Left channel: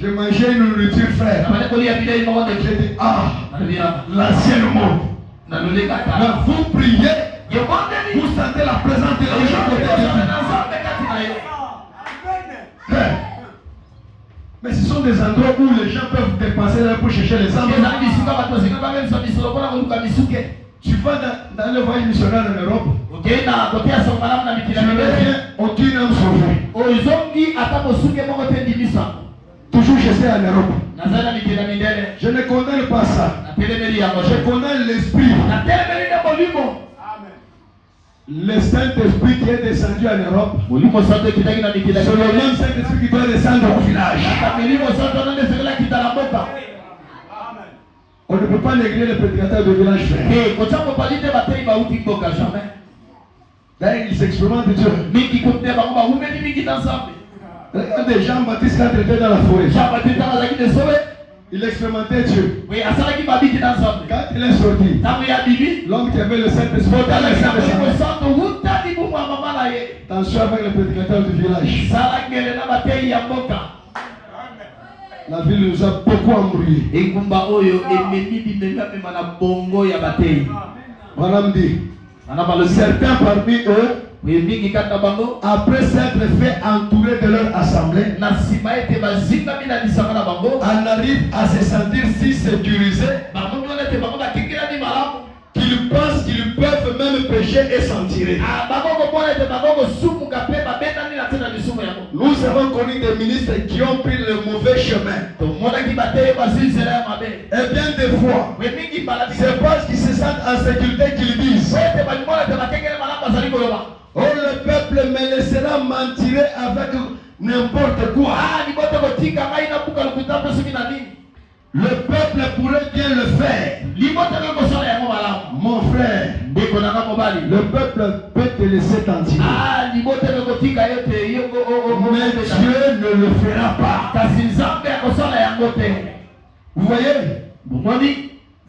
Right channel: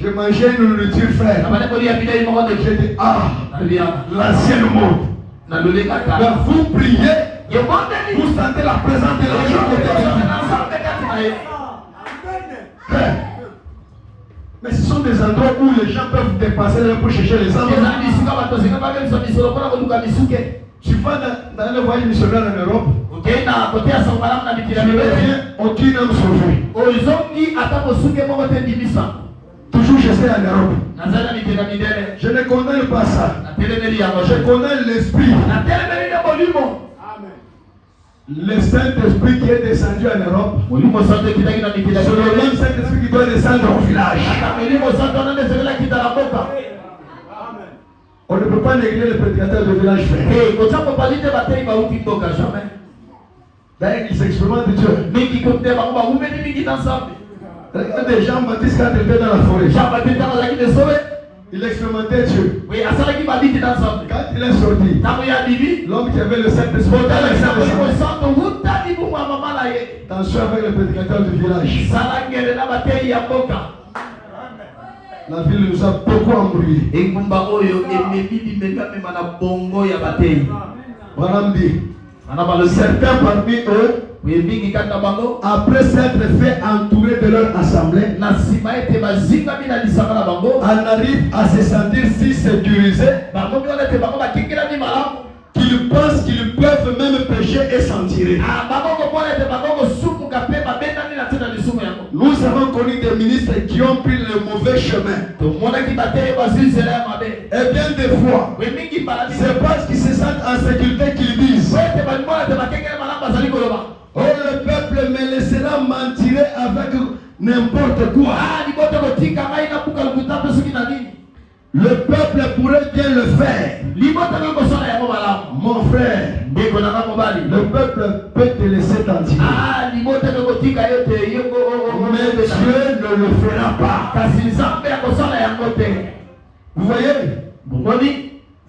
Je mangeais une nourriture frère. J'ai dit, l'ancien monde. Mais vous priez, vous sentez la présence de la Frère. Mais ce sont des endroits où les gens peuvent dépenser leur pour chercher les âmes. Tu vas dans le voyage missionnaire en Europe. Tu reviens, aucune âme sauvée. Toujours je sais en Europe. Je ne condamne pas ça. Je condamne l'esprit. Le Saint-Esprit qui est descendu en Europe, c'est le même Saint-Esprit qui doit descendre au village. On ne peut pas négliger le prédicateur de village frère. D'ailleurs, il s'expérimente Dieu. Regardez Jean-Baptiste quand il était dans la forêt. Il expérimentait Dieu. Quand il est sorti, l'homme qui avait le Saint-Esprit, attention avec le prédicateur du village. La ville nous a beaucoup embrouillé. Voilà me dit. Certains parmi eux, après s'être fait entourer de leur assemblée, en arrivent à se sentir si sécurisés qu'ils pensent qu'ils peuvent même pécher et s'en tirer. Nous avons connu des ministres qui ont pris le mauvais chemin. Et bien des fois, c'est parce qu'ils se sentent en sécurité qu'ils disent: oh, le peuple me laissera m'en tirer avec n'importe quoi. Le peuple pourrait bien le faire. Mon frère, le peuple peut te laisser t'en tirer. Mais Dieu ne le fera pas. Vous voyez?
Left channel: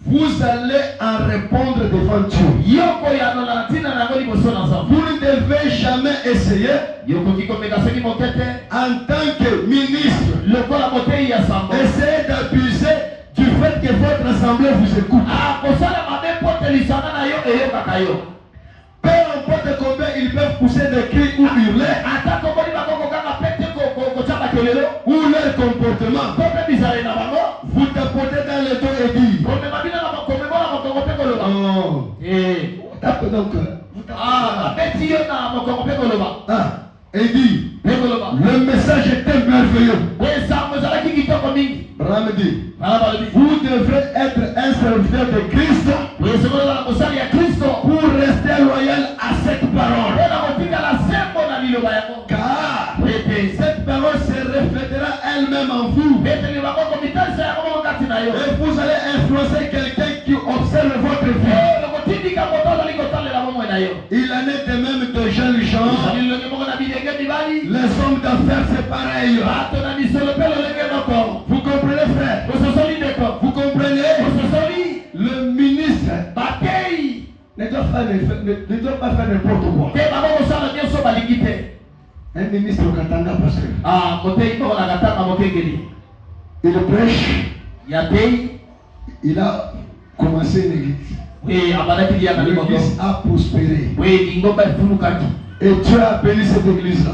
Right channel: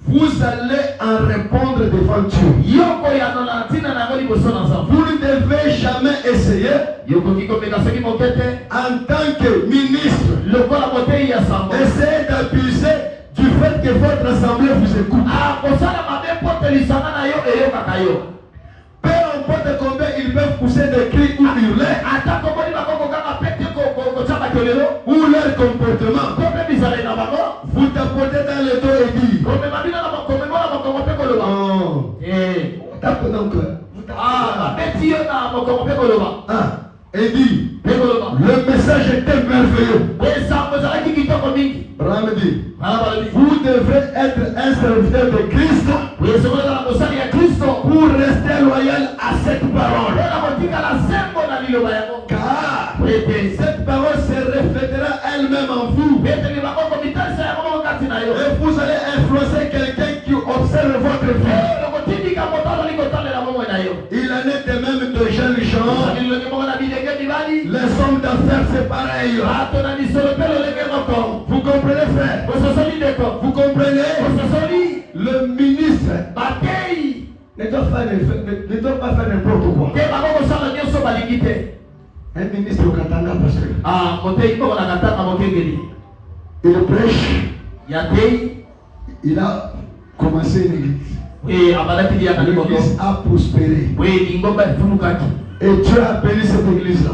Vous allez en répondre devant Dieu. Vous ne devez jamais essayer, en tant que ministre, essayer d'abuser du fait que votre assemblée vous écoute. Peu importe combien ils peuvent pousser des cris ou hurler, ou leur comportement, vous tapotez dans le dos et dites: tape donc. Et dit: le message était merveilleux. Abraham dit: vous devrez être un serviteur de Christ pour rester loyal à cette parole. Car cette parole se reflètera elle-même en vous. Et vous allez influencer quelqu'un qui observe votre vie. Il en est de même de jeunes gens. Les hommes d'affaires, c'est pareil. Vous comprenez, frère? Vous comprenez? Le ministre ne doit pas faire n'importe quoi. Un ministre au Katanga, parce que il prêche, il a commencé l'église. L'église a prospéré. Et Dieu a béni cette église-là.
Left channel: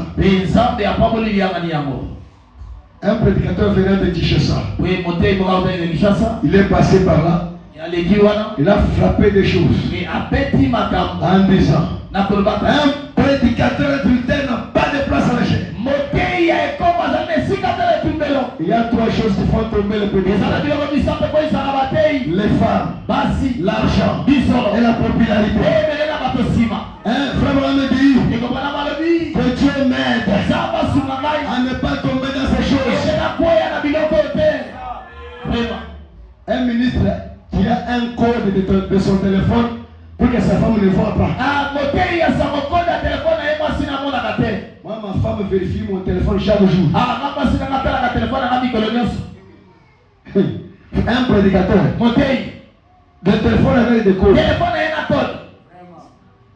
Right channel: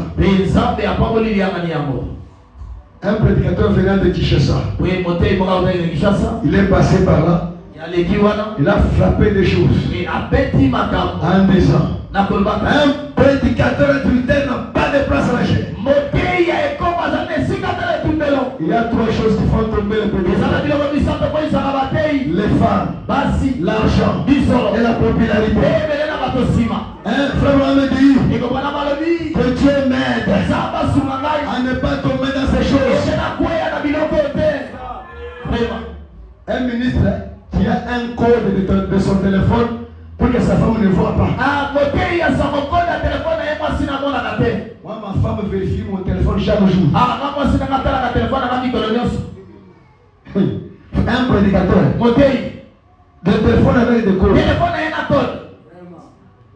Un prédicateur venant de Kinshasa, il est passé par là. Il a frappé des choses en disant: un prédicateur adultère n'a pas de place à la chaîne. Il y a trois choses qui font tomber le prédicateur: les femmes, l'argent et la popularité. Un frère me dit que Dieu m'aide à ne pas tomber dans ces choses. Un ministre qui a un code de son téléphone pour que sa femme ne voit pas. Moi, ma femme vérifie mon téléphone chaque jour. Un prédicateur. Le téléphone avec des codes.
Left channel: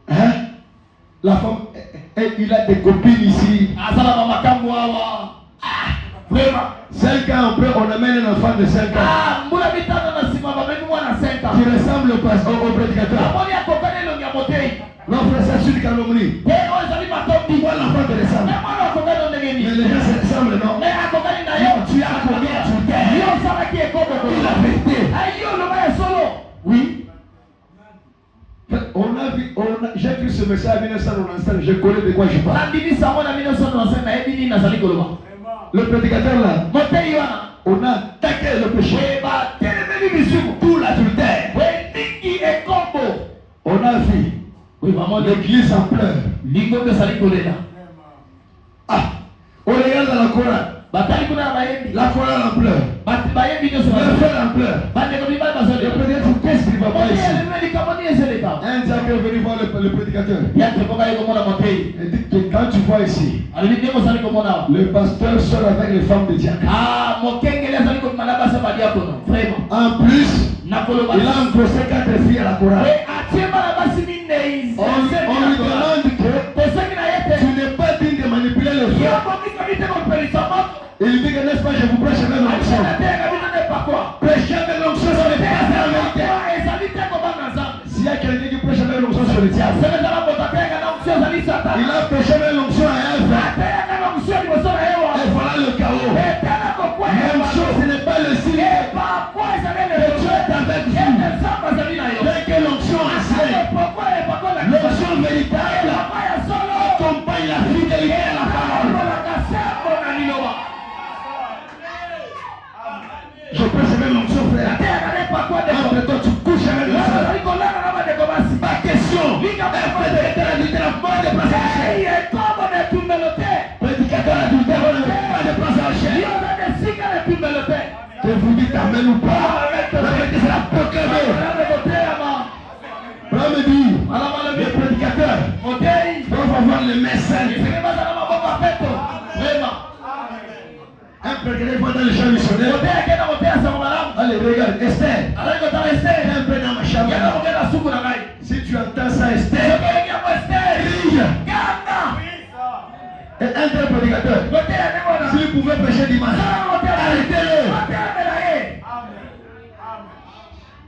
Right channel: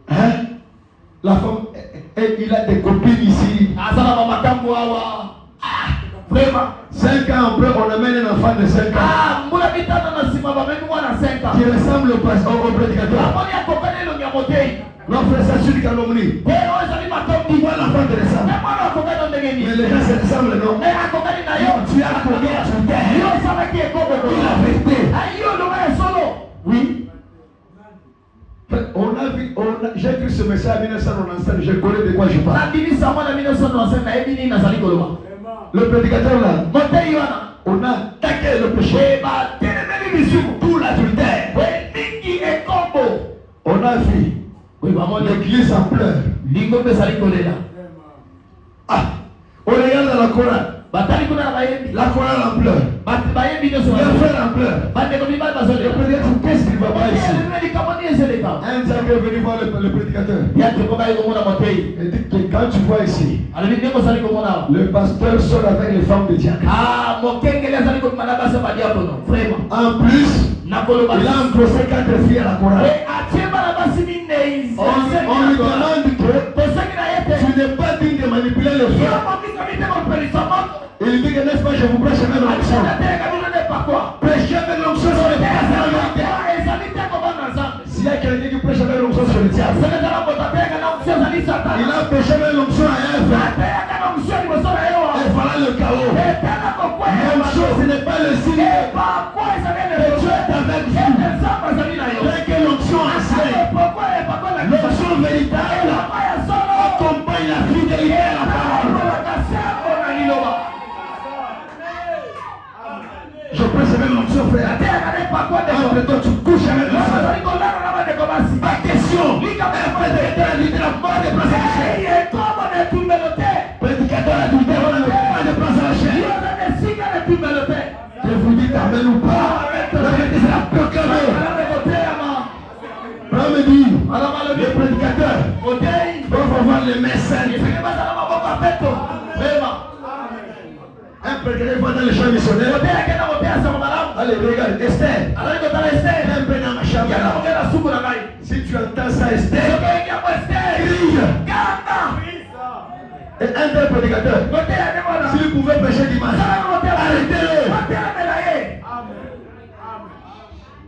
Hein? La femme, il a des copines ici. 5 ans après, on amène un enfant de 5 ans qui ressemble au prédicateur. Non, frère, ça suit Kalomni. Voilà l'enfant te ressemble. Mais les gens se ressemblent, non? Tu as combien tu t'aimes? Il a vérité. Oui. On a vu, j'ai vu ce message en 1997, je connais de quoi je parle. Le prédicateur là, on a attaqué le péché, tout l'adultère. On a vu l'église en pleurs. Ah, on regarde dans la Coran. La Coran en pleure. La frère en pleure. Le prédicateur, qu'est-ce qu'il va voir ici? Un diable est venu voir le prédicateur. Il dit que quand tu vois ici, le pasteur sort avec les femmes de diable. En plus, il a endossé 4 filles à la Coran. On lui demande que tu n'es pas digne de manipuler les filles. Il dit que n'est-ce pas, je vous prêche avec l'onction. Prêchez avec l'onction sur le diable. S'il y a quelqu'un qui prêche avec l'onction sur le diable, il a prêché avec l'onction à Ève. Et voilà le chaos. L'onction, ce n'est pas le signe que Dieu est avec vous. Dès que l'onction enseigne, l'onction véritable accompagne la fidélité à la parole. Je prêche avec l'onction, frère. Après toi, tu couches avec l'onction. Ma question. Prédicateur adultère, la mort des places à la chair. Prédicateur adultère, on a pas de place à la chair. Que vous dites amen ou pas. La vérité, c'est la proclamer. L'homme dit, le prédicateur doit avoir les mains saintes. Un prédicateur va dans le champ missionnaire. Allez, regarde, Esther. Un peu dans ma chambre. Si tu entends ça, Esther, crie. Et un tel prédicateur, s'il pouvait prêcher dimanche, arrêtez-le.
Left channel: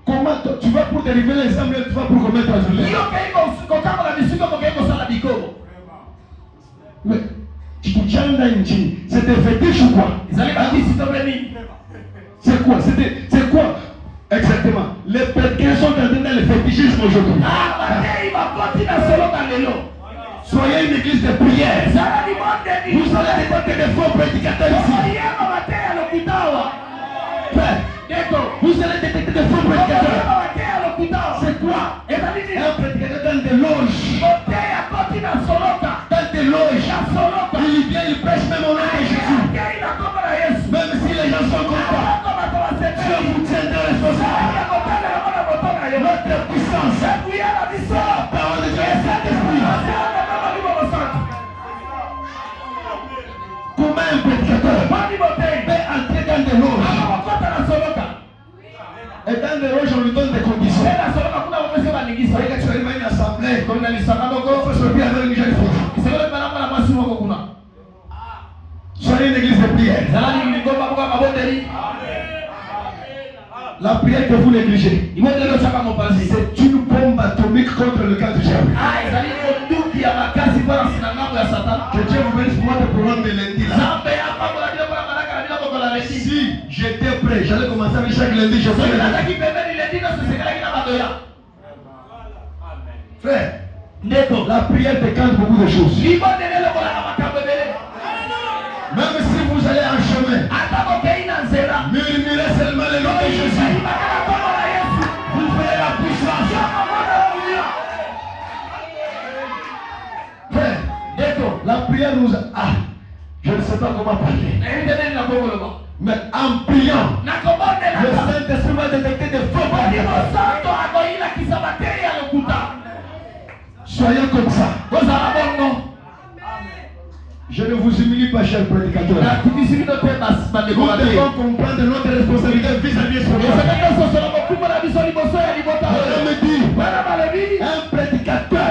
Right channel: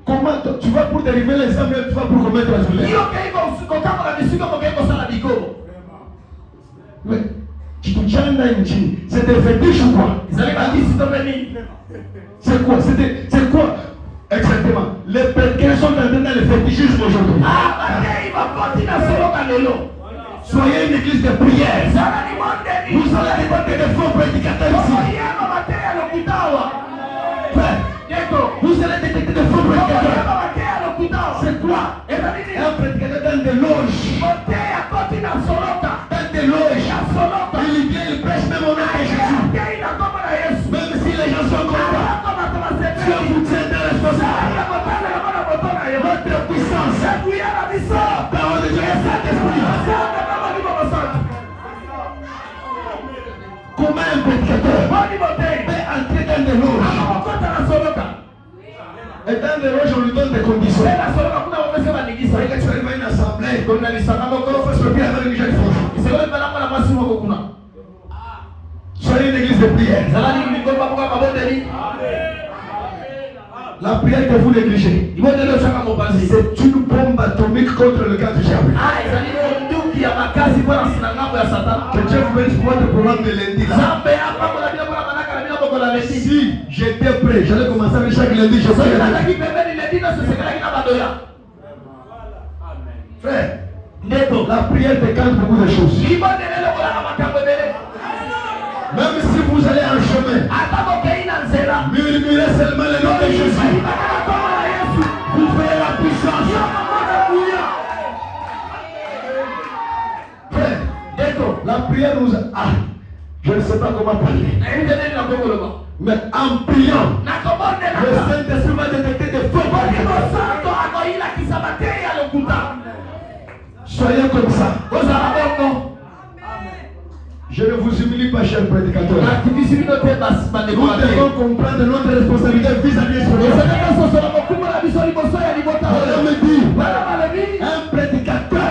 Comment tu vas pour dériver l'examen, tu vas pour commettre la prière? Mais tu te tiens dans une chine. C'est des fétiches ou quoi? C'est quoi? C'est quoi? Exactement. Les prédicateurs sont entrés dans le fétichisme aujourd'hui. Soyez une église de prière. Vous allez récolter des faux prédicateurs ici. Vous allez détecter des faux prédicateurs. C'est quoi? Un prédicateur dans des loges. Dans des loges. Il vient, il prêche même au nom de Jésus. Même si les gens sont contents, Dieu vous tiendra responsable. Votre puissance, la parole de Dieu est Saint-Esprit. Comment un prédicateur peut entrer dans des loges? Et dans des loges, on lui donne des conditions. Regarde, tu arrives à une assemblée, il faut se lever avec une jeune fille. Soyez une église de prière. La prière que vous négligez, c'est une bombe atomique contre le cas du diable. Que Dieu vous bénisse pour votre programme de lundi là. Si j'étais prêt, j'allais commencer avec chaque lundi, je ferais. Frère, la prière décante beaucoup de choses. Même si vous allez en chemin, murmurez seulement le nom de Jésus. Vous ferez la puissance. Frère, la prière nous a... je ne sais pas comment parler. Mais en priant, le Saint-Esprit va détecter des faux prédicateurs. Soyez comme ça. Je ne vous humilie pas, cher prédicateur. Nous devons comprendre notre responsabilité vis-à-vis de ce monde. On me dit, un prédicateur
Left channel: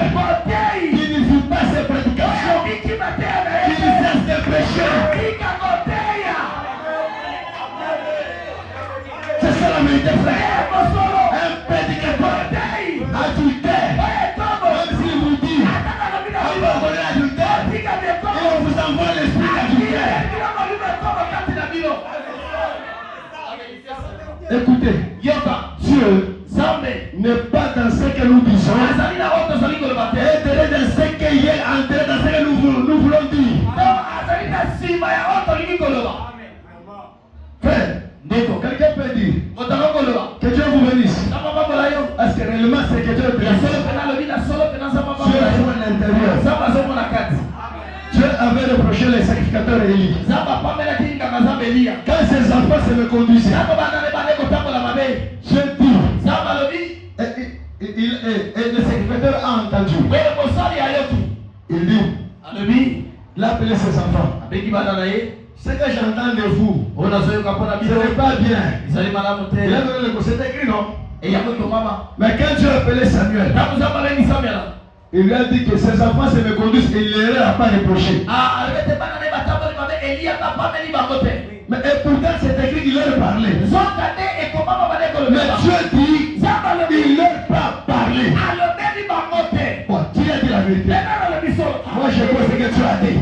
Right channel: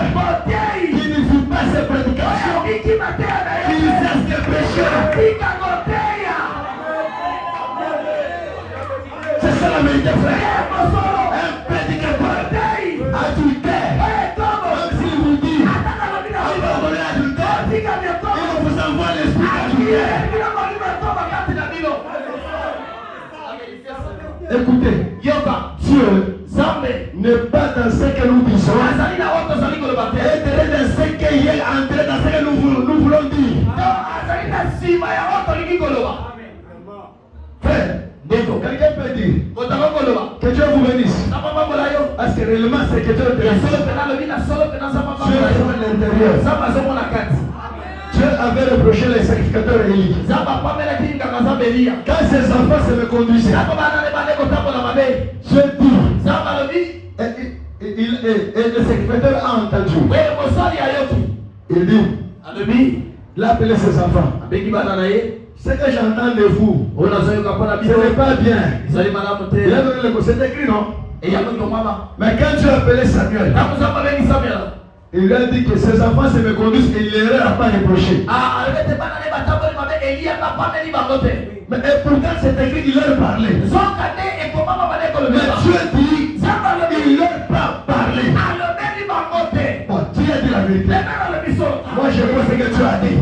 qui ne vit pas ses prédications, qui cesse de pécher. la vérité, frère. Un prédicateur adultère, même s'il vous dit abandonnez l'adultère, il vous envoie l'esprit d'adultère. Écoutez, Dieu n'est pas dans ce que nous disons, et dans ce qu'il est entré dans ce que nous voulons dire. Frère, quelqu'un peut dire que Dieu vous bénisse. Parce que réellement c'est que Dieu te bénisse. Dieu avait reproché les sacrificateurs Élie. Quand ses enfants se me conduisaient, Dieu dit, et le sacrificateur a entendu. Il dit, il a appelé ses enfants. Ce que j'entends de vous, ce n'est pas bien. Il a donné le mot, c'est écrit, non? Mais quand Dieu a appelé Samuel, il lui a dit que ses enfants se me conduisent et il ne leur a pas reproché. Mais pourtant c'est écrit qu'il leur parlait. Mais Dieu dit, il leur a parlé. Bon, Dieu a dit la vérité. Moi je vois ce que tu as dit.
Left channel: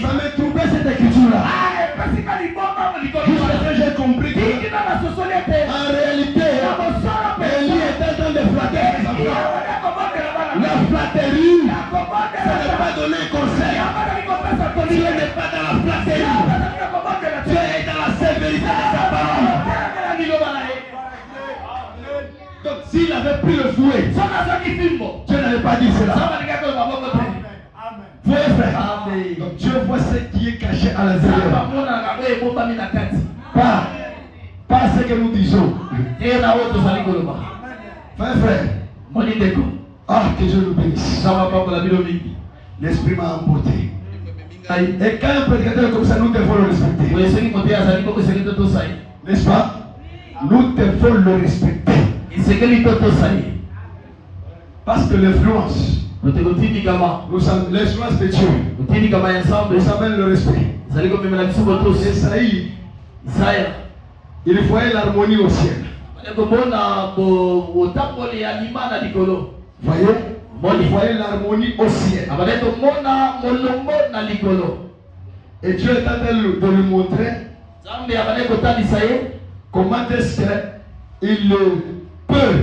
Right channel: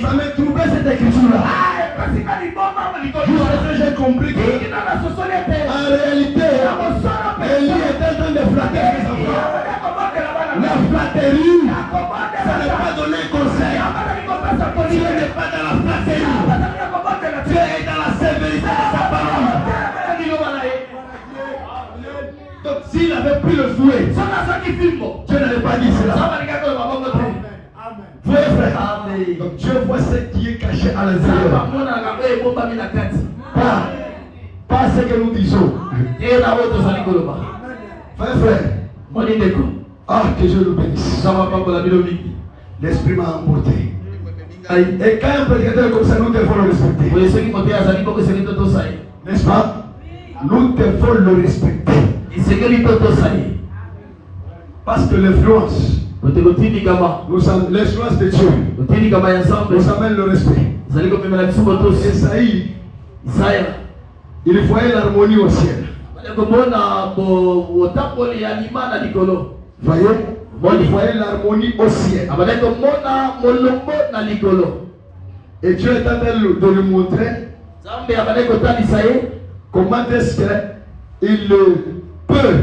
Ça me troublait cette écriture-là. Jusqu'à ce que j'ai compris que, en réalité, Élie est en train de flatter ses enfants. La flatterie, ça n'est pas donner conseil. Dieu n'est pas dans la flatterie. Dieu est dans la sévérité de sa parole. Donc s'il avait pris le fouet, Dieu n'avait pas dit cela. Voyez frère, donc Dieu voit ce qui est caché à l'intérieur. Pas ce que nous disons. Frère, ah, que Dieu nous bénisse. L'esprit m'a emporté. Et quand un prédicateur comme ça, nous devons le respecter. N'est-ce pas? Nous devons le respecter. Parce que l'influence, l'influence de Dieu nous amène le respect. Isaïe, il voyait l'harmonie au ciel. Voyez, il voyait l'harmonie au ciel. Et Dieu est en train de lui montrer comment est-ce qu'il peut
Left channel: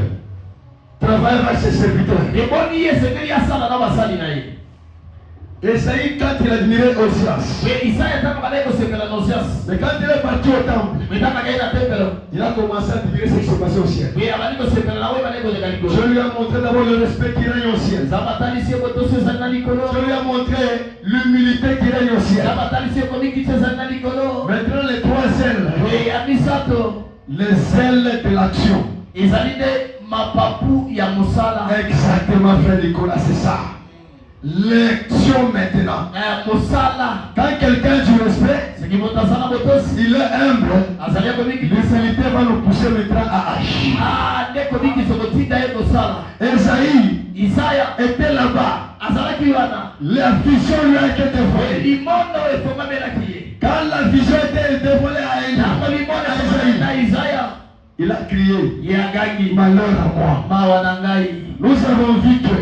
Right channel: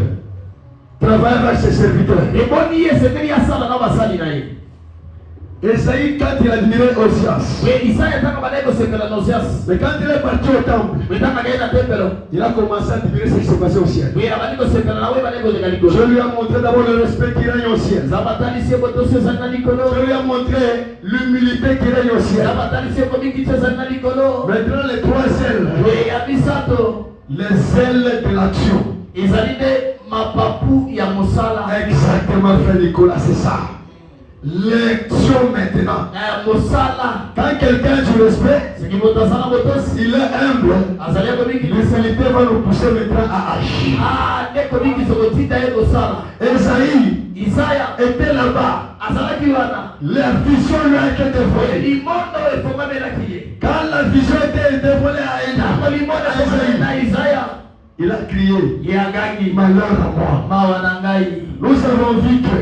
travailler avec ses serviteurs. Esaïe, quand il admirait Osias, mais quand il est parti au temple, il a commencé à admirer ce qui se passait au ciel. Dieu lui a montré d'abord le respect qui règne au ciel. Dieu lui a montré l'humilité qui règne au ciel. Maintenant les trois ailes, les ailes de l'action. Exactement, frère Nicolas, c'est ça. L'action maintenant. Quand quelqu'un du respect, il est humble, l'humilité va nous pousser maintenant à agir. Isaïe était là-bas. La vision lui a été dévoilée. Quand la vision était dévoilée à Isaïe, il a crié, malheur à moi. Nous avons vu que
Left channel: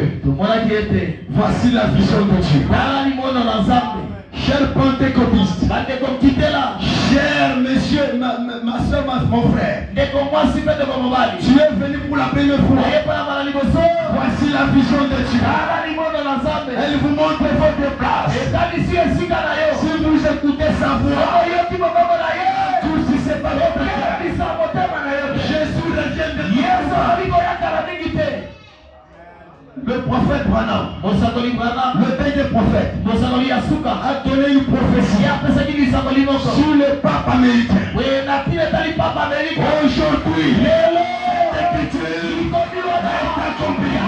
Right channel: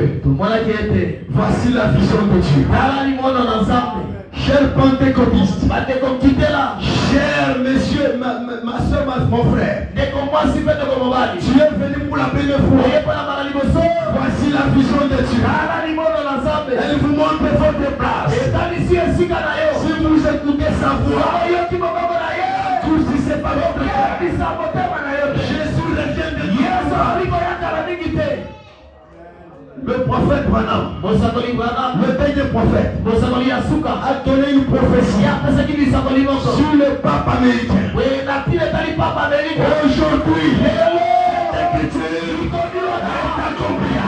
voici la vision de Dieu. Chers pentecôtistes, chers messieurs, ma soeur, mon frère, tu es venu pour la première fois. Voici la vision de Dieu. Elle vous montre votre place. Si vous écoutez sa voix, tout si c'est pas votre cœur. Jésus revient de Dieu. Le prophète Branham, le dernier prophète, a donné une prophétie sur le pape américain. Aujourd'hui, l'écriture est accomplie.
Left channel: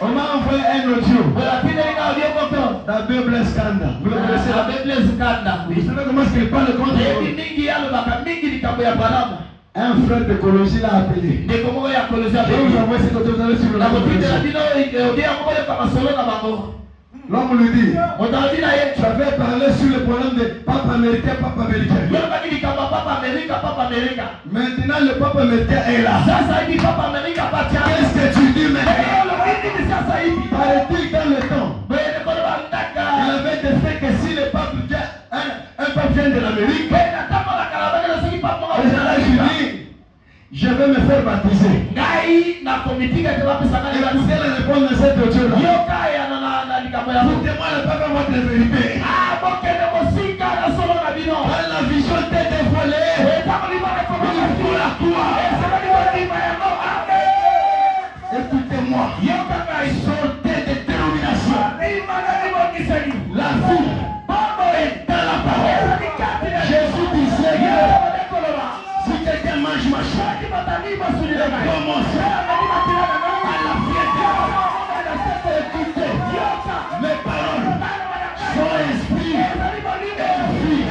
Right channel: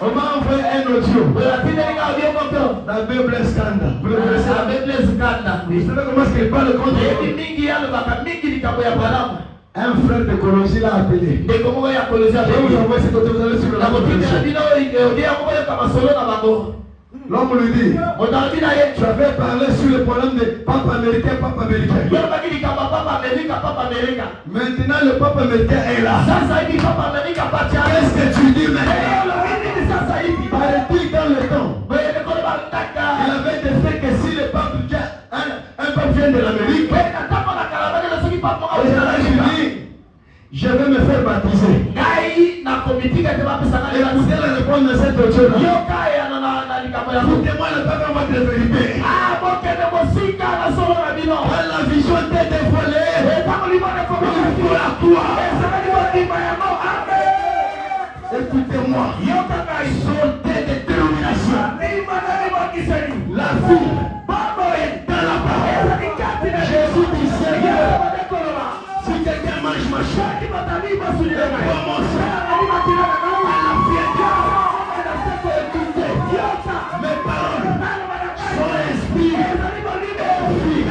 On m'a envoyé un audio. La Bible est scandale. Vous le connaissez? La Bible est scandale. Vous savez comment est-ce qu'il parle contre un frère de Colosie l'a appelé. Je vais vous envoyer ce côté, vous allez sur la L'homme lui dit, tu avais parlé sur le problème de Pape américain. américain, papa américain. Maintenant, le papa américain est là. Qu'est-ce que tu dis maintenant? Paraît-il dans le temps, il avait décidé que si le pape vient, un pape vient de l'Amérique, je vais me faire baptiser. Écoutez la réponse de cette autre-là. Écoutez-moi le pape à votre vérité. Quand la vision t'est dévoilée, il faut la croire. Écoutez-moi. Sortez de détermination. La vie est dans la parole. Jésus disait que si quelqu'un mange ma chair, commence à la fierté. Écoutez, mes paroles sont esprit et vie.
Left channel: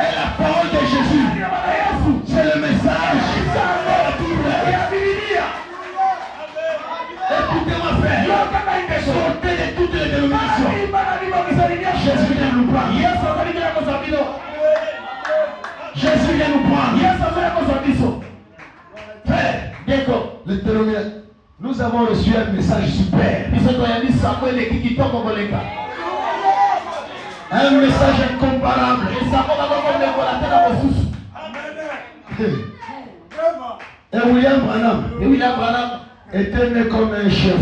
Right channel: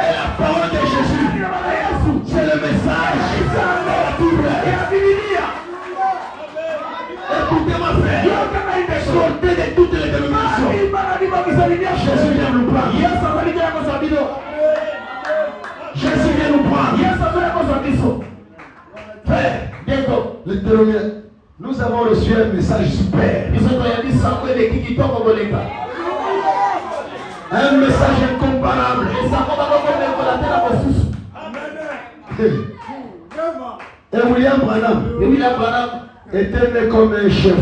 Et la parole de Jésus, c'est le message. Écoutez-moi frère, sortez de toutes les dénominations. Jésus vient nous prendre. Jésus vient nous prendre. Frère, nous avons reçu un message super. Un message incomparable. Et William Branham était né comme un chef.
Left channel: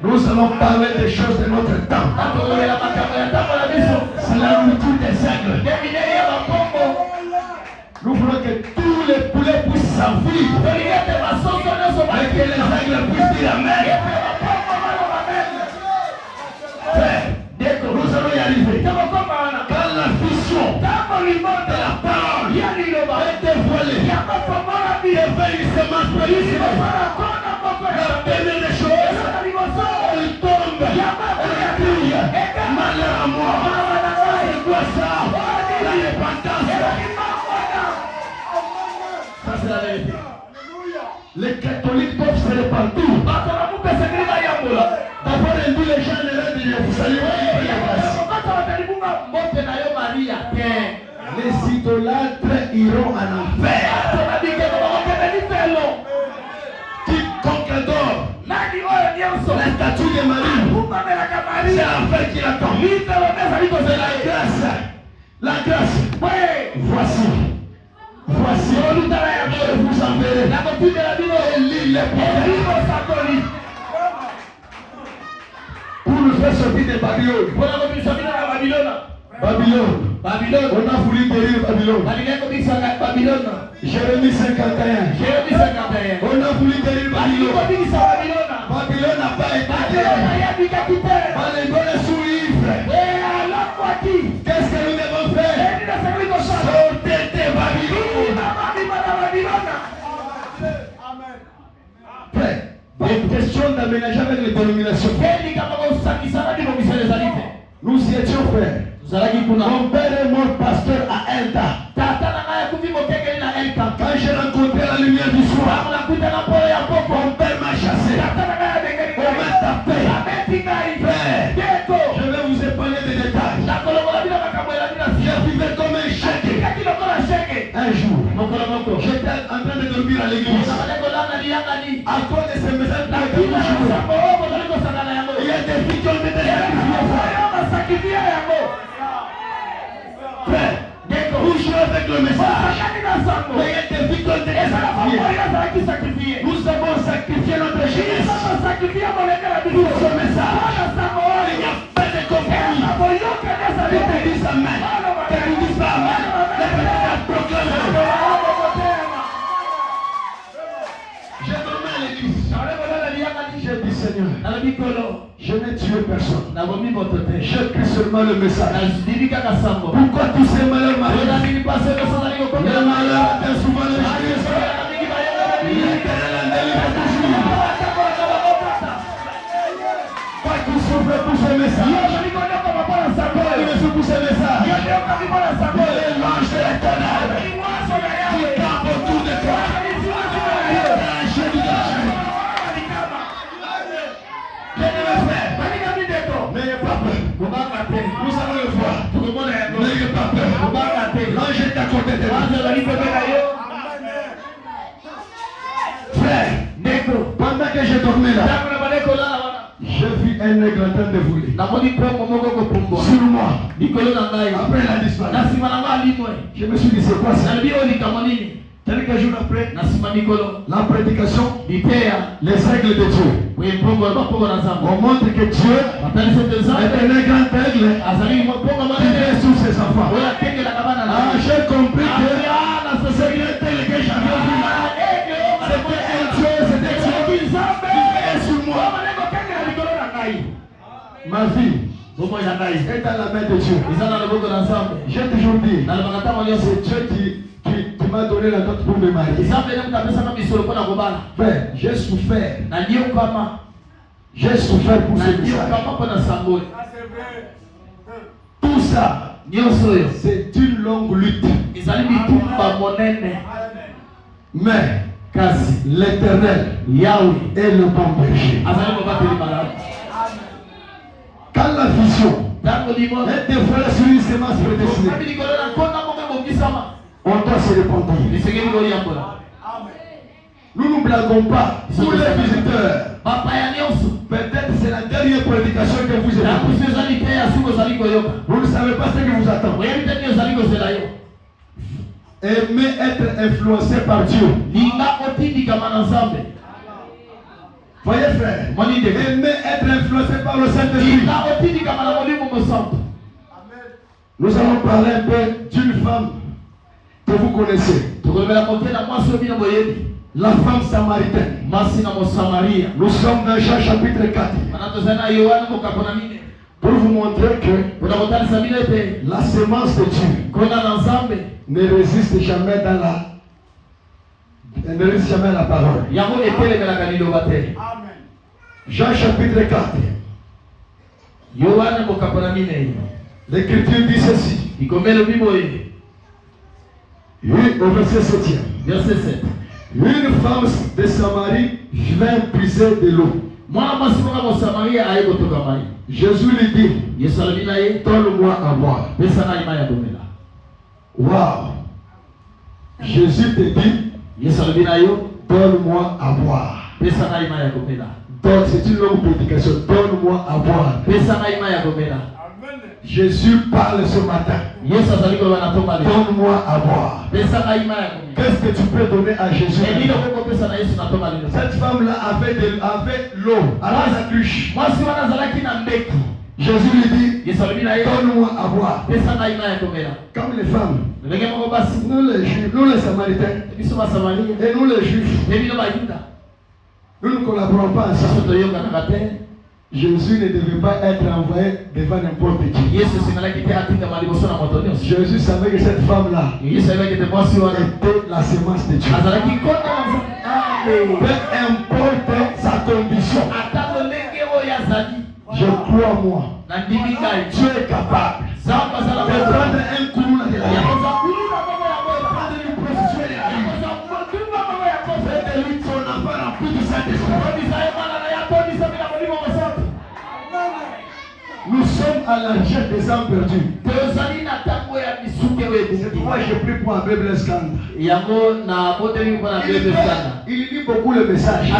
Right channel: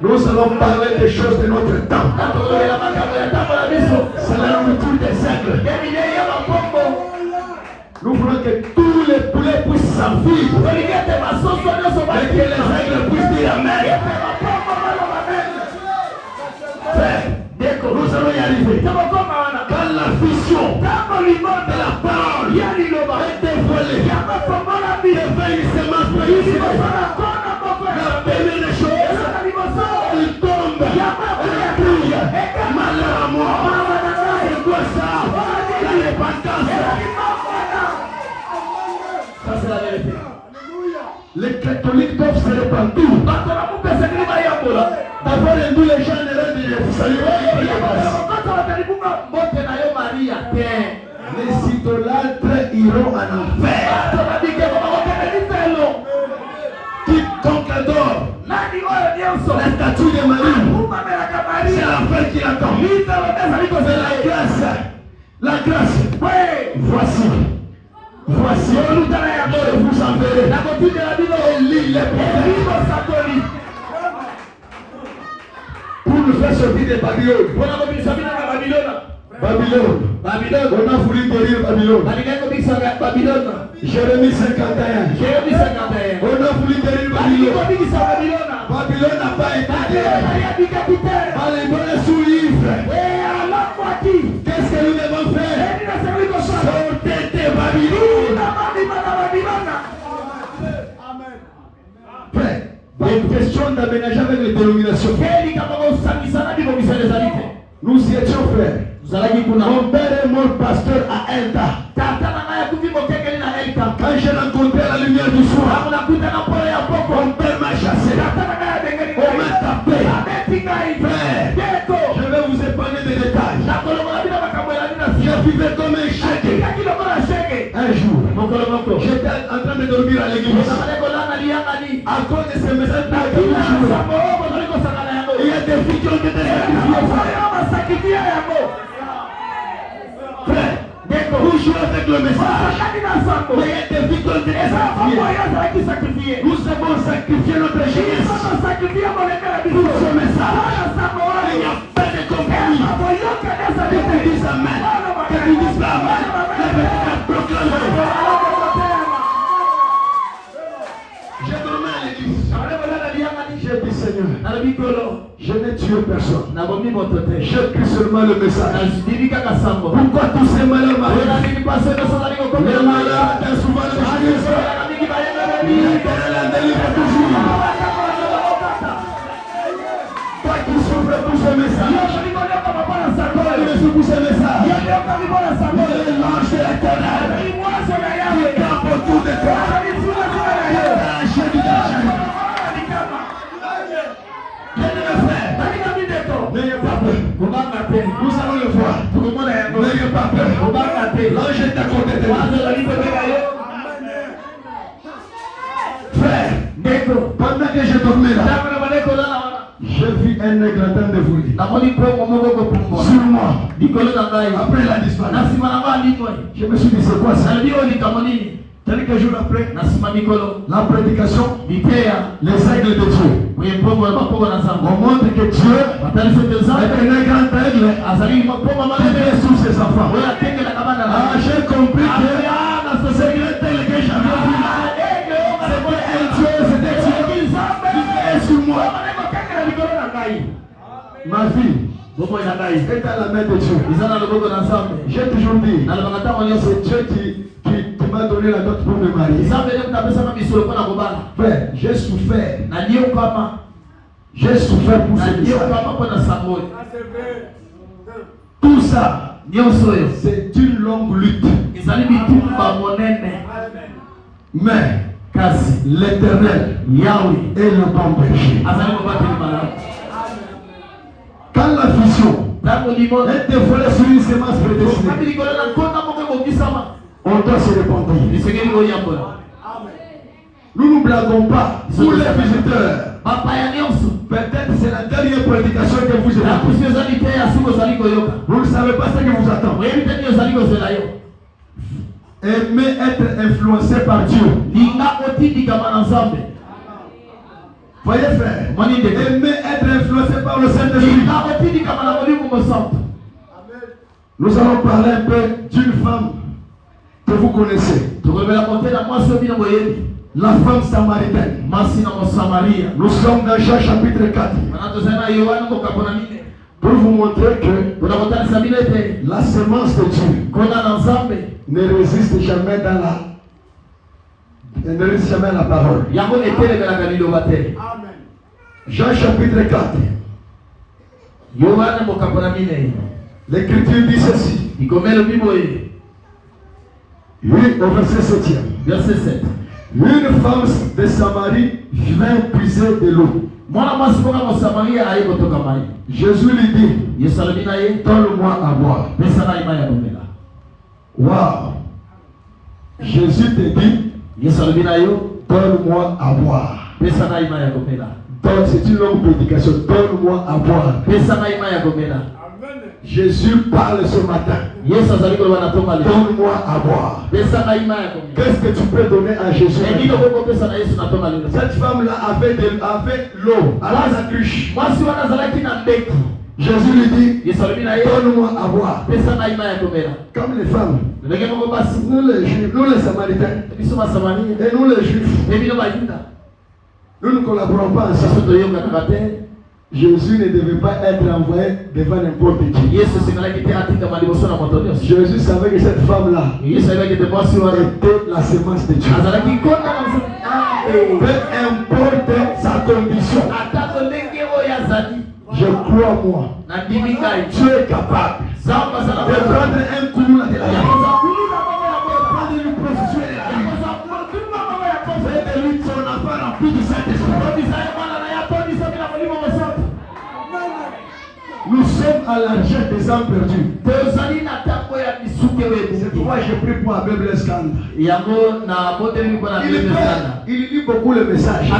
Nous allons parler des choses de notre temps. C'est la nourriture des aigles. Nous voulons que tous les poulets puissent s'enfuir. Et que les aigles puissent dire Amen. Frère, nous allons y arriver. Quand la vision de la parole est dévoilée, devient une semence précieuse. La première des choses, il tombe, il brille, malheur à mort. C'est quoi ça? La repentance. Ça c'est la vérité. Les catholiques doivent se répandre. D'abord, les gens ne leur disent vous saluez. Les idolâtres iront en enfer. Quiconque adore la statue de Marie, c'est l'enfer qui l'attend. La grâce. Voici, je vous enverrai. Lis les prophètes. Pour nous faire sortir de Babylone. On a voulu guérir Babylone. Jérémie 51. On a voulu guérir Babylone. Babylone n'a pas été guérie. Babylone est sous livre. Qu'est-ce que nous devons faire? Sortez de Babylone. Frère, une question d'aménager avec les dénominations. Nous y étions frères. Mon père est mort pasteur à Elta. Quand j'ai rencontré la lumière du soir, mon père m'a chassé. On m'a tapé. Frère, je vais vous épargner des détails. Je vivais comme un chèque. Un jour, j'étais en train de dormir à l'église. À cause de ce message, il y a des filles qui ont été sacrifiées. Frère, vous jouez avec le message. Mais il y a des filles qui ont été sacrifiées. Nous avons sacrifié notre jeunesse pour ce message. Il n'y a pas de compromis. Que tu dises Amen. Que tu dises pas Amen. Que tu dises proclamer. J'ai dit Seigneur, je n'ai tué personne. J'ai pris seulement le message. Pourquoi tous ces malheurs m'arrivent? Les malheurs atteignent souvent les choses. L'éternel a délivré toujours. Toi qui souffres pour ce message. Toi qui souffres pour ce message. Les louanges de l'éternel qui campent autour de toi. N'ayez pas peur. Nous allons le voir. N'ayez pas peur. L'ange est à côté de vous. Frère, pendant que je dormais là, j'ai vu un aigle en train de voler sur moi. Après la disparition, je me suis dit c'est quoi ça? Quelques jours après, la prédication, les aigles de Dieu. On montre que Dieu est un grand aigle qui vient sur ses enfants. J'ai compris que c'est une aigle que j'avais vu là. C'était Dieu qui vient sur moi. Ma vie est dans la main de Dieu. J'ai toujours dit, c'est Dieu qui m'a donné la note pour me marier. Frère, j'ai souffert. J'ai souffert pour ce message. Tout ça, c'est une longue lutte. Mais l'Éternel, Yahweh, est le bon berger. Quand la vision est dévoilée sur une sémence prédestinée, on doit se répandre. Nous ne blaguons pas. Pour les visiteurs, peut-être c'est la dernière prédication que vous avez. Vous ne savez pas ce qui vous attend. Aimer être influencé par Dieu. Voyez frère, aimer être influencé par le Saint-Esprit. Nous allons parler un peu d'une femme que vous connaissez. La femme samaritaine. Nous sommes dans Jean chapitre 4. Pour vous montrer que la semence de Dieu ne résiste jamais dans la parole. Jean chapitre 4. L'Écriture dit ceci. Au verset 7. Une femme de Samarie vint puiser de l'eau. Jésus lui dit, donne-moi à boire. Wow. Jésus te dit, donne-moi à boire. Donc c'est une longue prédication. Donne-moi à boire. Jésus parle ce matin. Donne-moi à boire. Qu'est-ce que tu peux donner à Jésus? Cette femme-là avait l'eau à la cruche. Jésus lui dit, donne-moi à boire. Comme les femmes, nous les Juifs, nous les Samaritains, et nous les Juifs, nous ne collaborons pas ensemble. Jésus ne devait pas être envoyé devant n'importe qui. Jésus savait que cette femme-là était la semence de Dieu. Peu importe sa condition, je crois moi, Dieu est capable de prendre un coup de la vie, prendre une prostituée de la vie, faire de lui son enfant rempli du Saint-Esprit. Nous sommes à l'argent des âmes perdues. C'est pourquoi je prie pour Abbé Blaise Kanda. Il lit beaucoup le message. Il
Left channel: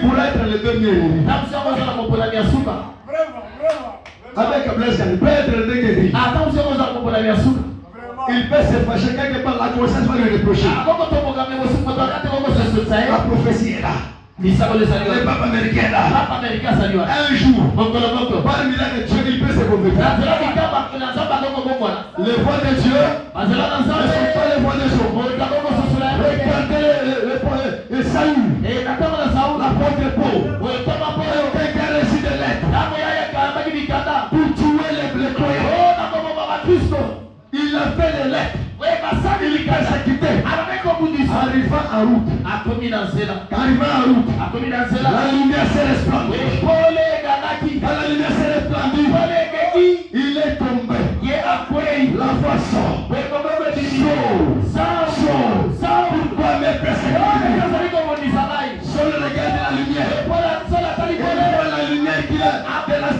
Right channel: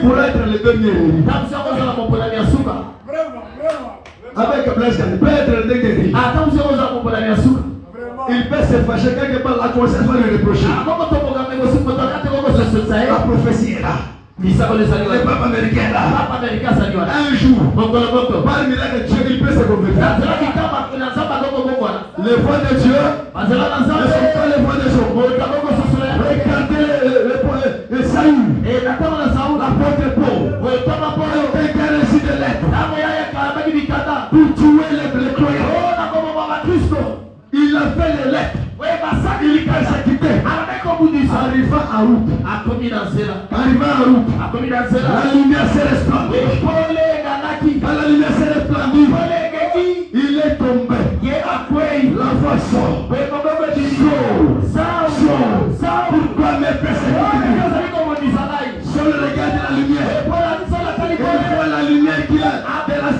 pourrait être le dernier. Avec Blaise Kanda, il peut être le dernier. Il peut se fâcher quelque part, la conscience va lui reprocher. La prophétie est là. Le peuple américain est là. Un jour, parmi les Dieu, il peut se convertir. Les voix de Dieu ne sont pas les voix de Job. Regardez le Saül, l'apôtre Paul, qui a reçu des lettres pour tuer les croyants. Il a fait les lettres. Il a quitté. Arrivant à route. La lumière s'est répandue. Quand la lumière s'est répandue, il est tombé. La voix sort. Pourquoi me persécuter? Seul regarde la lumière. Et voilà la lumière qui a de la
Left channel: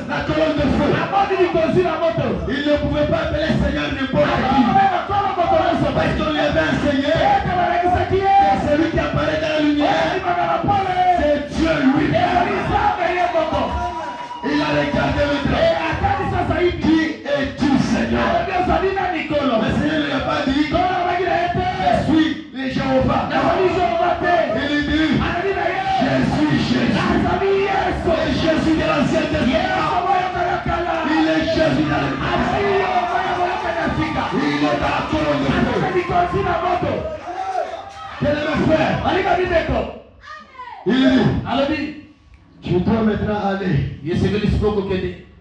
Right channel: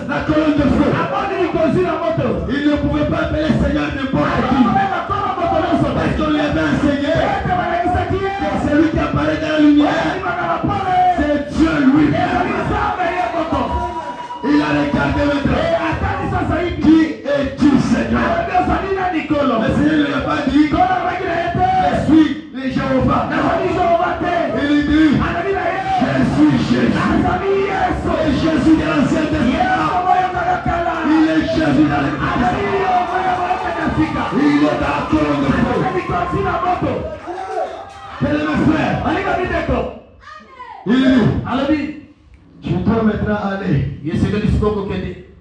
Il est Jésus dans les il est d'accord. Quel est mon frère? Il dit, tu dois maintenant aller.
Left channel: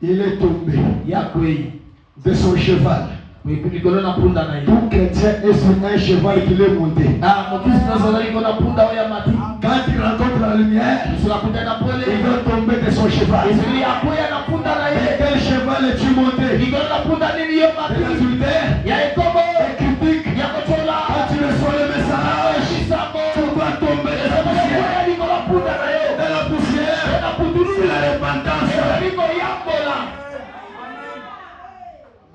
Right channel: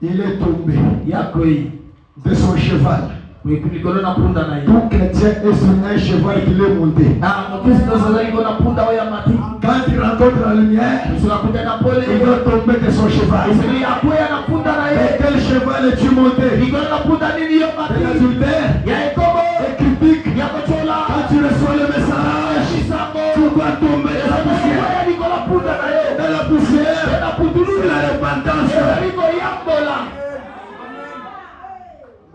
Il est tombé de son cheval. Tout chrétien est sur un cheval qu'il est monté. Quand il rencontre la lumière, il va tomber de son cheval. Et quel cheval es-tu monté? L'adultère est critique. Quand tu reçois le message, tu vas tomber de la poussière. De la poussière, c'est la repentance.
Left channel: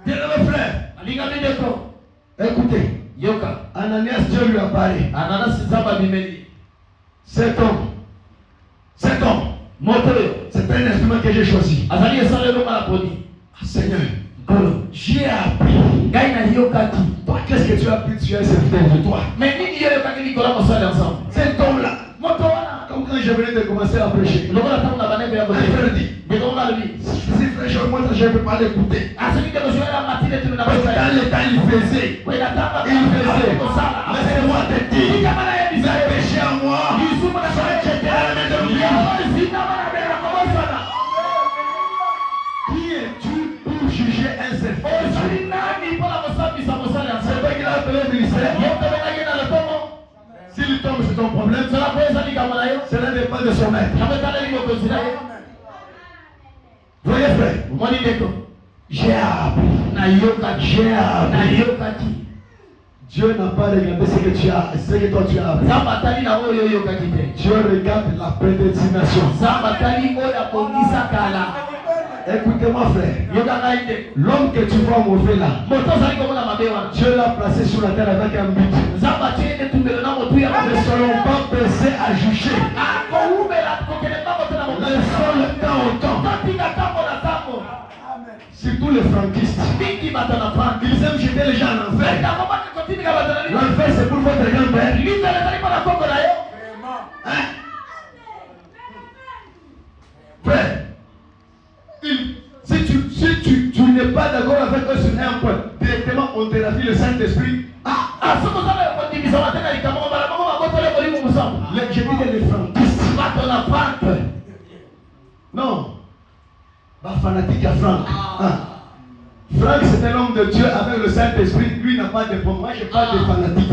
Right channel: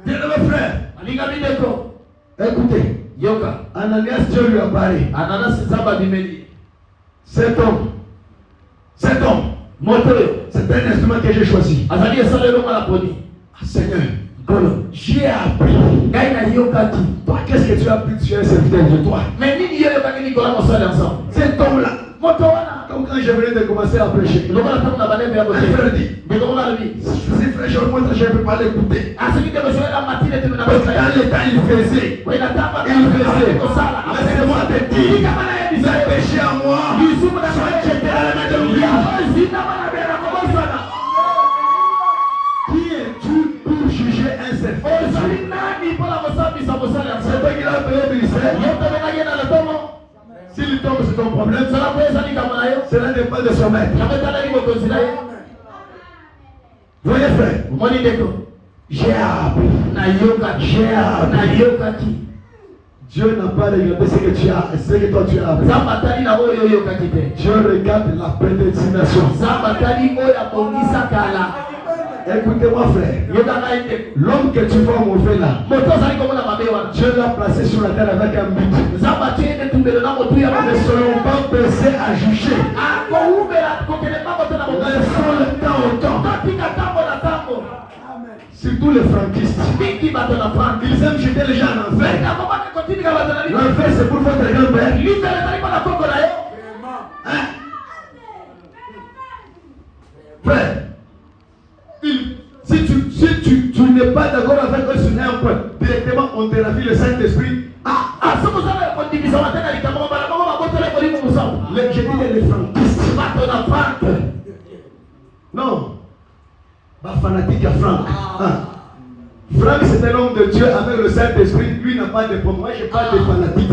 Bien mes frères, écoutez, Ananias, Dieu lui a parlé. Cet homme, c'est un instrument que j'ai choisi. Seigneur, j'ai appris. Toi, qu'est-ce que tu as appris? Tu es un serviteur de toi. Cet homme-là, comme quand je venais de commencer à prêcher, un frère dit, si frère, je ne peux pas l'écouter. Parce que dans le temps, il faisait. Laissez-moi te dire, mes péchés à moi sont jetés à la main de Dieu. Qui es-tu pour juger un serviteur? C'est toi qui l'as payé au ministère. S'il tombe, c'est ton problème. Cela n'est pas de son maître. Voyez frère, j'ai appris. Dieu n'a pas regardé ce que tu as, ce que toi tu as appris. Dieu regarde la prédestination. Écoutez-moi frère, l'homme que tu vois mauvais là, Dieu l'a placé sur la terre avec un but. Ne soyons pas pressés à juger. Laissons le temps au temps. Surtout les franquistes. Ils aiment jeter les gens en enfer. L'enfer c'est pour votre grand-père. Hein? Frère, si tu n'es pas d'accord avec eux sur un point, directement on te ravit le Saint-Esprit. Je dis les franquistes. Non. Pas fanatique à Franck. Franck c'est un homme de Dieu avec le Saint-Esprit. Lui n'a pas de problème. Moi je parle de fanatique.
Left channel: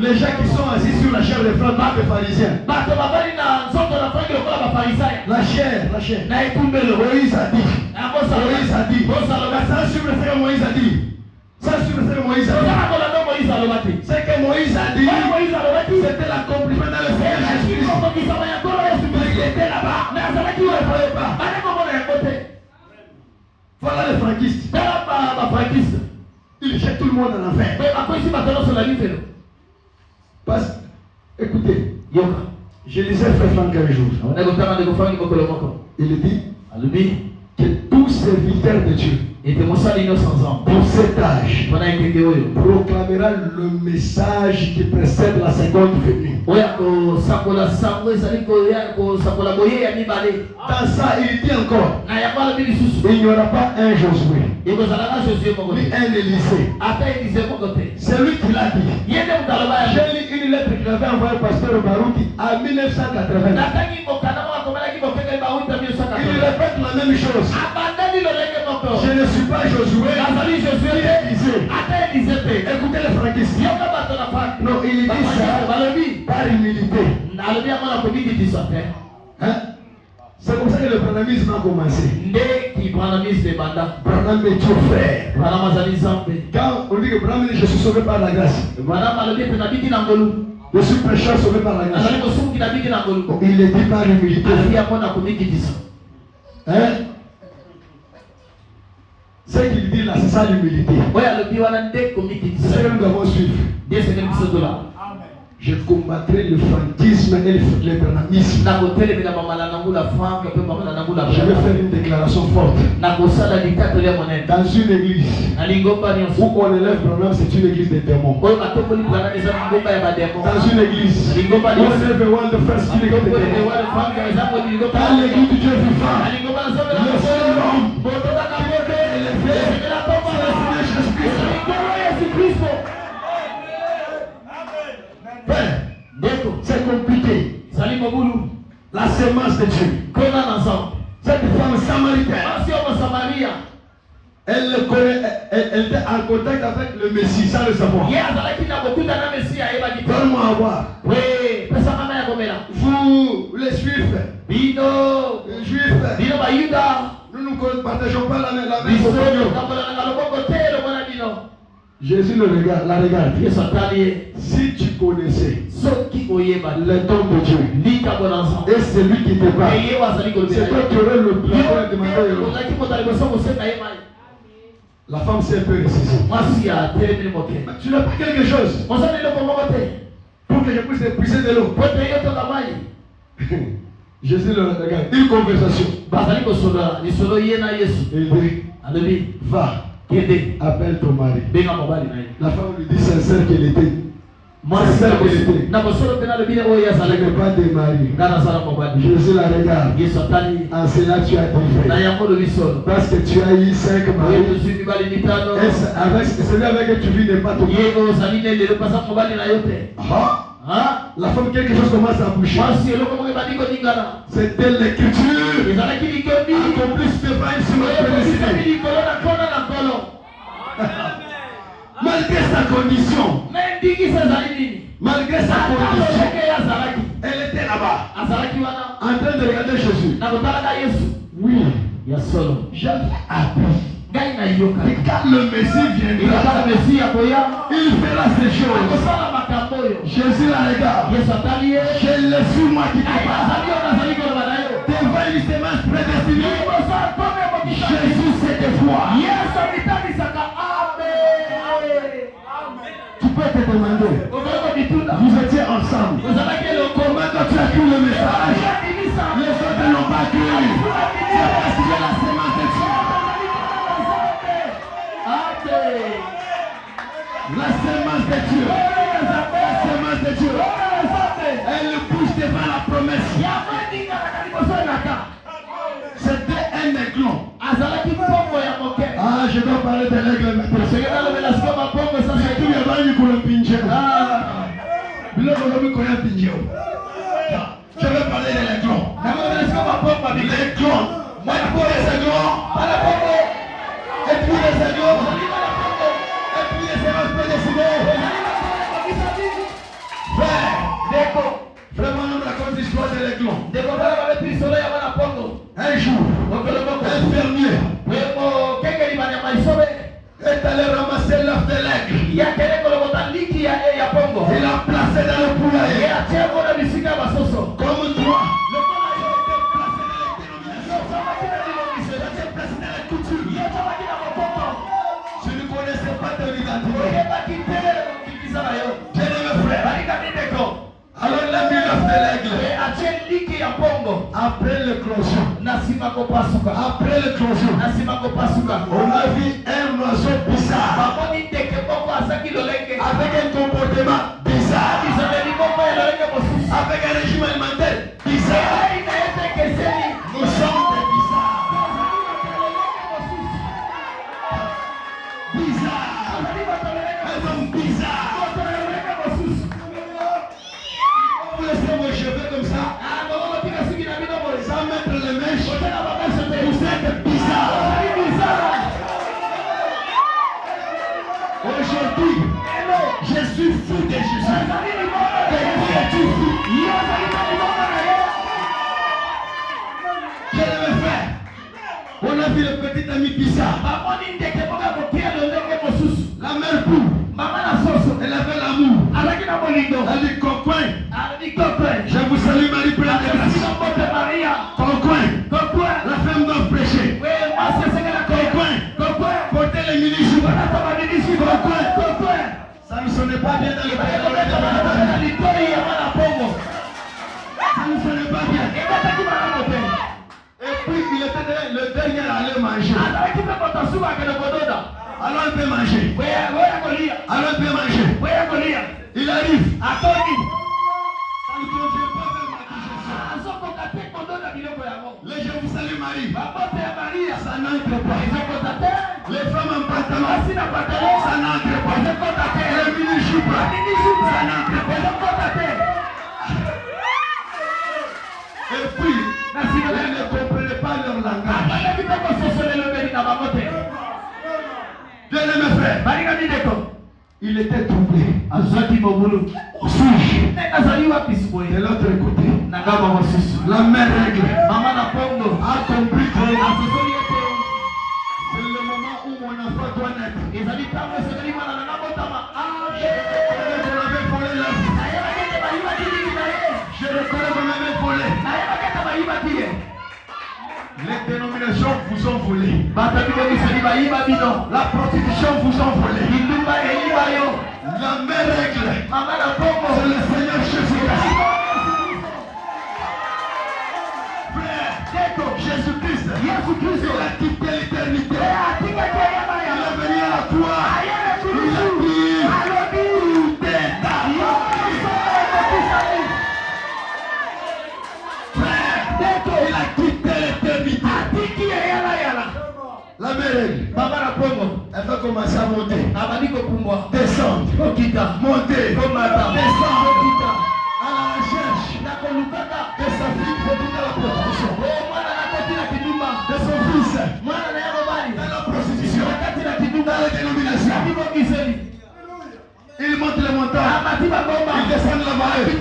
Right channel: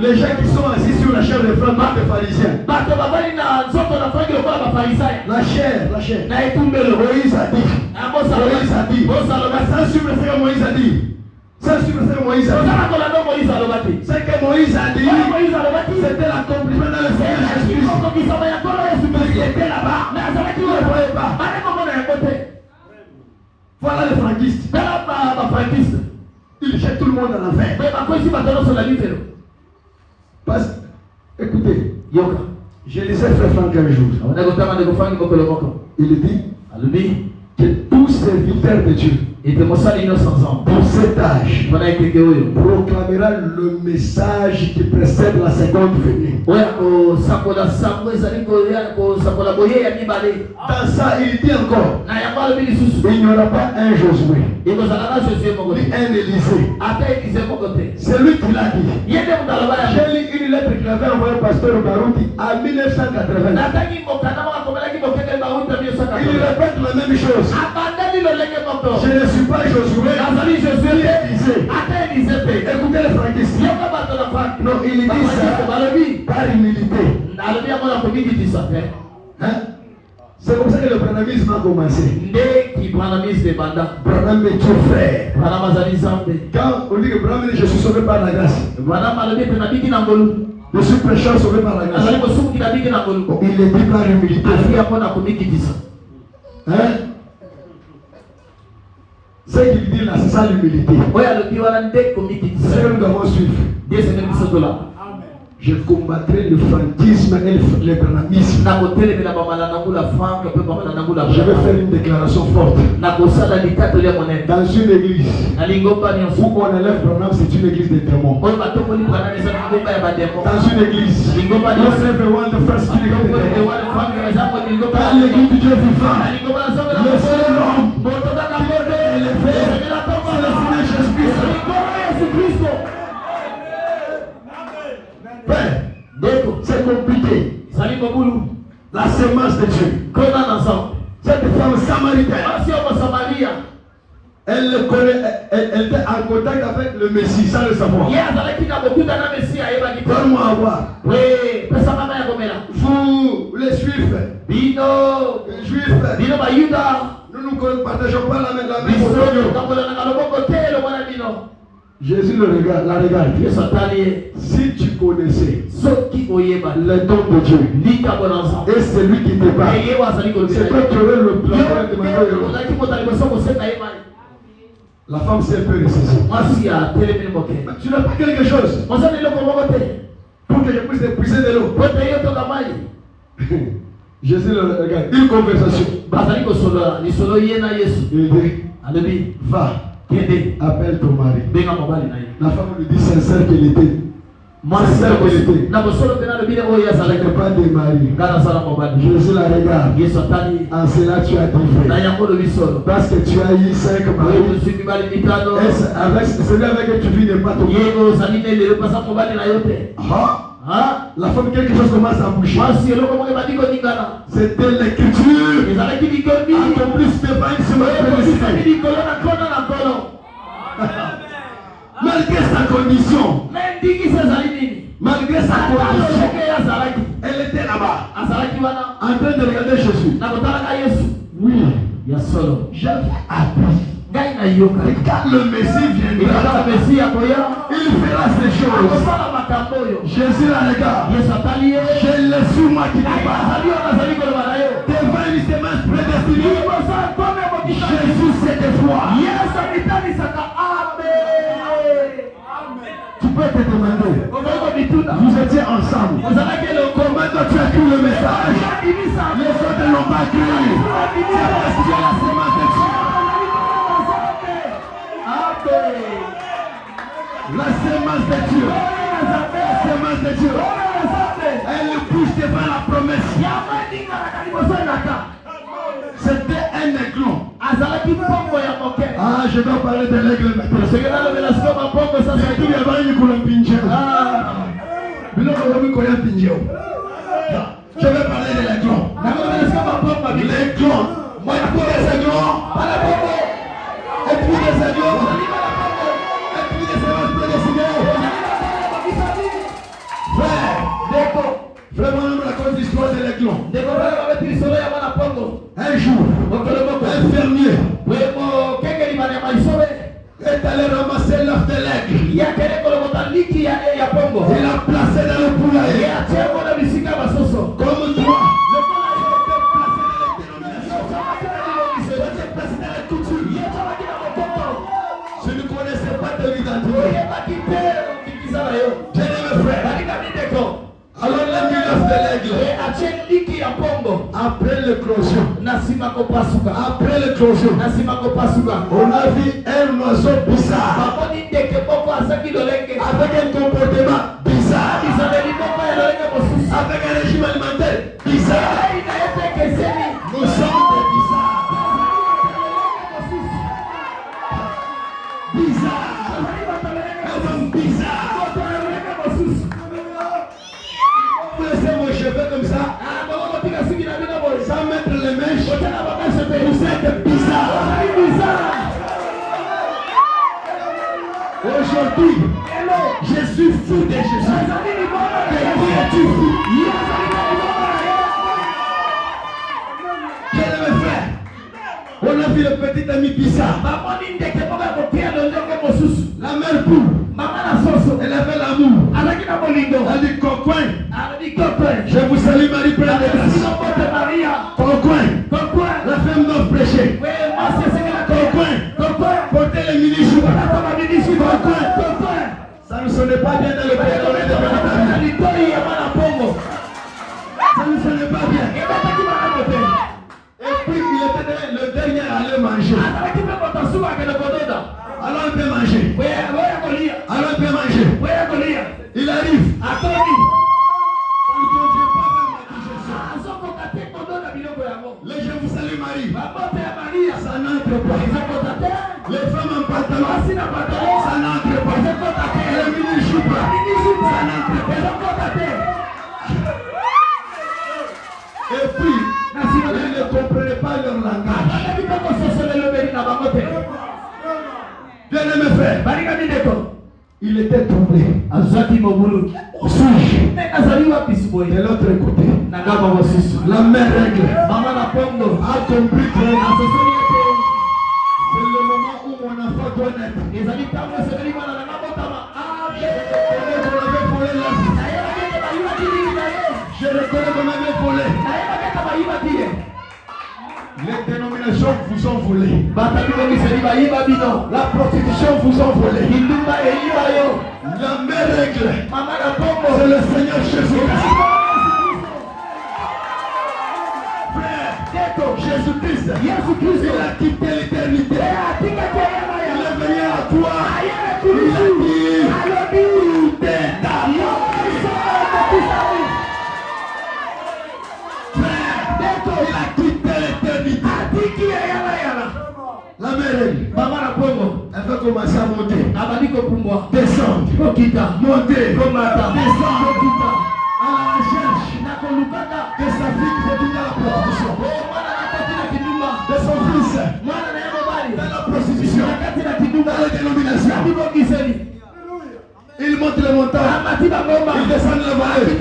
Les gens qui sont assis sur la chair de Franck, pas les pharisiens. La chair. Moïse a dit. Ça sur le frère Moïse a dit. C'est que Moïse a dit. C'était l'accomplissement de le Seigneur Jésus-Christ. Il était là-bas. Il ne voyait pas. Voilà les franquistes. Ils jettent tout le monde en enfer. Parce écoutez, je lisais Frère Franck un jour. Il dit que tous serviteurs de Dieu pour cet âge proclamera le message qui précède la seconde venue. Dans ça, il dit encore, il n'y aura pas un Josué, ni un Élisée. C'est lui qui l'a dit. J'ai lu une lettre qu'il avait envoyée au pasteur Barouti en 1980. Il répète la même chose. Je ne suis pas Josué, Élisée. Écoutez les franquistes. Non, il dit ça par humilité. Hein? C'est comme ça que le branhamisme a commencé. Branham est ton frère. Quand on dit que Branham, je suis sauvé par la grâce. Je suis prêcheur sauvé par la grâce. Il est dit par humilité. Hein? Ce qu'il dit là, c'est ça l'humilité. C'est ce que nous devons suivre. Je combattrai le fantisme et le branhamisme. Je vais faire une déclaration forte. Dans une église où on élève Branham, c'est une église des démons. Dans une église où on élève one the first, c'est une église des démons. Dans l'église du Dieu vivant, le seul homme qui est élevé, c'est le Seigneur Jésus-Christ. C'est compliqué. La sémence de Dieu. Cette femme samaritaine, elle le connaît, elle était en contact avec le Messie sans le savoir. Donne-moi à voir. Vous, les Juifs, nous ne partageons pas la même Jésus la regarde. Si tu connaissais le don de Dieu et celui qui te parle, c'est toi qui aurais le plan de demander. La femme s'est un peu ressaisie. Tu n'as pas quelque chose pour que je puisse épuiser de l'eau. Jésus le regarde. Une conversation. Il dit, va. Appelle ton mari. La femme lui dit sincère qu'elle était. Sincère qu'elle était. Je n'ai pas de mari. Jésus la regarde. En cela tu as trouvé. Parce que tu as eu 5 maris. Celui avec qui tu vis n'est pas ton mari. La femme, quelque chose commence à bouger. C'était l'écriture. Accomplisse devant une semaine. Malgré sa condition, elle était là-bas, en train de regarder Jésus. Oui, j'ai appris. Et quand le Messie viendra, il fera ces choses. Jésus la regarde. Je l'ai sur moi qui n'est pas. Devant une semence prédestinée, Jésus s'est dévoilé. Tu peux te demander, vous étiez ensemble. Comment tu as cru le message? Les autres ne l'ont pas cru. C'est parce que la semence de Dieu. La semence de Dieu. La semence de Dieu. Elle bouge devant la promesse. C'était un aiglon. Je dois parler de l'aigle maintenant. Je vais parler de l'aigle. L'aiglon. Moi, pour les aiglons. Et puis les aiglons. Et puis les semences prédestinées. Vraiment, nous raconte l'histoire de l'aiglon. Un jour, un fermier est allé ramasser l'œuf de l'aigle. Il l'a placé dans le poulailler. Comme toi, le poulailler était placé dans les dénominations. Était placé dans la couture. Je ne connaissais pas ton identité. Bien-aimé frère, alors il a mis l'œuf de l'aigle. Après l'éclosion, on a vu un oiseau bizarre avec un comportement bizarre, avec un régime alimentaire bizarre. Nous sommes des bizarres. Un homme bizarre. Vous laissez vos cheveux comme ça, sans mettre les mèches, vous êtes bizarre. Aujourd'hui, je suis fou de Jésus. De qui es-tu fou? Je l'avais fait. On a vu le petit ami bizarre. La mère poule. Elle avait l'amour. Elle dit coquin. Je vous salue Marie pleine de grâce. Coquin. La femme doit prêcher. Coquin. Porter les mini-jours. Coquin. Ça ne sonnait pas bien dans le pays. ce n'est pas bien. Et puis il était le dernier à aller manger. Alors il peut manger. Alors il peut manger. Il arrive. Ça ne convient pas même à digestion. Les gens vous saluent Marie. Ça n'entre pas. Les femmes en pantalon. Ça n'entre pas. Les mini-jupes. Ça n'entre pas. Et puis, ils ne comprenaient pas leur langage. Bien-aimé frère, il était troublé. De l'autre côté, la mère règle a compris que c'est le moment où mon enfant doit naître. Je reconnais qu'on avait volé l'enfant. Je reconnais qu'on avait volé. Les dénominations vous ont volé. La prostitution vous a volé. La mère règle, c'est le Seigneur Jésus-Christ. Frère, Jésus-Christ, il a quitté l'éternité. Il est venu à toi. Il a dit, il a quitté l'éternité. La mère, elle va commencer à monter, descendre, monter, descendre, à la recherche de sa fille pour quitter la prostitution, de son fils dans la prostitution, dans la dénomination. Il monte le montant, il descend la vallée,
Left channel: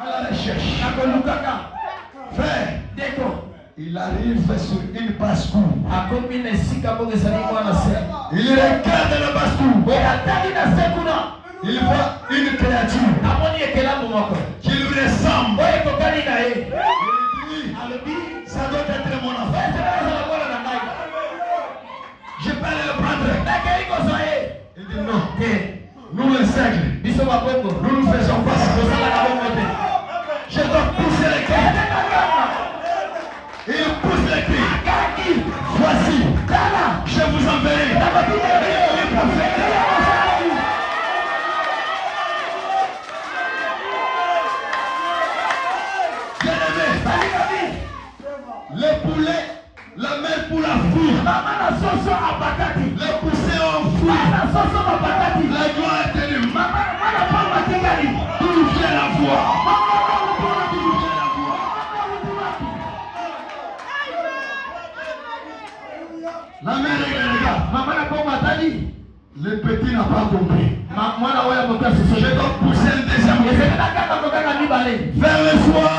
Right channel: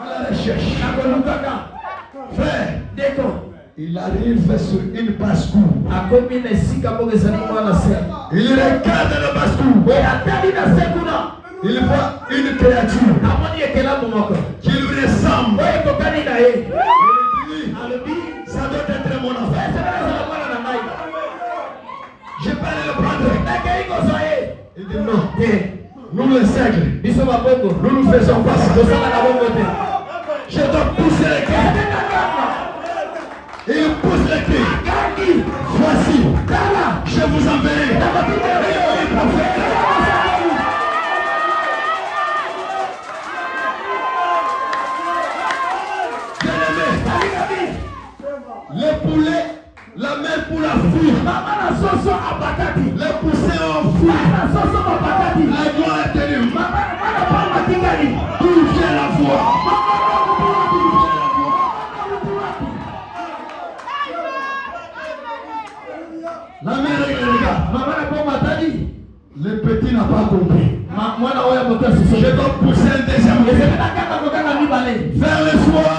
à la recherche. Frère, il arrive sur une basse-cour. Il regarde la basse-cour. Il voit une créature qui lui ressemble. Il dit, ça doit être mon enfant. Je peux aller le prendre. Il dit non. Nous le seigneurs, nous faisons face. Je dois pousser les cris. Il pousse les cris. Voici, je vous enverrai. Bien-aimé, les poulets, la mère pour la fuir. Les poussins ont fui. La joie est tenue. Touchez la voix. La mère regarde. Le petit n'a pas compris. Je dois pousser un deuxième cri. Vers le soir.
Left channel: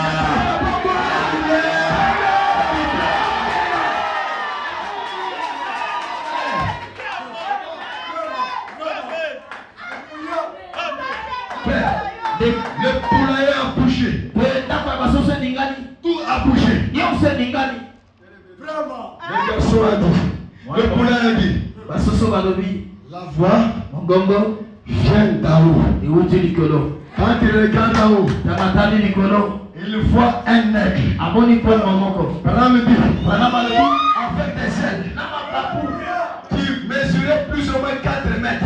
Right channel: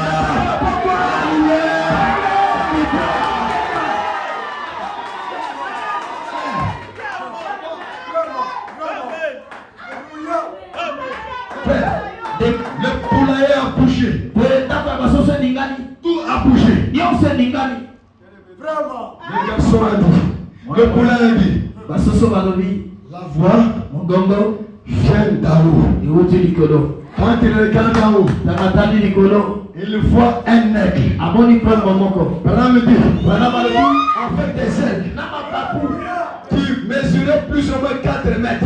Le poulailler a bouché. Tout a bouché. Le garçon a dit. Le poulailler a dit. La voix vient d'en haut. Quand il regarde en haut, il voit un aigle. Branham dit, avec des ailes qui mesuraient plus ou moins 4 mètres.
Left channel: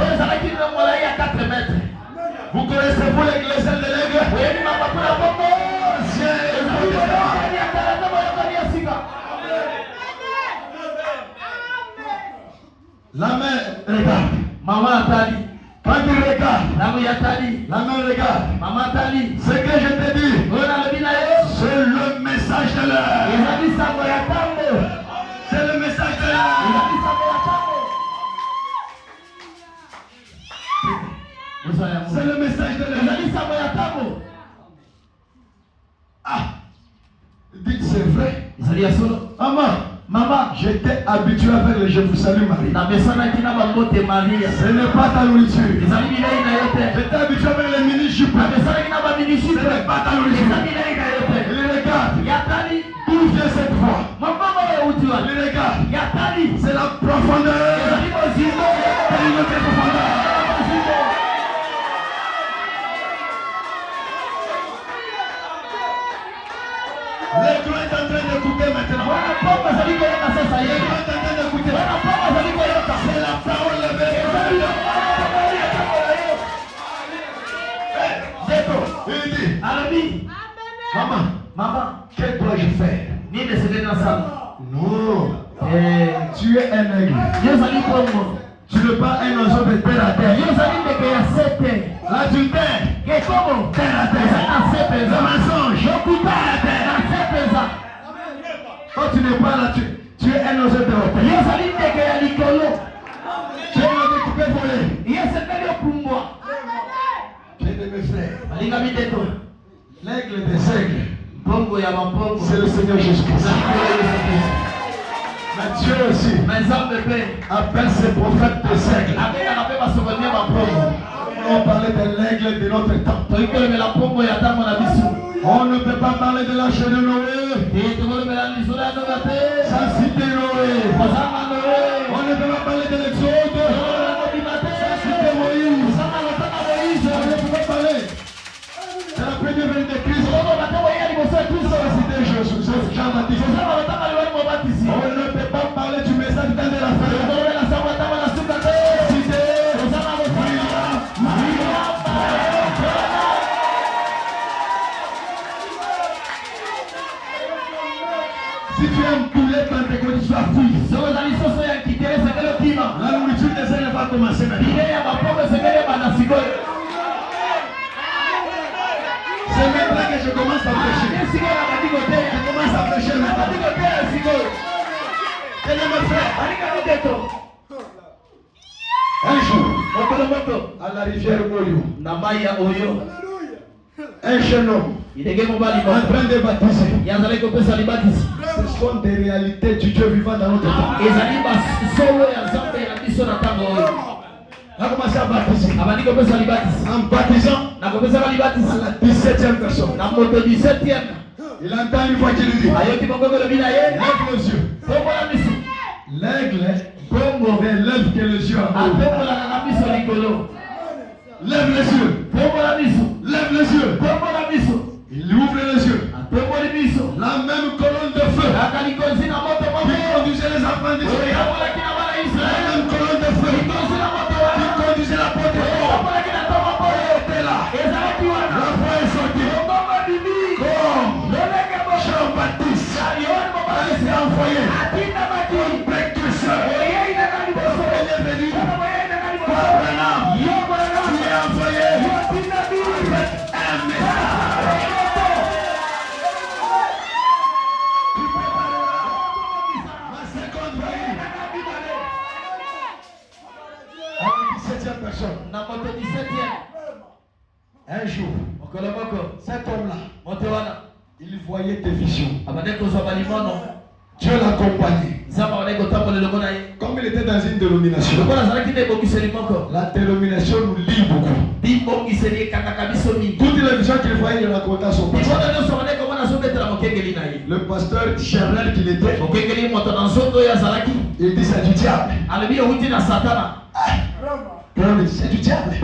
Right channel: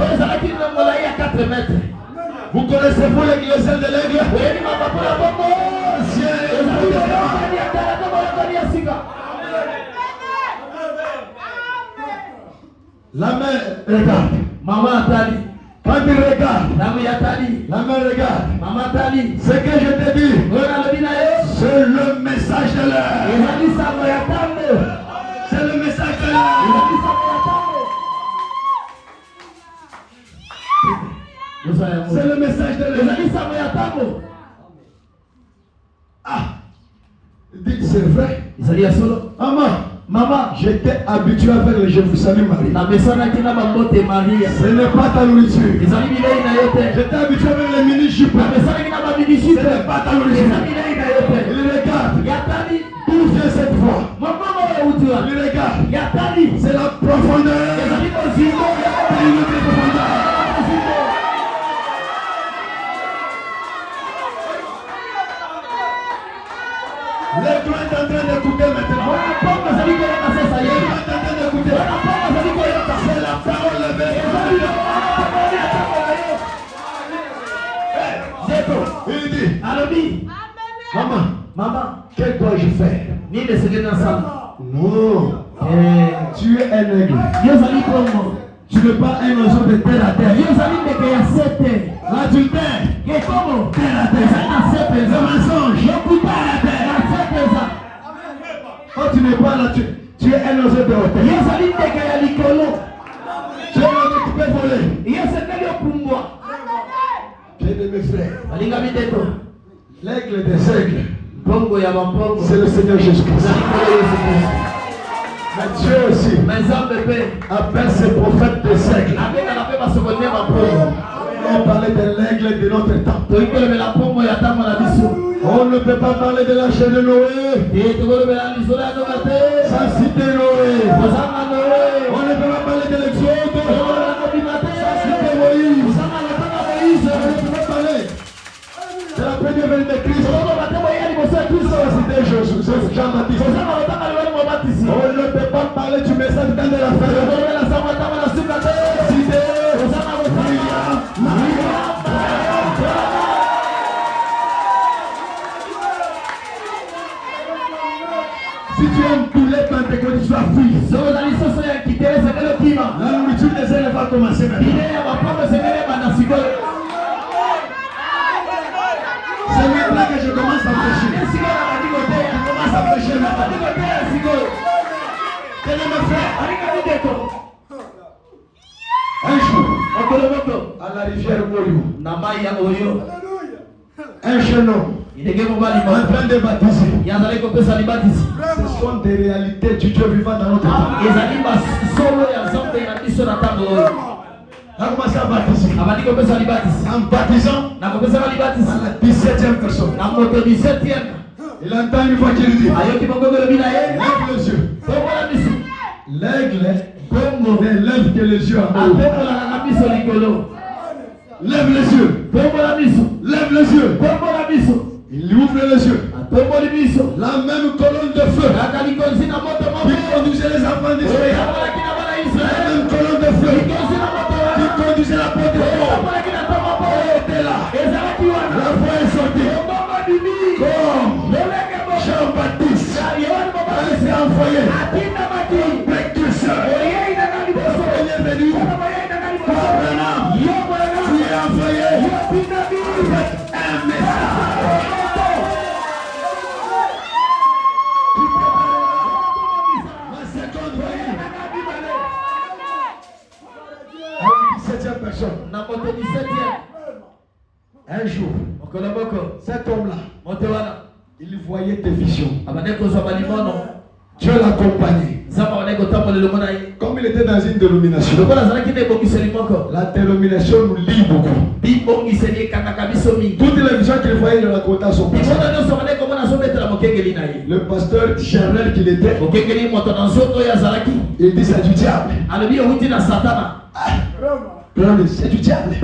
Vous connaissez-vous les ailes de l'aigle? La mère regarde. Maman Atali. Quand il regarde, la mère regarde. Ce que je te dis, c'est le message de l'heure. C'est le message de l'heure. C'est le message de l'heure. Ah, dites c'est vrai. Maman, j'étais habitué avec le je vous salue Marie. Ce n'est pas ta nourriture. J'étais habitué avec les mini-jupes. Ce n'est pas ta nourriture. Il regarde. D'où vient cette voix? Il regarde. C'est la profondeur. C'est notre profondeur. L'aigle est en train d'écouter maintenant. L'aigle est en train d'écouter. C'est la parole de Dieu. Il dit, maman, que dois-je faire? Non. Tu es un aigle. Tu n'es pas un oiseau de terre à terre. L'adultère, terre à terre. Le mensonge, terre à terre. Quand tu n'es pas là, tu es un oiseau de terre. Tu es un oiseau qui peut voler. J'ai mes frères. L'aigle des aigles, c'est le Seigneur Jésus-Christ. Mais Dieu aussi appelle ses prophètes des aigles. On parlait de l'aigle de notre temps. On ne peut pas parler de l'arche de Noé sans citer Noé. On ne peut pas parler de l'Exode sans citer Moïse. On ne peut pas parler de la première venue de Christ sans citer Jean-Baptiste. On ne peut pas parler du message dans de la fin. Si tu aimes poulet pentecôte, tu sois fouillé. La nourriture des ailes va commencer maintenant. C'est maintenant que je commence à prêcher. Je commence à prêcher maintenant. Un jour, à la rivière Oyo, un jeune homme en train de baptiser. Ce sont des réalités du Dieu vivant dans notre temps. Il a commencé à baptiser. En baptisant à la 17e personne. Il entend une voix qui lui dit, lève les yeux. L'aigle lève les yeux en haut. Lève les yeux. Lève les yeux. Il ouvre les yeux. La même colonne de feu qui conduisait les enfants d'Israël. La même colonne de feu qui conduisait la porte de feu était là. La voix est sortie. Comme Jean-Baptiste a été envoyé comme précurseur. Il est venu. Comme Abraham, tu es envoyé avec un message. Un jour, cet homme-là, il voyait des visions. Dieu l'accompagnait. Comme il était dans une dénomination, la dénomination nous lie beaucoup. Toutes les visions qu'il voyait, il racontait à son pasteur. Le pasteur Charles qu'il était, il dit c'est du diable. C'est du diable.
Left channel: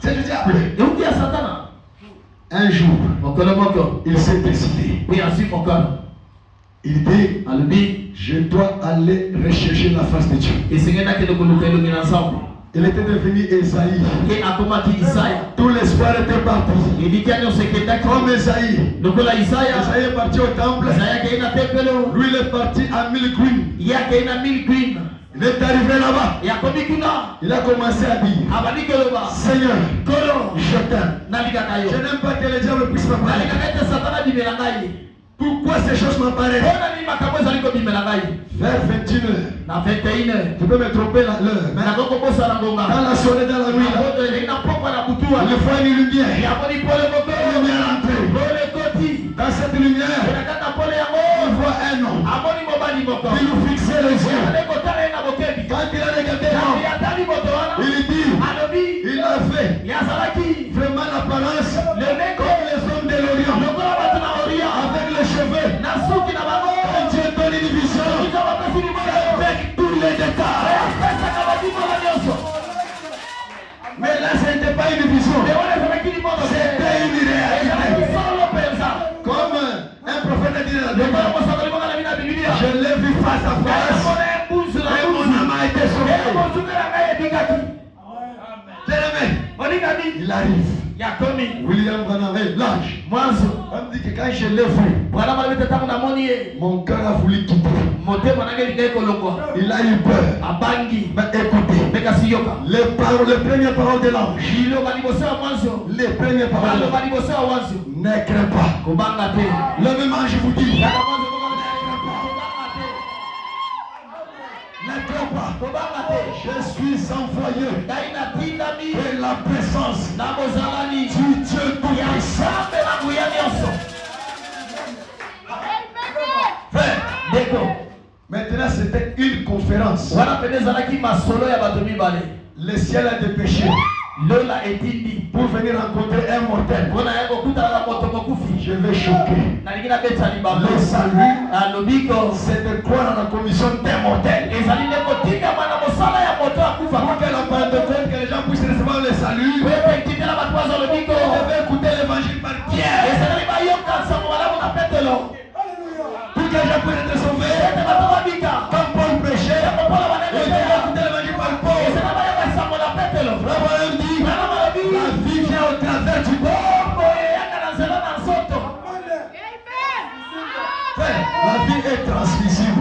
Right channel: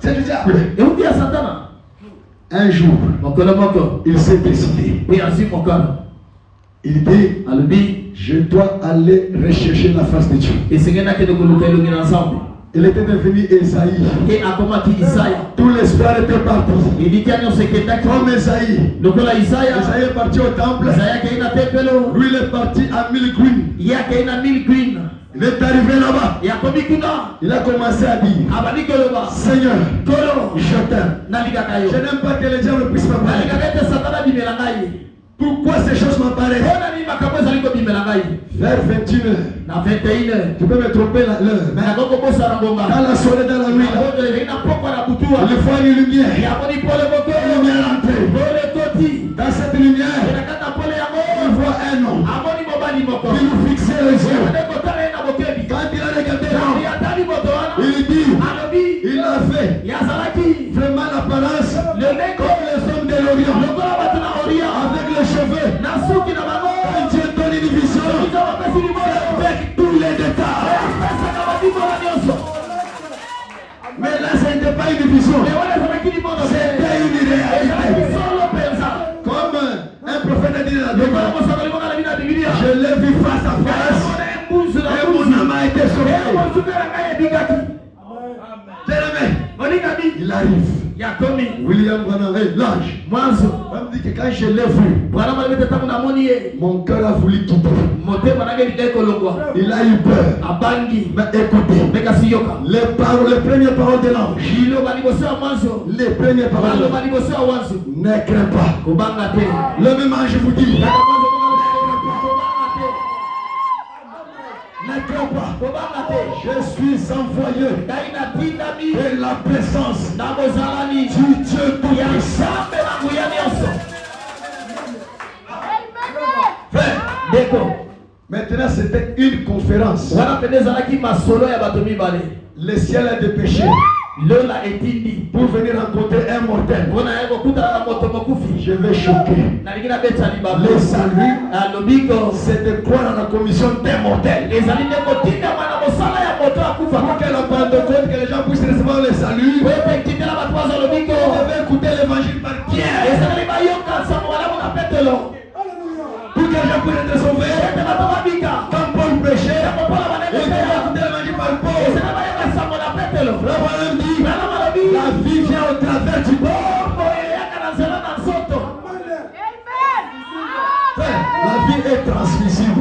C'est du diable. Un jour, il s'est décidé. Il dit, je dois aller rechercher la face de Dieu. Il était devenu Esaïe. Tout l'espoir était parti. Comme Esaïe. Esaïe est parti au temple. Lui, il est parti à 1000 green. Il est arrivé là-bas. Il a commencé à dire, Seigneur, je t'aime. Je n'aime pas que les diables puissent m'apparaître. Pourquoi ces choses m'apparaissent? Vers 21h. Tu peux me tromper l'heure. Dans la soirée, dans la nuit, il faut une lumière. Une lumière entrée. Dans cette lumière, il voit un homme. Il nous fixait les yeux. Quand il a regardé l'homme, il dit, il a fait vraiment l'apparence comme les hommes de l'Orient. Avec les cheveux. Quand Dieu donne une vision, avec tous les détails. Mais là, ce n'était pas une vision. C'était une réalité. Comme un il arrive. William Branham, l'ange. On me dit que quand je l'ai vu, mon cœur a voulu quitter. Il a eu peur. Mais écoutez, les premières paroles de l'ange, les premières paroles, ne crains pas. Le même ange vous dit, ne crains pas. Je suis envoyé et la présence du Dieu tout-puissant. Maintenant, c'était une conférence. Le ciel a dépêché pour venir rencontrer un mortel. Je vais choquer. Le salut, c'est de croire à la commission des mortels. Pour que la Pentecôte, que les gens puissent recevoir le salut, on devait écouter l'évangile par Pierre. Pour que les gens puissent être sauvés, quand Paul prêchait, il devait écouter l'évangile par Paul. Abraham dit, la vie vient au travers du corps. La vie est transmissible.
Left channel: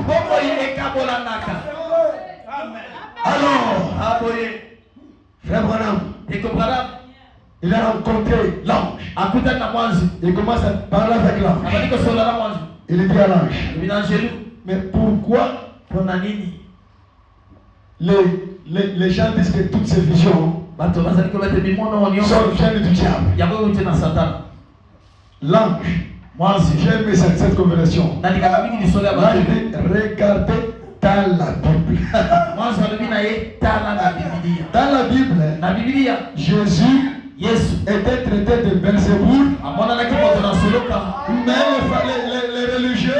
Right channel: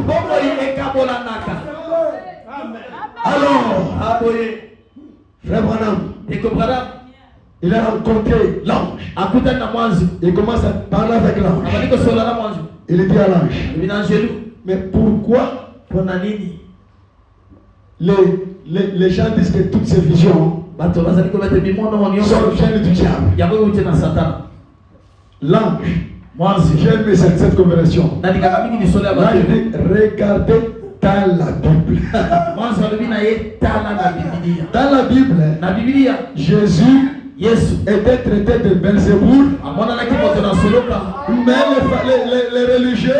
Alors, frère Branham, il a rencontré l'ange. Il commence à parler avec l'ange. Il dit à l'ange, mais pourquoi les gens disent que toutes ces visions sont le gène du diable? L'ange, j'ai aimé cette conversation. Là, il dit, regardez dans la Bible. Dans la Bible, Jésus était traité de Belzéboul, mais les religieux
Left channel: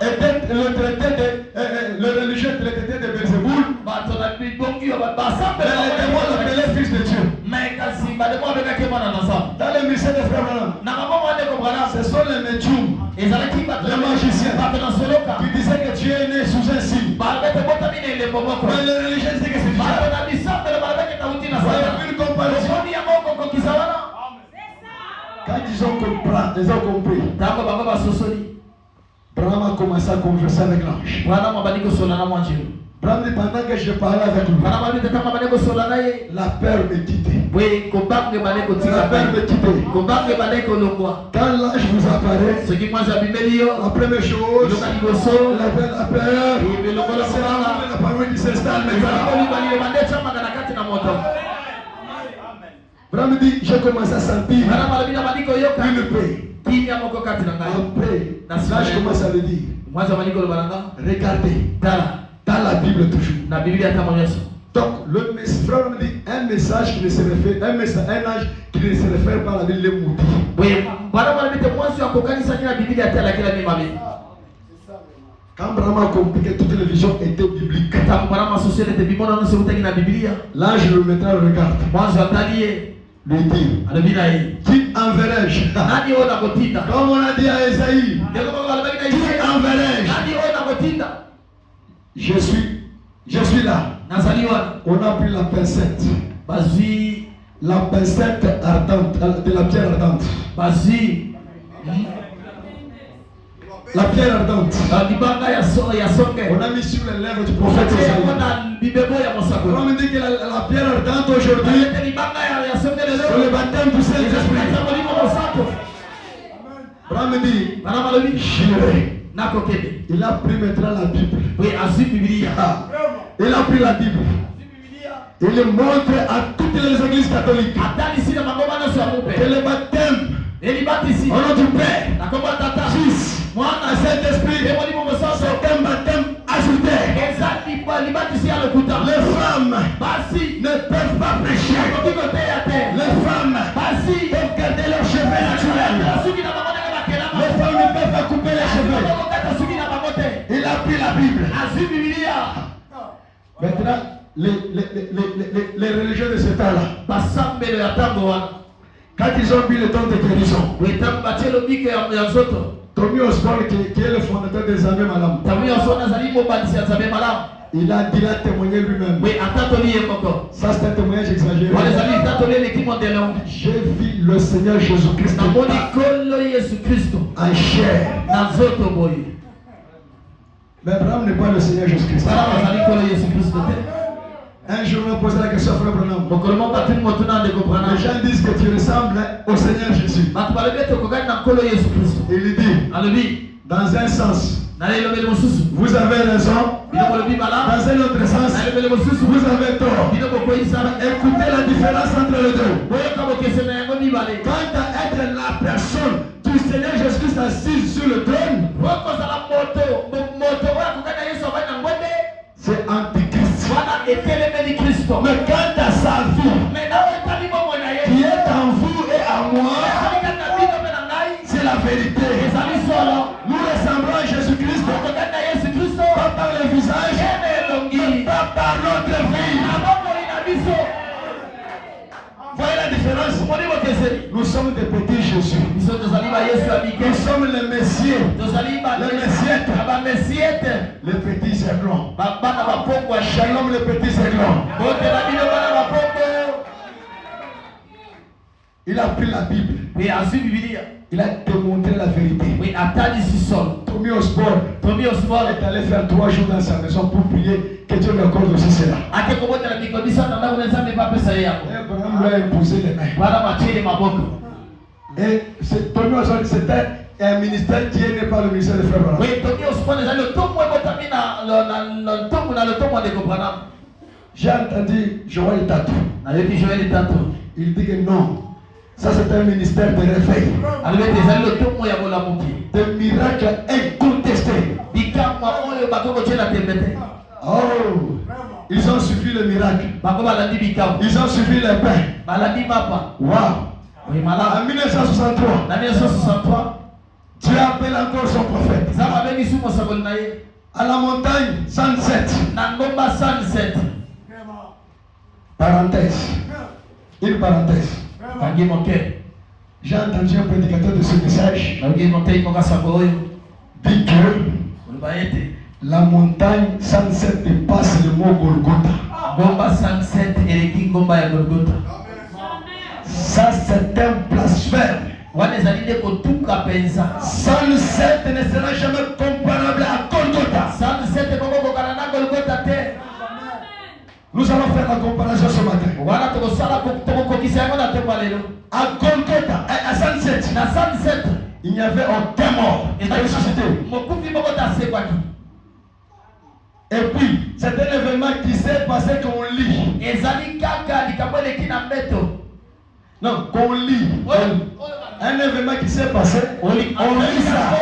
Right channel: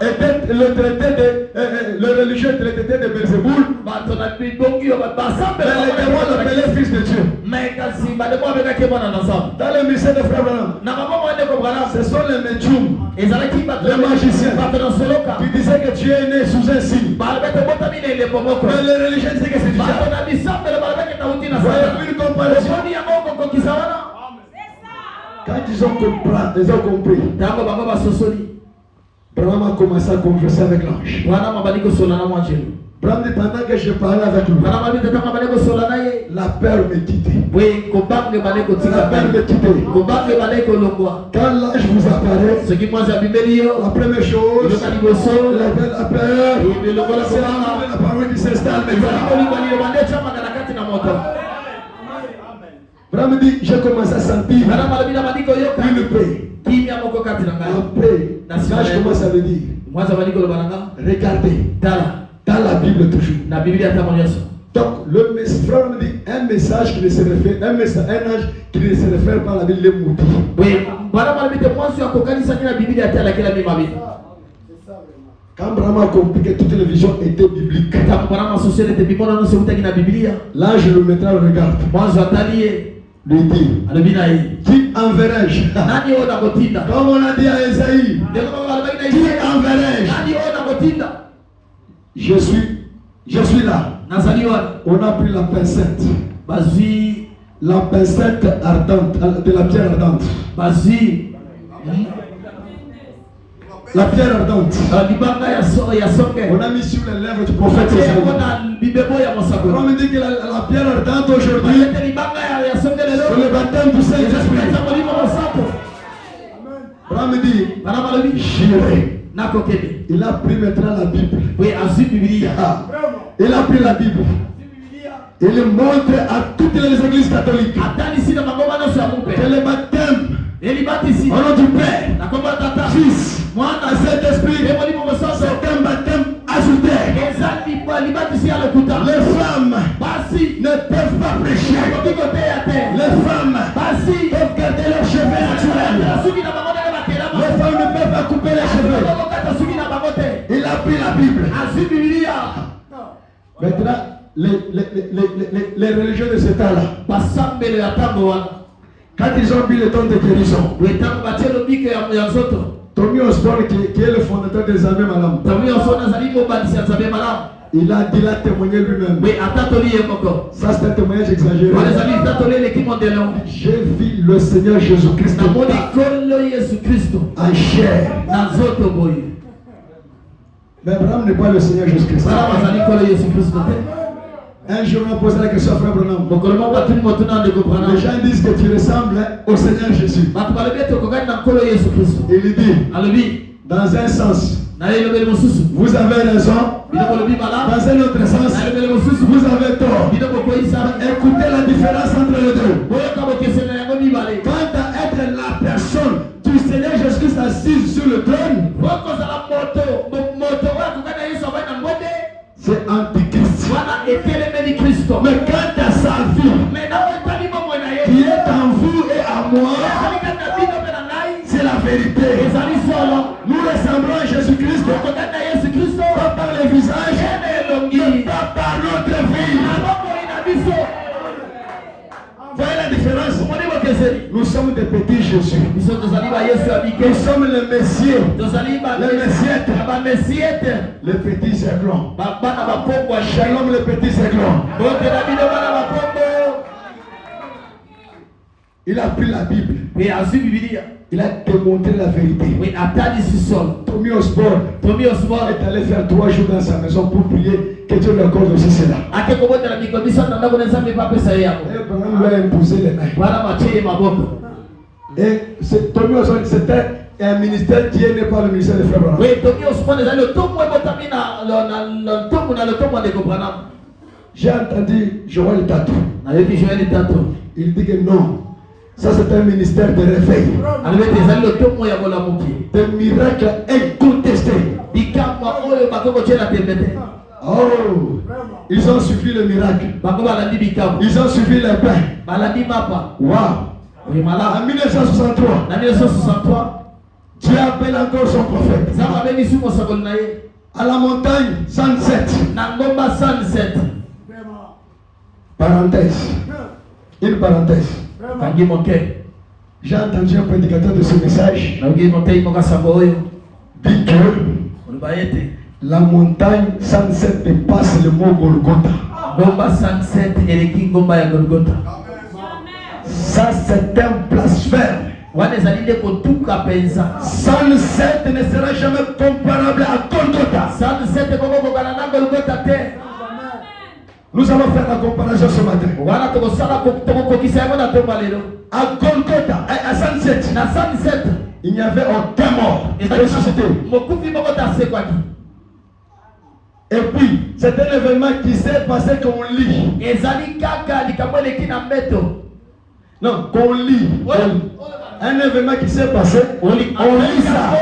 étaient le religieux traité de Belzéboul, mais les démons l'appelaient fils de Dieu. Dans le ministère de Frère Branham, ce sont les médiums, les magiciens qui disaient que Dieu est né sous un signe. Mais les religieux disaient que c'est du diable. Vous avez vu une comparaison? Quand ils ont compris, Branham a commencé à converser avec l'ange. Branham dit, pendant que je parlais avec lui, la peur me quittait. La peur me quittait. Quand l'ange vous apparaît, la première chose, la peur, c'est la parole qui s'installe. Branham dit, j'ai commencé à sentir une paix. Après, là je commence à le dire, regardez, dans la Bible toujours. Donc, le frère me dit un message qui ne se réfère, un ange qui ne se réfère pas à la Bible, les maudits. Quand Branham a compris que toutes les visions étaient bibliques, là je le mettrai en regard. Lui dit, qui enverrai-je? Comme on a dit à Esaïe, qui enverrai-je? Je suis là. On a pris la pincette. La pincette ardente, de la pierre ardente. La pierre ardente. On a mis sur les lèvres du prophète Esaïe. On me dit que la pierre ardente aujourd'hui, c'est le baptême du Saint-Esprit. On me dit, j'irai. Il a pris maintenant la Bible. Il a pris la Bible. Il le montre à toutes les églises catholiques que le baptême au nom du Père, Fils, et Saint-Esprit, c'est un baptême ajouté. Les femmes ne peuvent pas pécher. Les femmes peuvent garder leurs cheveux naturels. Les femmes ne peuvent pas couper les cheveux. Il a pris la Bible. Maintenant, les religieux de ce temps-là, quand ils ont vu le temps de guérison, Tommy Osborne, qui est le fondateur des Abbés Malam, Il a dit, il a témoigné lui-même. Ça, c'est un témoignage exagéré. J'ai vu le Seigneur Jésus-Christ en chair. Mais Abraham n'est pas le Seigneur Jésus-Christ. Un jour, on a posé la question à Frère Branham. Les gens disent que tu ressembles au Seigneur Jésus. Il dit, dans un sens, vous avez raison. Dans un autre sens, vous avez tort. Écoutez la différence entre les deux. Quant à être la personne du Seigneur Jésus-Christ assise sur le trône, c'est Antichrist. Mais quant à sa vie, qui est en vous et en moi, c'est la vérité. Nous ressemblons à Jésus-Christ, pas par le visage, mais pas par notre vie. Voyez la différence? Nous sommes des petits Jésus. Nous sommes les messieurs. Les messiettes. Les petits aiglons. Shalom les petits aiglons. Il a pris la Bible. Il a démontré la vérité. Tommy Osborne est allé faire 3 jours dans sa maison pour prier que Dieu lui accorde aussi cela. Et Abraham lui a imposé les mains. Et Tommy Osborne, c'était un ministère qui est né par le ministère de Frère Branham. J'ai entendu Joël Tato. Il dit que non. Ça, c'est un ministère de réveil. Des miracles incontestés. Oh, ils ont suivi le miracle. Ils ont suivi les pains. Wow. En 1963, Dieu appelle encore son prophète. À la montagne 107. Parenthèse. Une parenthèse. J'ai entendu un prédicateur de ce message dit que la montagne 107 dépasse le mot Golgotha. Ça, c'est un blasphème. 107 ne sera jamais comparable à Golgotha. Nous allons faire la comparaison ce matin. À Golgotha, à 107, il n'y avait aucun mort. Et puis, c'est un événement qui s'est passé qu'on lit. Non, qu'on lit. Un événement qui s'est passé, on lit ça.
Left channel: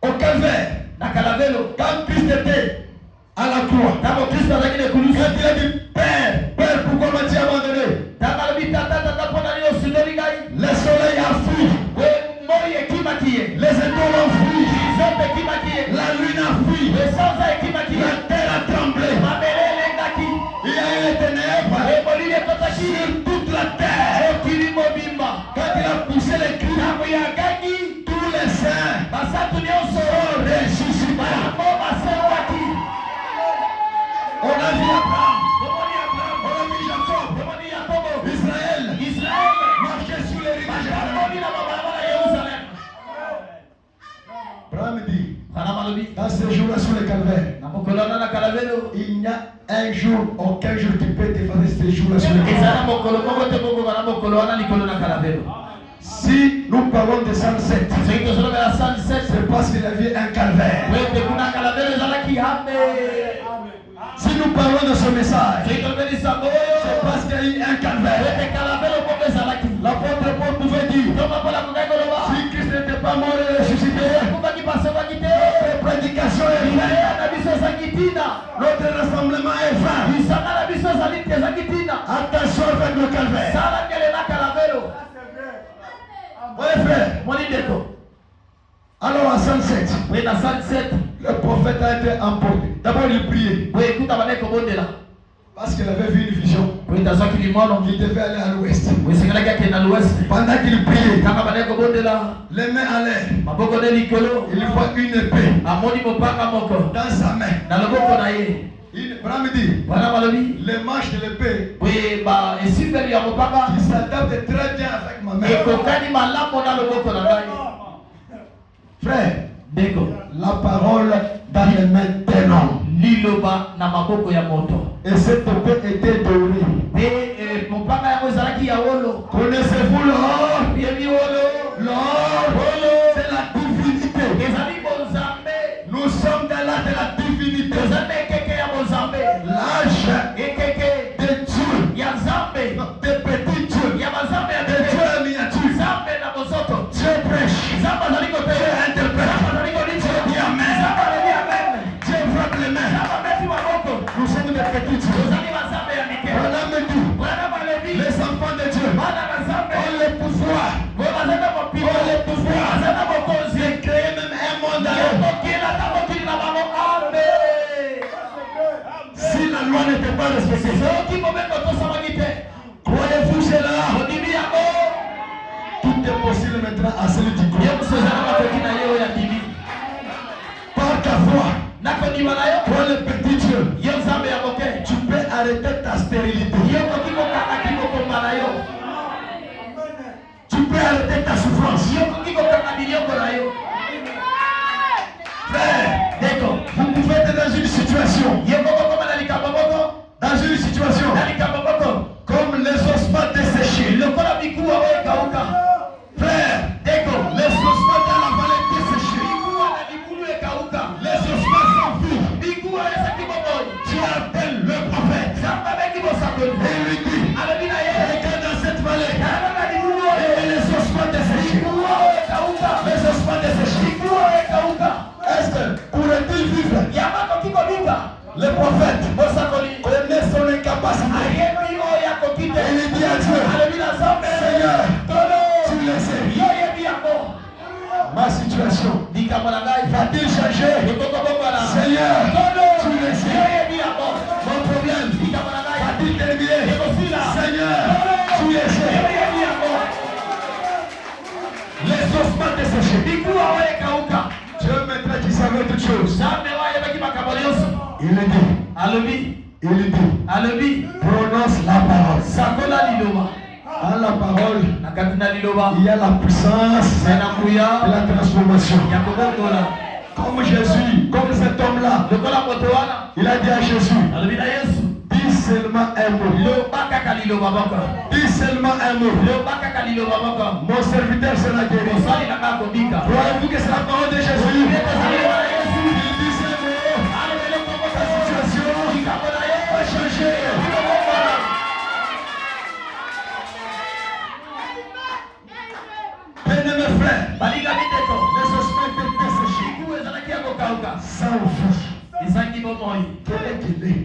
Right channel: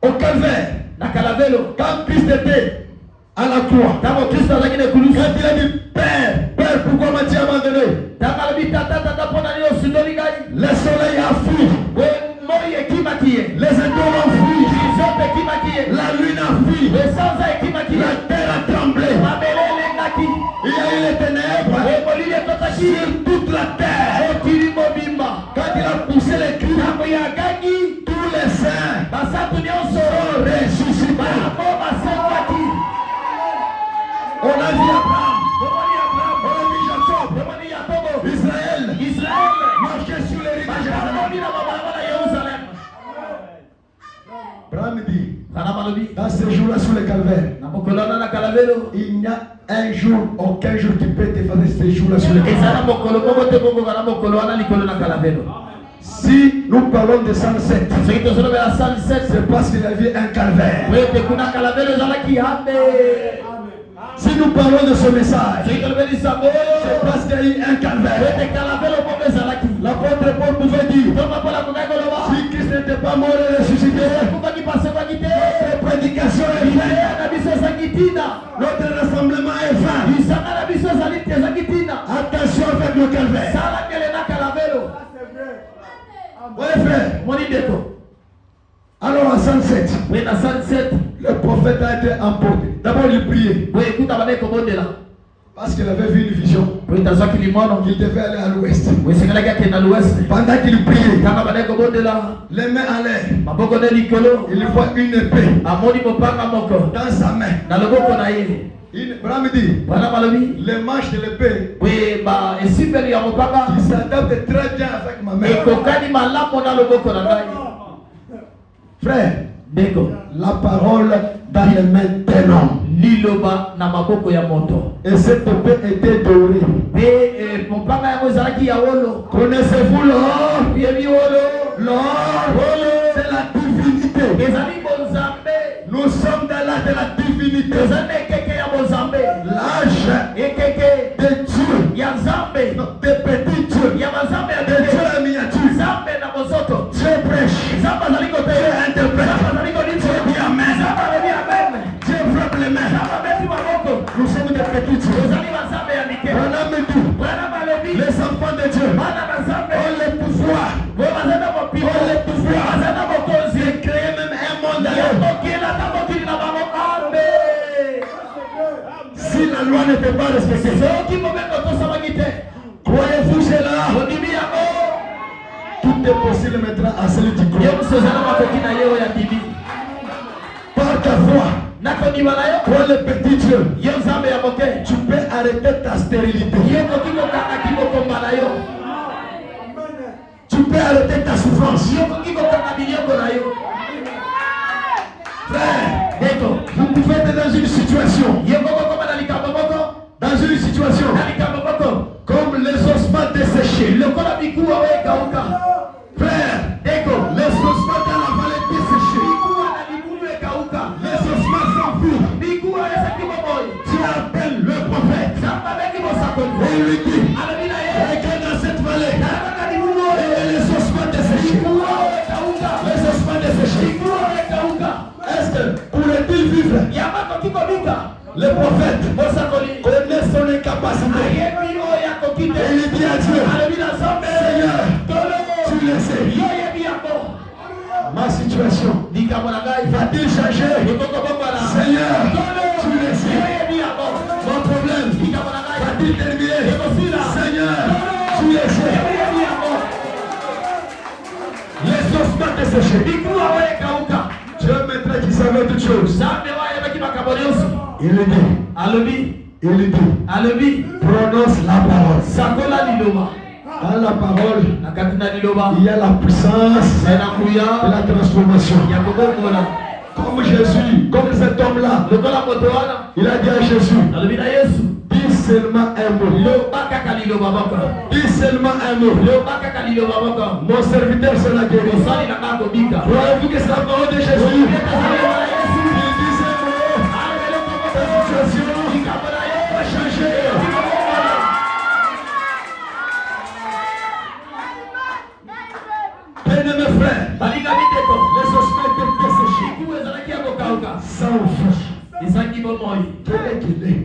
Au calvaire. Quand Christ était à la croix, quand il a dit Père, pourquoi m'as-tu abandonné? Le soleil a fui, les étoiles ont fui, la lune a fui, la terre a tremblé, il y a eu les ténèbres sur toute la terre. Quand il a poussé les cris, tous les saints sont ressuscités. On a vu Abraham, on a vu Jacob, Israël marcher sur les rives de Jérusalem. Abraham dit, dans ce jour-là sur le calvaire, il n'y a un jour, aucun jour qui peut effacer ce jour-là sur le calvaire. Si nous parlons de 107, c'est parce qu'il y avait un calvaire. Si nous parlons de ce message, c'est parce qu'il y a eu un calvaire. L'apôtre Paul pouvait dire, si Christ n'était pas mort et ressuscité, notre prédication est vaine, notre rassemblement est vain. Attention avec le calvaire. Oui frère, alors à 107, le prophète a été emporté. D'abord il priait. Parce qu'il avait vu une vision. Il devait aller à l'ouest. Pendant qu'il priait, les mains en l'air, il voit une épée dans sa main. Les manches de l'épée qui s'adaptent très bien avec ma main. Frère, la parole dans les mains d'un homme. Et cette épée était dorée. Connaissez-vous l'or? L'or, c'est la divinité. Nous sommes dans l'âge de la divinité. L'âge de Dieu. Des petits dieux. Des dieux miniatures. Dieu prêche. Dieu interprète. Dieu dit amen. Dieu frappe les mains. Nous sommes des petits dieux. Les enfants de Dieu ont le pouvoir. De créer même un monde à eux. Si la loi n'était pas respectée, croyez-vous cela? Tout est possible maintenant à celui qui croit. Par ta foi, toi le petit Dieu, tu peux arrêter ta stérilité. Tu peux arrêter ta souffrance. Frère, vous pouvez être dans une situation. Comme les ossements desséchés. Frère, les ossements dans la vallée desséchés. Les ossements sont vides. Tu appelles le prophète. Et il lui dit, regarde dans cette vallée. Et les ossements desséchés. Les ossements desséchés. Est-ce que pourrait-il vivre? Le prophète connaît son incapacité. Et il dit à Dieu, Seigneur, tu le sais. Ma situation va-t-il changer? Seigneur, tu le sais. Mon problème va-t-il terminer? Seigneur, tu le sais. Les ossements desséchés. Dieu maintenant qui savait toutes choses. Il dit, prononce la parole. Dans la parole, il y a la puissance de la transformation. Comme Jésus, comme cet homme-là, il a dit à Jésus, dis seulement un mot. Dis seulement un mot. Mon serviteur sera guéri. Croyez-vous que c'est la parole de Jésus? Bien-aimés frères, les ossements étaient desséchés. Sans vie. Quel est qu'il est?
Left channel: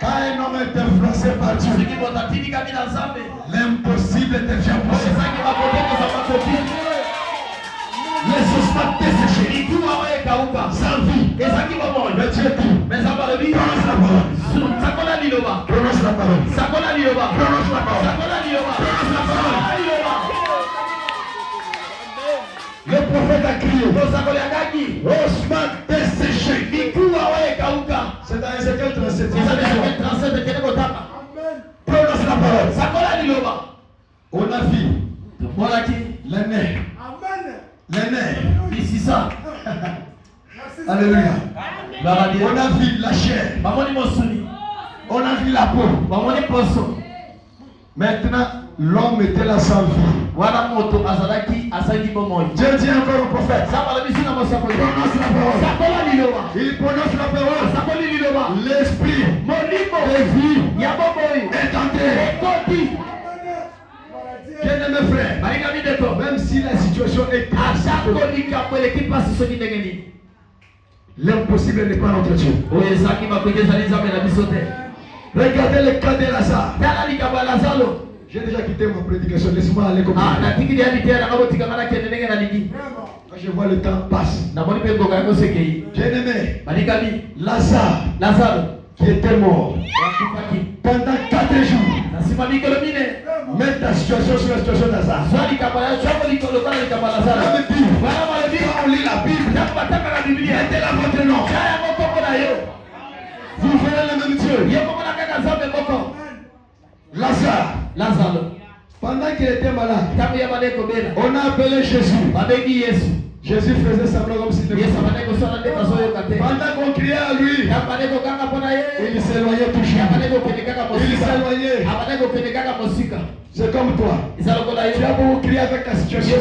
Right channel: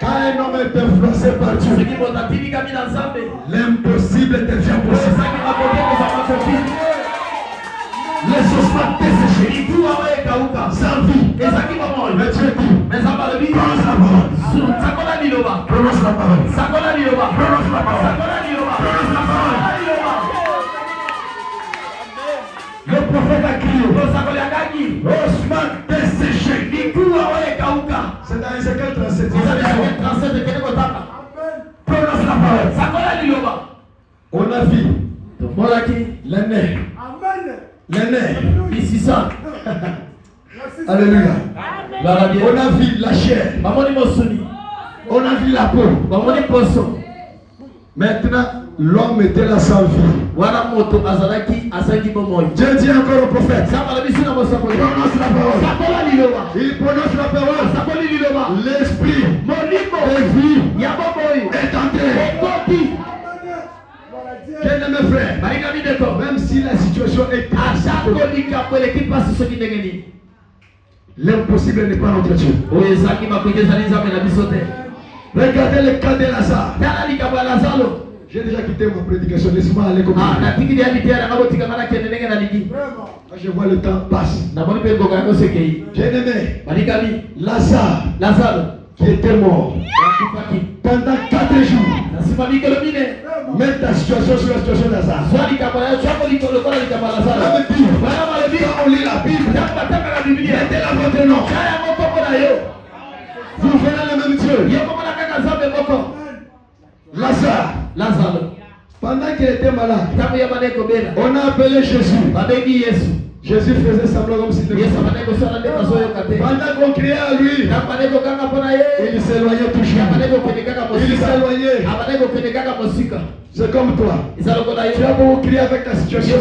Quand un homme est influencé par Dieu, l'impossible devient possible. Les ossements desséchés. Sans vie. Le Dieu dit, prononce la parole. Prononce la parole. Prononce la parole. Le prophète a crié, ossements desséchés. C'est dans Ézéchiel 37. Prononce la parole. On a vu les nerfs. Les nerfs. Alléluia. On a vu la chair. On a vu la peau. Maintenant, l'homme était là sans vie. Dieu dit encore au prophète, prononce la parole. Il prononce la parole. L'esprit de vie est entré. Bien-aimé frère, même si la situation est l'impossible n'est pas notre Dieu. Regardez le cas de Lazare. J'ai déjà quitté ma prédication. Laisse-moi aller comme ça. Quand je vois le temps passe. Bien-aimé, Lazare qui était mort pendant 4 jours. Mets ta situation sur la situation d'Azar. On lit la Bible. Mettez-la votre nom. Vous venez le même Dieu. Lazare. Pendant qu'il était malade, on a appelé Jésus. Jésus faisait semblant comme s'il était malade. Pendant qu'on criait à lui, il s'éloignait toujours. Il s'éloignait. C'est comme toi. Tu as beaucoup crié avec ta situation.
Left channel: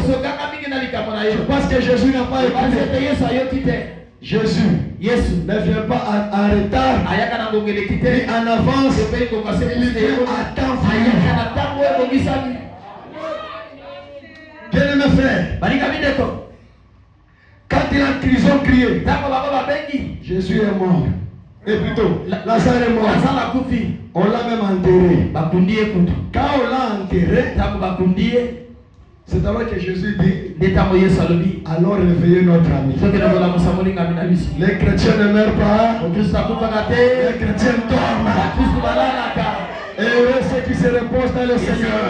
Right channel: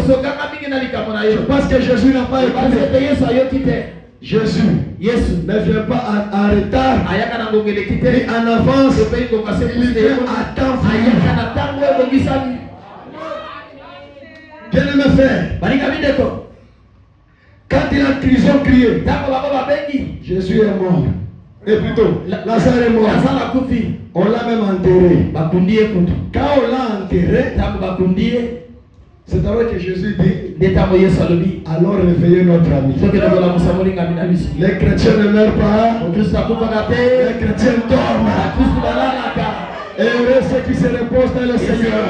Parce que Jésus n'a pas écouté. Jésus ne vient pas en retard, ni en avance, il vient à temps. Bien-aimé frère, quand il a prison crié, Jésus est mort. Et plutôt, Lazare est mort. On l'a même enterré. Quand on l'a enterré, c'est alors que Jésus dit, alors réveillez notre ami. Les chrétiens ne meurent pas. Les chrétiens dorment. Et heureux ceux qui se reposent dans le Seigneur.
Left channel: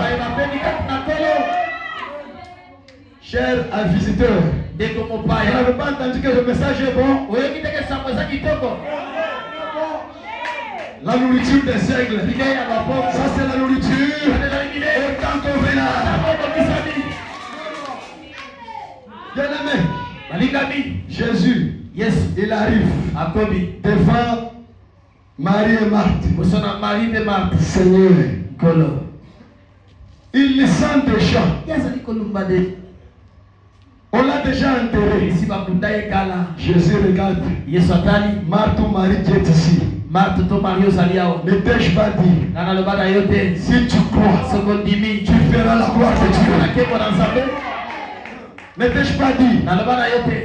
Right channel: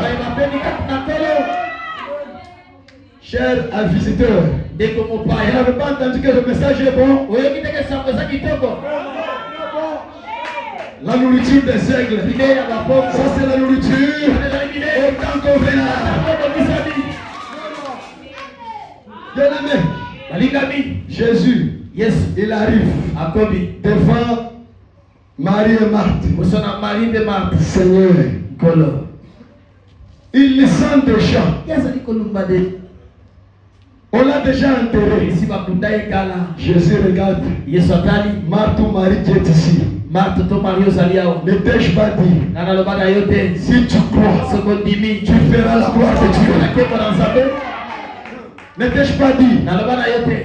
Chers visiteurs, vous n'avez pas entendu que le message est bon? La nourriture des aigles, ça c'est la nourriture autant qu'on verra. Bien-aimé, Jésus, il arrive devant Marie et Marthe. Seigneur, il le sent déjà. On l'a déjà enterré. Jésus regarde. Marthe ou Marie qui est ici. Ne t'ai-je pas dit, si tu crois, tu feras la gloire de Dieu. Ne t'ai-je pas dit,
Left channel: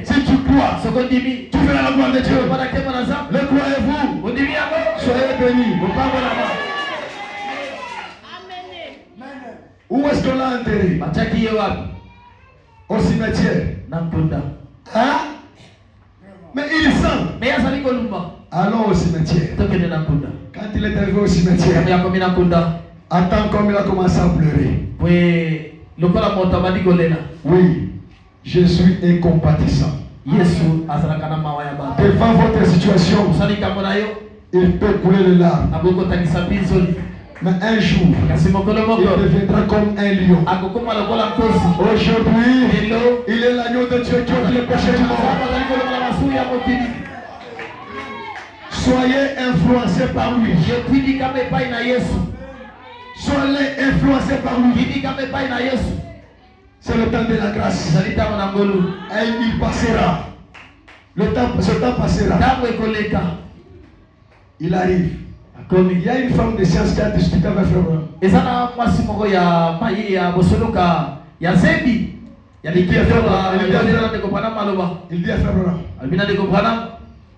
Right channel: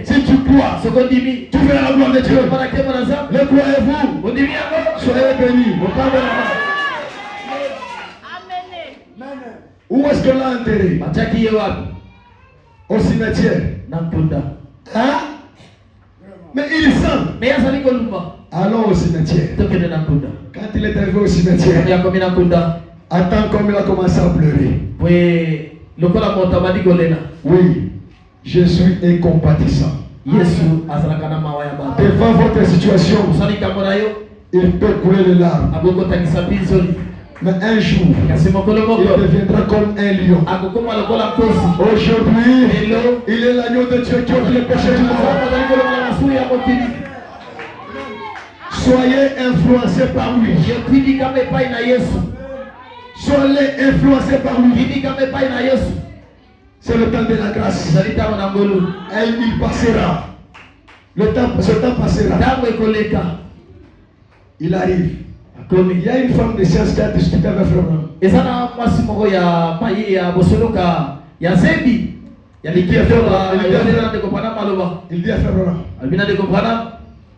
si tu crois, tu feras la gloire de Dieu. Le croyez-vous? Soyez bénis. Où est-ce qu'on l'a enterré? Au cimetière. Hein? Mais il sent. Allons au cimetière. Quand il est arrivé au cimetière, attends comme il a commencé à pleurer. Oui, Jésus est compatissant. Devant votre situation, il peut couler les larmes. Mais un jour, il deviendra comme un lion. Aujourd'hui, il est l'agneau de Dieu qui ôte les péchés du monde. Soyez influencés par lui. Soyez influencés par lui. C'est le temps de la grâce. Et il passera. Ce temps passera. Il arrive. Comme il y a une femme de science qui a discuté avec Frère Branham. Il dit à Frère Branham,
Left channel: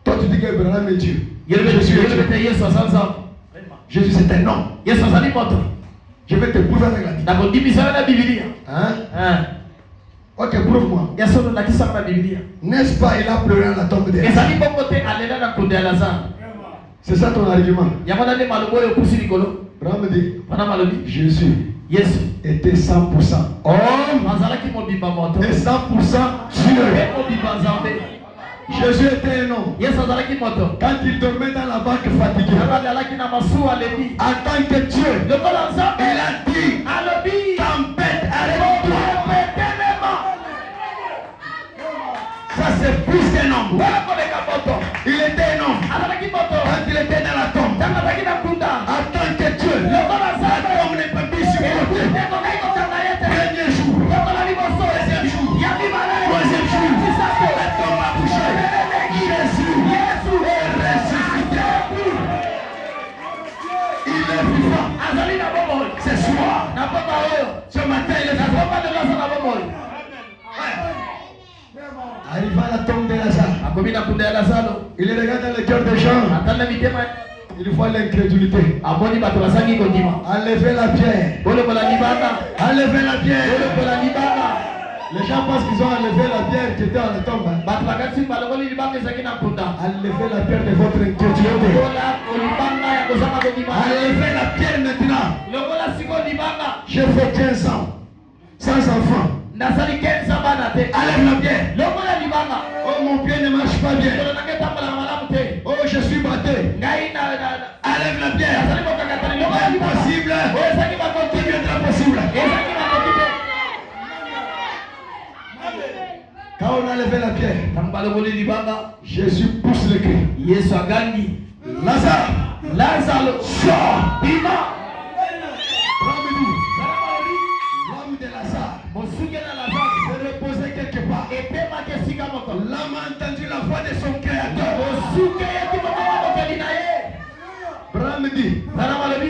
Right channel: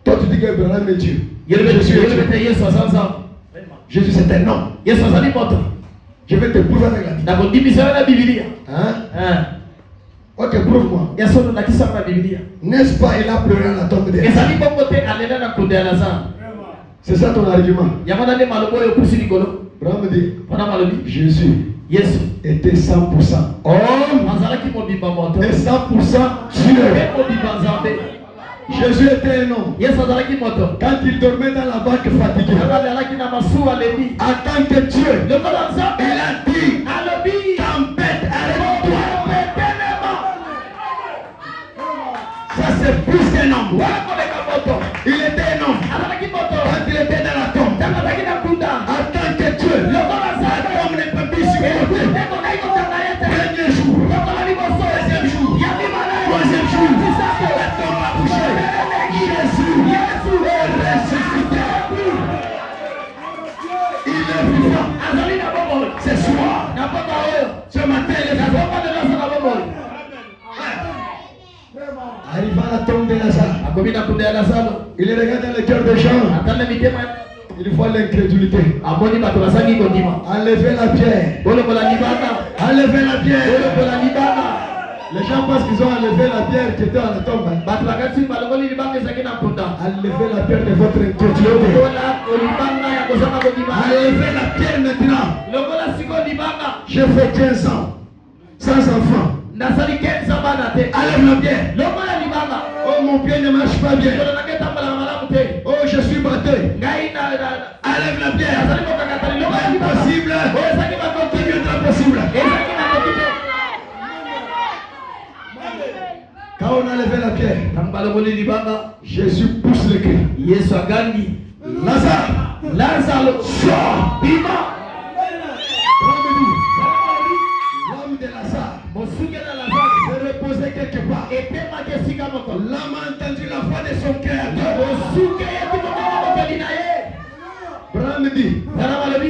toi tu dis que Branham est Dieu. Jésus c'est un homme. Je vais te prouver avec la Bible. Hein? Ok, prouve-moi. N'est-ce pas, il a pleuré à la tombe de Lazare. C'est ça ton argument. Branham dit, Jésus était 100% homme et 100% Dieu. Jésus était un homme. Quand il dormait dans la barque fatigué, en tant que Dieu, il a dit, tempête, arrête-toi. Ça c'est plus qu'un homme. Il était un homme. Quand il était dans la tombe, en tant que Dieu, la tombe n'est pas mise sur côté. Premier jour, deuxième jour, troisième jour, la tombe a bougé. Jésus est ressuscité. Il est vivant. Ce soir, ce matin, il est vivant. Arrivant à la tombe de Lazare, il regarde dans le cœur des gens. Il voit l'incrédulité. Enlevez la pierre. Enlevez la pierre. Les gens pensent qu'ils ont enlevé la pierre qui était à la tombe. Enlevez la pierre de votre inquiétude. Enlevez la pierre maintenant. J'ai fait 15 ans sans enfant. Enlève la pierre. Oh, mon pied ne marche pas bien. Oh, je suis battu. Enlève la pierre. Impossible. Qui viendra possible? Quand on a levé la pierre, Jésus pousse le cri. Lazare, Lazare, sors. L'homme de Lazare se reposait quelque part. L'homme a entendu la voix de son créateur. Abraham dit,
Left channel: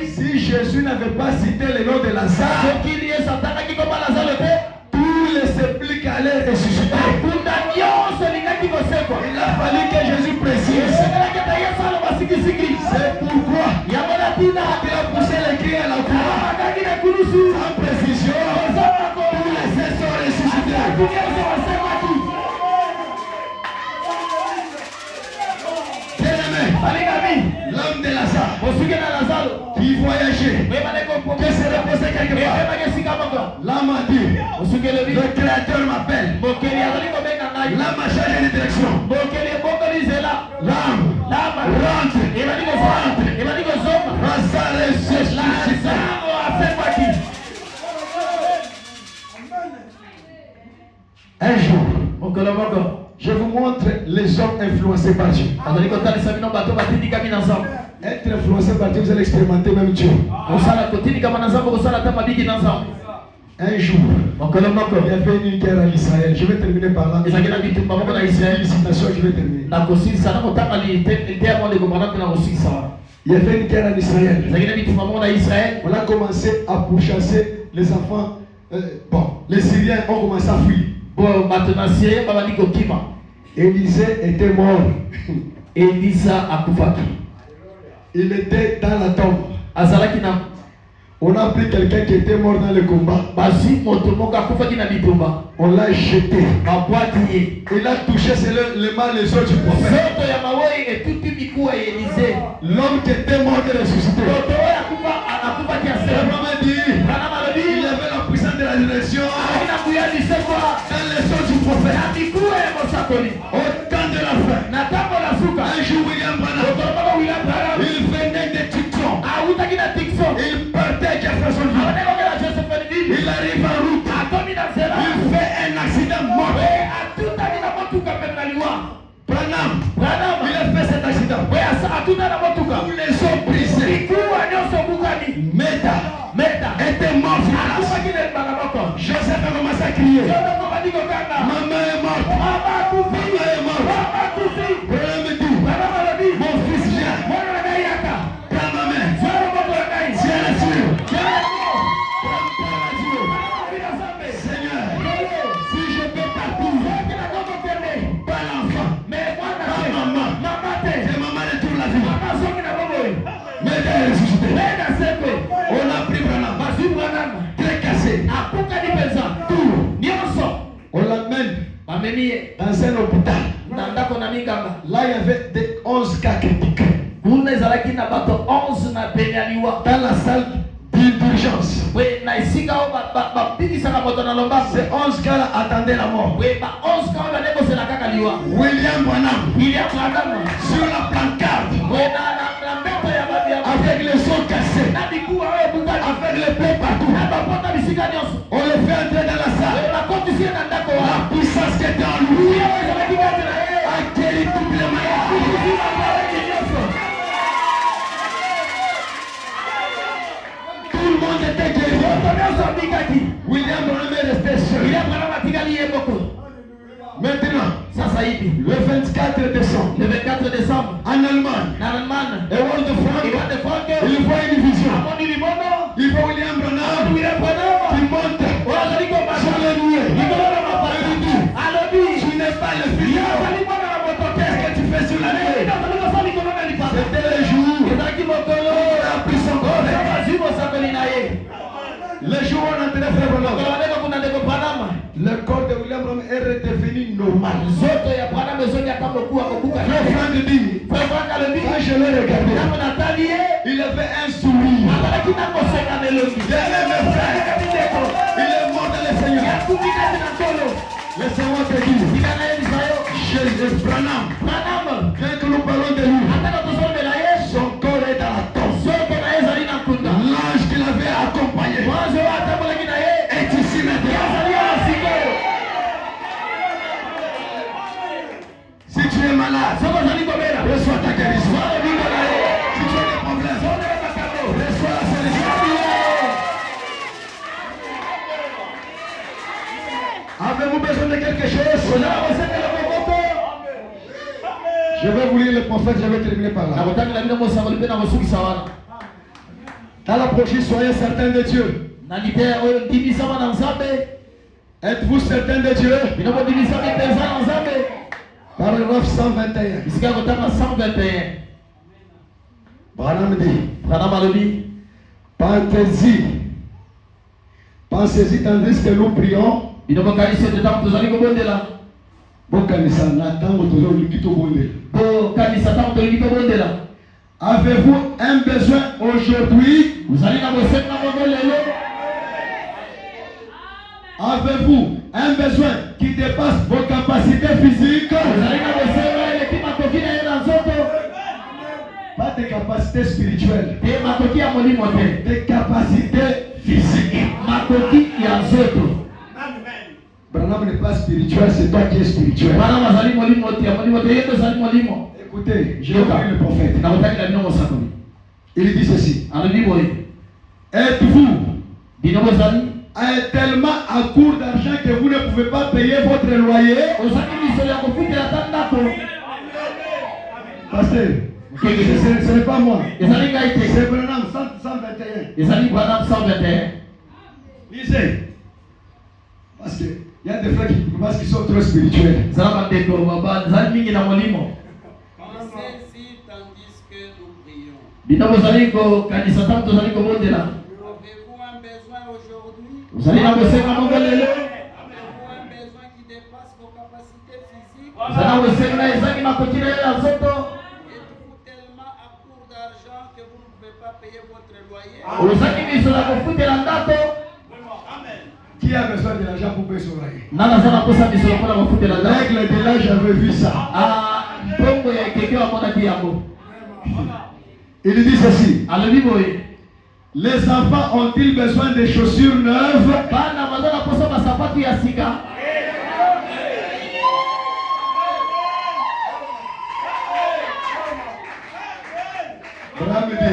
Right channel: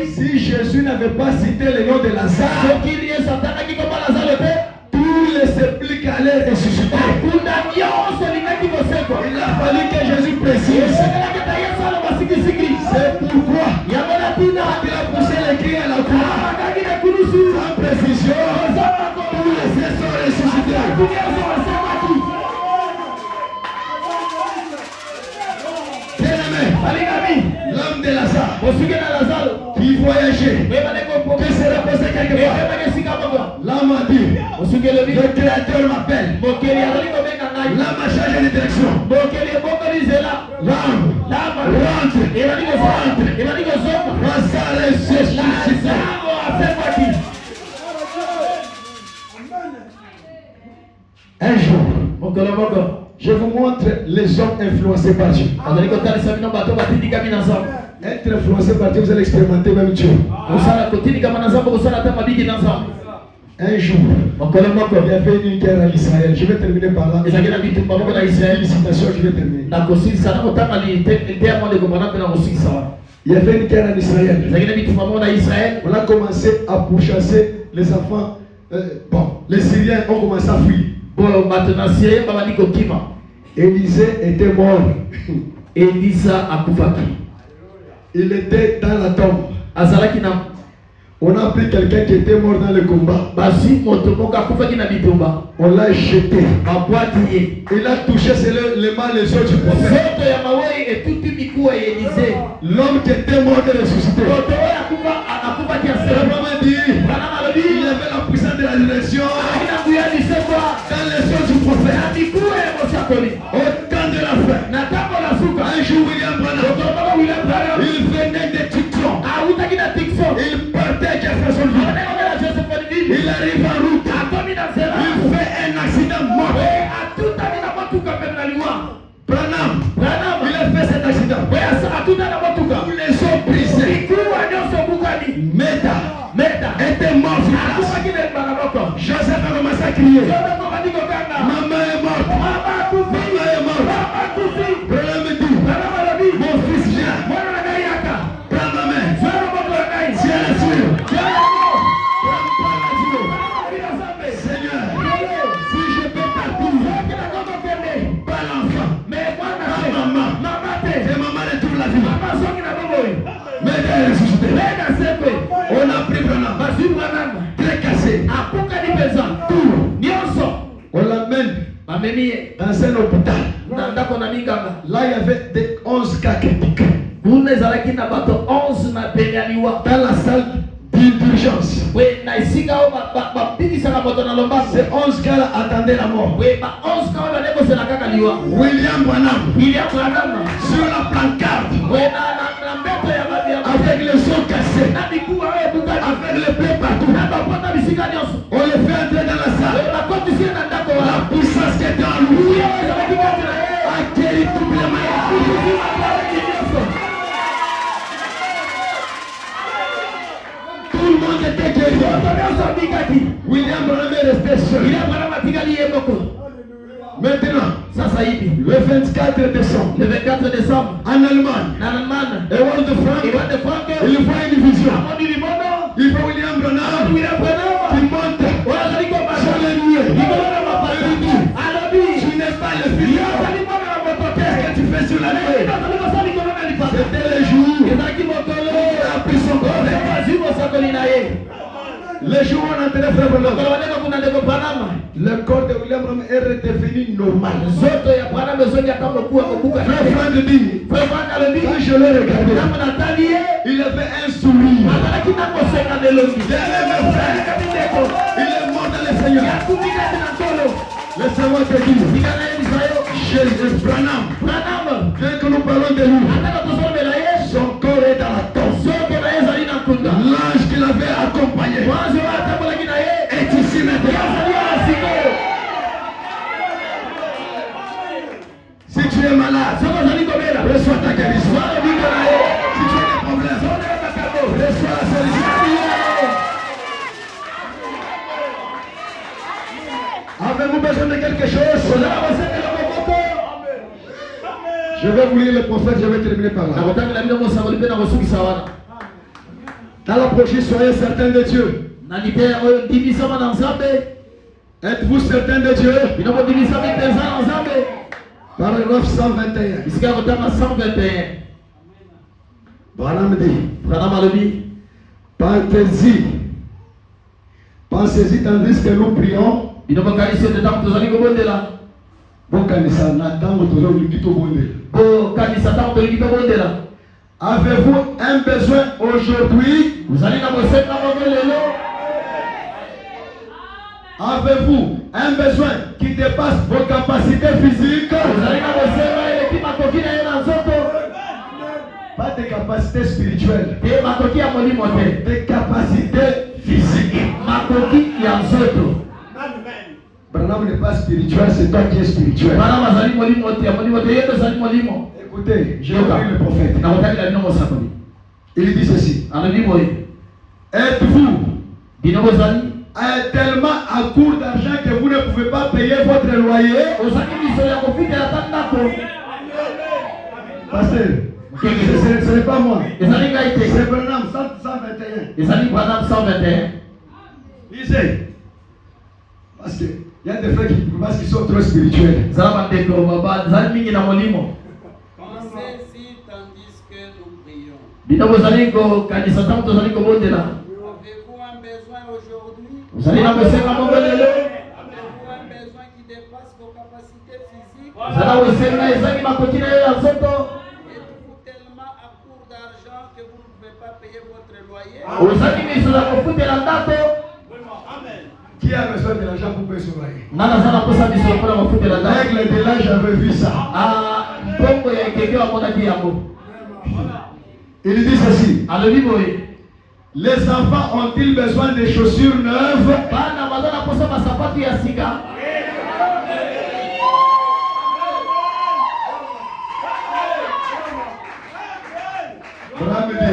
si Jésus n'avait pas cité le nom de Lazare, tous les sceptiques allaient ressusciter. Il a fallu que Jésus précise. C'est pourquoi il a poussé les cris à la croix. Sans précision, tous les saints sont ressuscités. L'homme de Lazare qui voyageait, qui se reposait quelque part. L'homme a dit, le Créateur m'appelle. L'homme a changé de direction. L'homme rentre. Lazare est ressuscité. Un jour, je vous montre les hommes influencés par Dieu. Être influencé par Dieu, vous allez expérimenter même Dieu. Un jour, il y avait une guerre en Israël. Je vais terminer par là. Une citation, je vais terminer. Il y avait une guerre en Israël. On a commencé à pourchasser les enfants. Les Syriens ont commencé à fuir. Élisée était mort. Il était dans la tombe. On a pris quelqu'un qui était mort dans le combat. On l'a jeté. Il a touché les mains les autres du prophète. L'homme qui était mort est ressuscité. Il y avait la puissance de la résurrection dans les os du prophète. Au temps de la fin, un jour William Branham, il venait de Tucson. Il partait à Jeffersonville. Il arrive en route. Il fait un accident mortel. Branham, il a fait cet accident. Tous les os brisés. Meda était mort sur place. Joseph a commencé à crier. Maman est morte. Maman est morte. Branham dit, mon fils vient. Prends ma main. Tiens la Dieu. Seigneur, si je peux partir, pas l'enfant, pas maman. C'est maman de toute la vie. Mais elle est ressuscitée. On a pris Branham. Très cassé. On l'amène dans un hôpital. Là, il y avait 11 cas critiques. Dans la salle d'urgence. Ces 11 gars-là attendaient la mort. William Branham sur la pancarte avec les os cassés, avec les plaies partout. On les fait entrer dans la salle. La puissance qui était en lui a guéri toutes les maladies. Tout le monde était guéri. William Branham est resté seul. Maintenant, le 24 décembre, en Allemagne, Ewald de Frank, il voit une vision. Il voit William Branham qui monte sur les nuées. Il dit, tu n'es pas le fils. Qu'est-ce que tu fais sur la nuée? C'était le jour où il a pris son corps. Les jours où on entendait frère Branham, le corps de William Branham est redevenu normal. Frère Frank dit, quand je l'ai regardé, il avait un sourire. Il avait mes frères. Il est mort dans le Seigneur. Laissez-moi te dire, chez Branham, dès que nous parlons de lui, son corps est dans la tombe. L'ange qui l'avait accompagné est ici maintenant. Si tu es malade, reçois ta guérison. Si tu as des problèmes, reçois la solution. Avez-vous besoin de quelque chose? Je vais vous lire le prophète, je vais terminer par là. Dans la prochaine, soyez certains de Dieu. Êtes-vous certains de Dieu? Paragraphe 121. Branham dit, pensez-y tandis que nous prions. Avez-vous un besoin aujourd'hui? Avez-vous un besoin qui dépasse vos capacités physiques? Pas de capacités spirituelles, des capacités physiques. Branham n'est pas spirituel, c'est toi qui es spirituel. Écoutez, j'ai entendu le prophète. Il dit ceci. Êtes-vous tellement à court d'argent que vous ne pouvez pas payer votre loyer? Pasteur, ce n'est pas moi. C'est Branham 121. Lisez. Parce qu'il y a des frères qui sont trop spirituels. Pensez-y tandis que nous prions. Avez-vous un besoin aujourd'hui? Avez-vous un besoin qui dépasse vos capacités physiques? Êtes-vous tellement à court d'argent que vous ne pouvez pas payer votre loyer? Qui a besoin de l'argent pour payer son loyer? L'aigle de là, j'avais vu ça. Il dit ceci. Les enfants ont-ils besoin de chaussures neuves?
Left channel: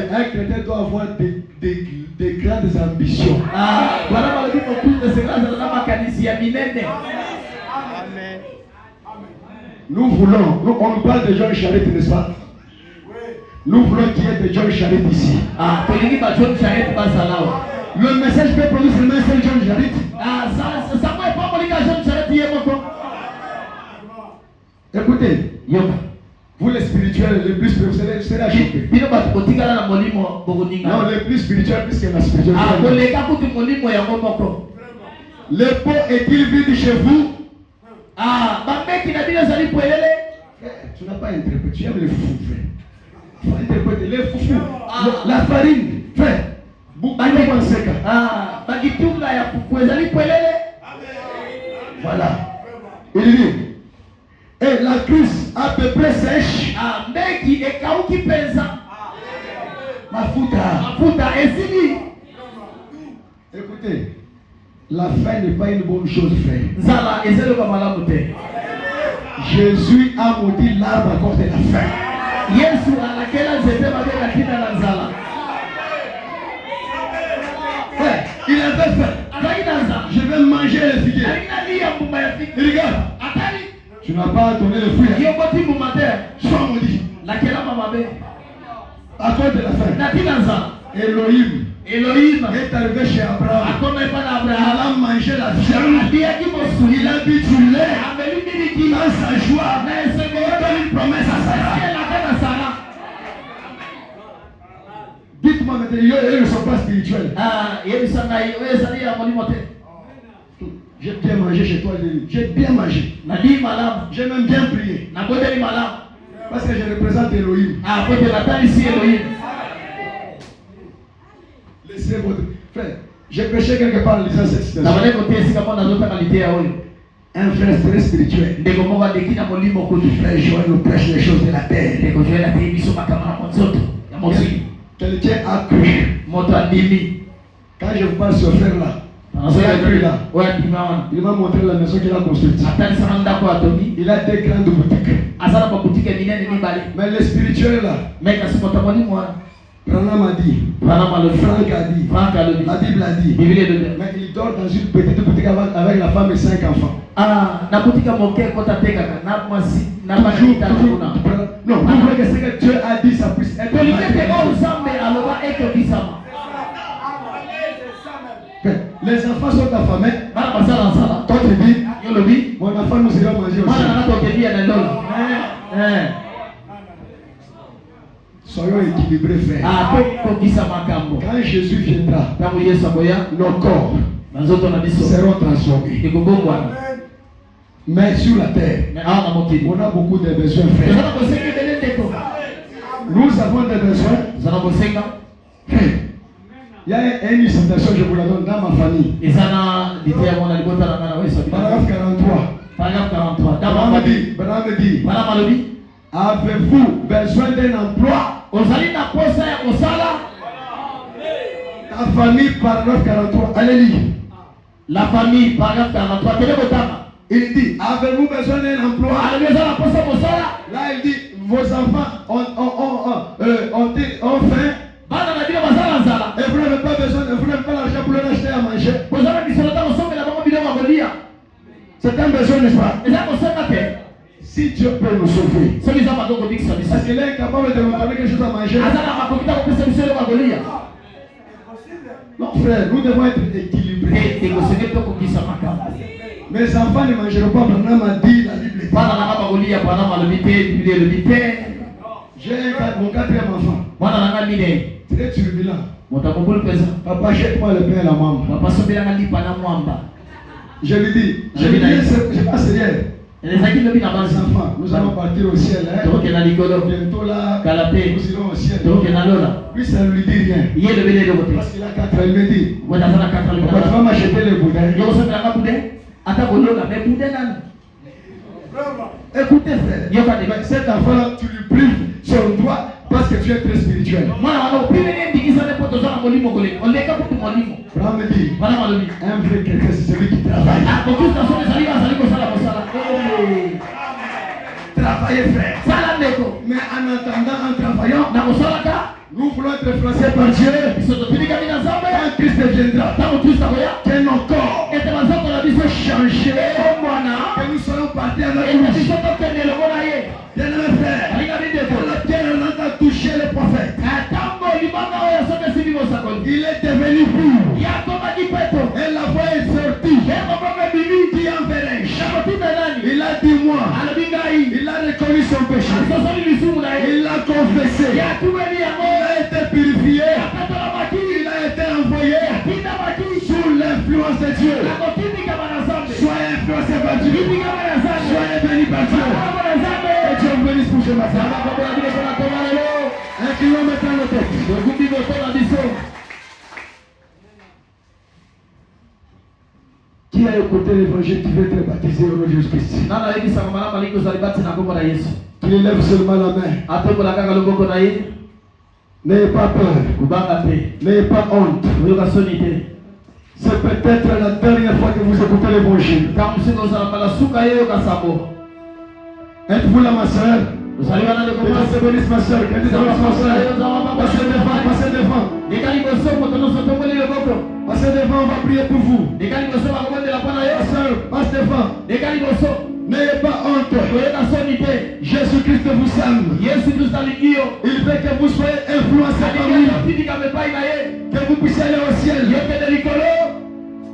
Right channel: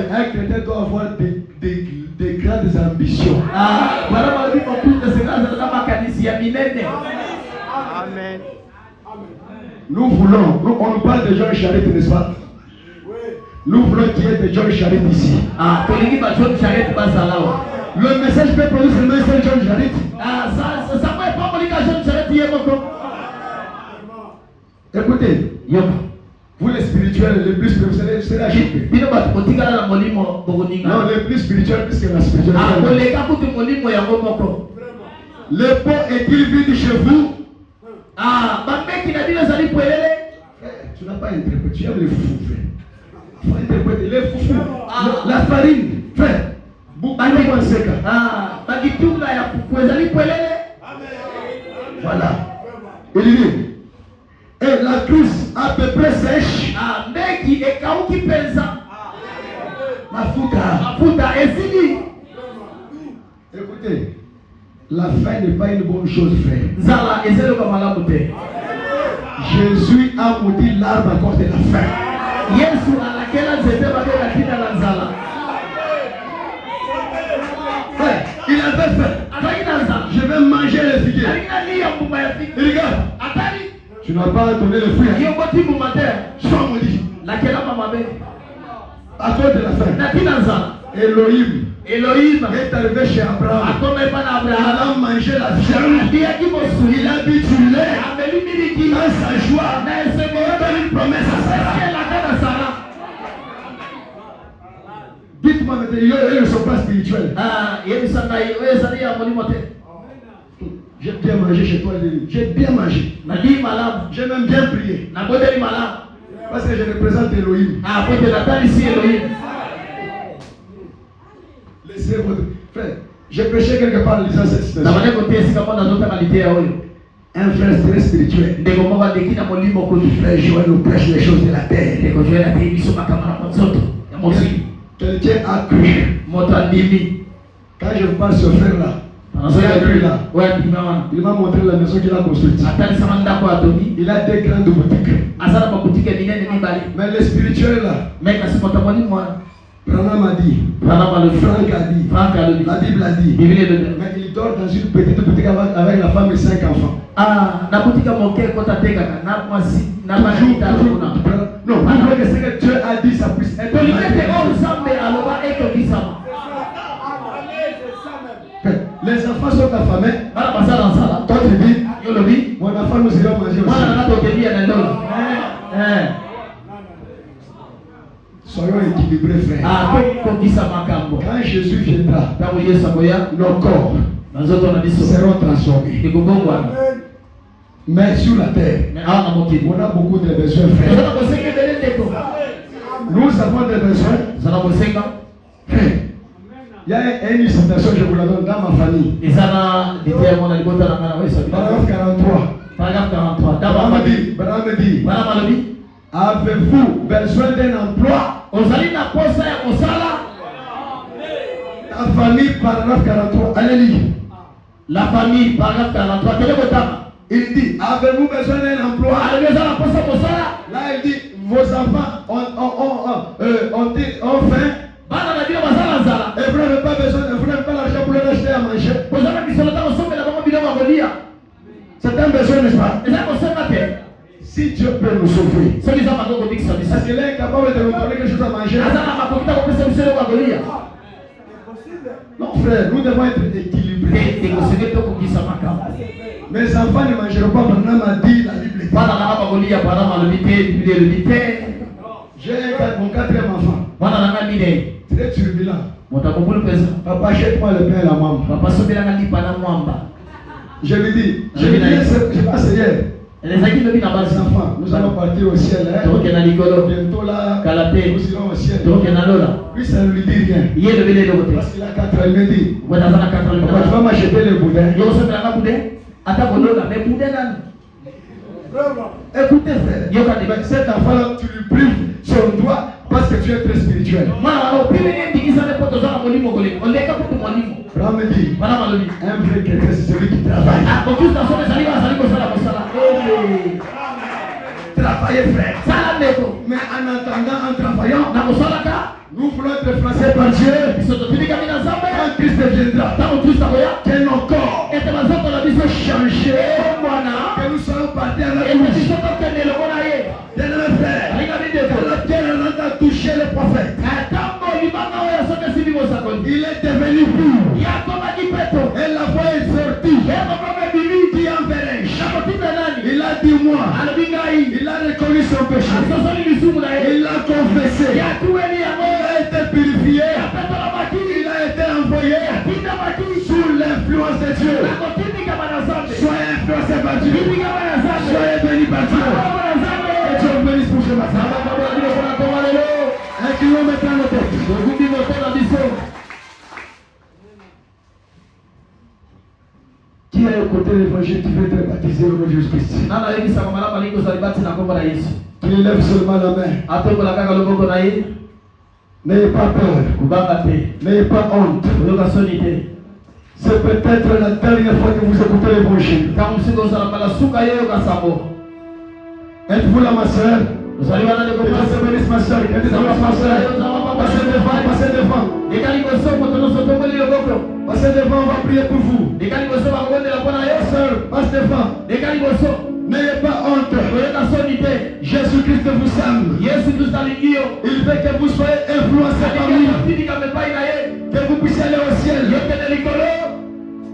Un chrétien doit avoir des grandes ambitions. Amen. Nous voulons, on nous parle de John Charette, n'est-ce pas? Nous voulons qu'il y ait de John Charette ici. Le message peut produire seulement c'est John Charette. Écoutez, vous les spirituels, les plus spirituels, c'est la chute. Non, les plus spirituels, plus que la spiritualité. Le pot est-il vide chez vous? Tu n'as pas interprété, tu aimes les foufous, frère. Il faut interpréter les foufous. La farine, frère. Voilà. Il dit, et la cruche à peu près sèche. La fouta. Écoutez, la faim n'est pas une bonne chose, frère. Jésus a maudit l'arbre à cause de la faim. Il avait faim. Je vais manger les figues. Il regarde. Tu n'as pas donné le fruit. Sois maudit. À cause de la faim. Elohim est arrivé chez Abraham. Il a mangé la viande. Il a bu du lait. Dans sa joie, il a donné une promesse à Sarah. Dites-moi maintenant, ils ne sont pas spirituels. J'ai bien mangé chez toi, j'ai bien mangé. J'ai même bien prié. Parce que je représente Elohim. Laissez votre frère. J'ai péché quelque part en lisant cette citation. Un frère très spirituel. Frère Joël nous prêche les choses de la terre. Quelqu'un a cru. Quand je parle sur ce frère là, il m'a montré la maison qu'il a construite. Il a des grandes boutiques. Mais le spirituel là, Branham a dit, Franck a dit, la Bible a dit, mais il dort dans une petite boutique avec la femme et 5 enfants. Non, vous voulez que ce que Dieu a dit, ça puisse être. Les enfants sont affamés. Quand tu dis, mon enfant nous ira manger aussi. Soyons équilibrés, frère. Quand Jésus viendra, nos corps seront transformés. Mais sur la terre, on a beaucoup de besoins, frère. Nous avons des besoins. Frère, il y a une citation, je vous la donne dans ma famille. Paragraphe 43. Branham dit, avez-vous besoin d'un emploi? Ta famille, paragraphe 43. Allez lire. La famille, paragraphe 43. Il dit, avez-vous besoin d'un emploi? Là, il dit, vos enfants ont faim. Et vous n'avez pas besoin, vous n'avez pas l'argent pour leur acheter à manger. C'est un besoin, n'est-ce pas? Si Dieu peut nous sauver, est-ce qu'il est incapable de nous donner quelque chose à manger? Non, frère, nous devons être équilibrés. Mes enfants ne mangeront pas, Branham a dit, la Bible dit. J'ai mon 4e enfant. Très turbulent. Papa, jette-moi le pain à la maman. Je lui dis, je passe hier. Les enfants, nous allons partir au ciel. Bientôt là, nous irons au ciel. Lui, ça ne lui dit rien. Parce qu'il a 4 ans, il me dit, tu vas m'acheter les boudins. Écoutez, frère, cet enfant, tu lui prives son droit parce que tu es très spirituel. Branham dit, un vrai chrétien, c'est celui qui travaille. Travaillez, frère. Mais en attendant, en travaillant, nous voulons être français par Dieu. Quand Christ viendra, que nos corps soient changés, que nous soyons partis à la bouche. Bien-aimé frère, la terre a touché le prophète. Il est devenu fou. Et la voix est sortie. Dit en verre. Il a dit moi. Il a reconnu son péché. Il a confessé. Il a été purifié. Il a été envoyé sous l'influence de Dieu. Soyez influencé par Dieu. Soyez bénis par Dieu. Et Dieu vous bénisse pour ce matin. Inclinons maintenant nos têtes. Qui a écouté l'évangile qui veut être baptisé au nom de Jésus-Christ? Tu élèves seulement la main. N'ayez pas peur. N'ayez pas honte. C'est peut-être la dernière fois que vous écoutez l'évangile. Êtes-vous là, ma soeur? Que Dieu bénisse ma soeur. Que Dieu bénisse ma soeur. Passez devant, passez devant. Passez devant, on va prier pour vous. Soeur, passe devant. N'ayez pas honte. Jésus-Christ vous aime. Il veut que vous soyez influencés par lui. Que vous puissiez aller au ciel.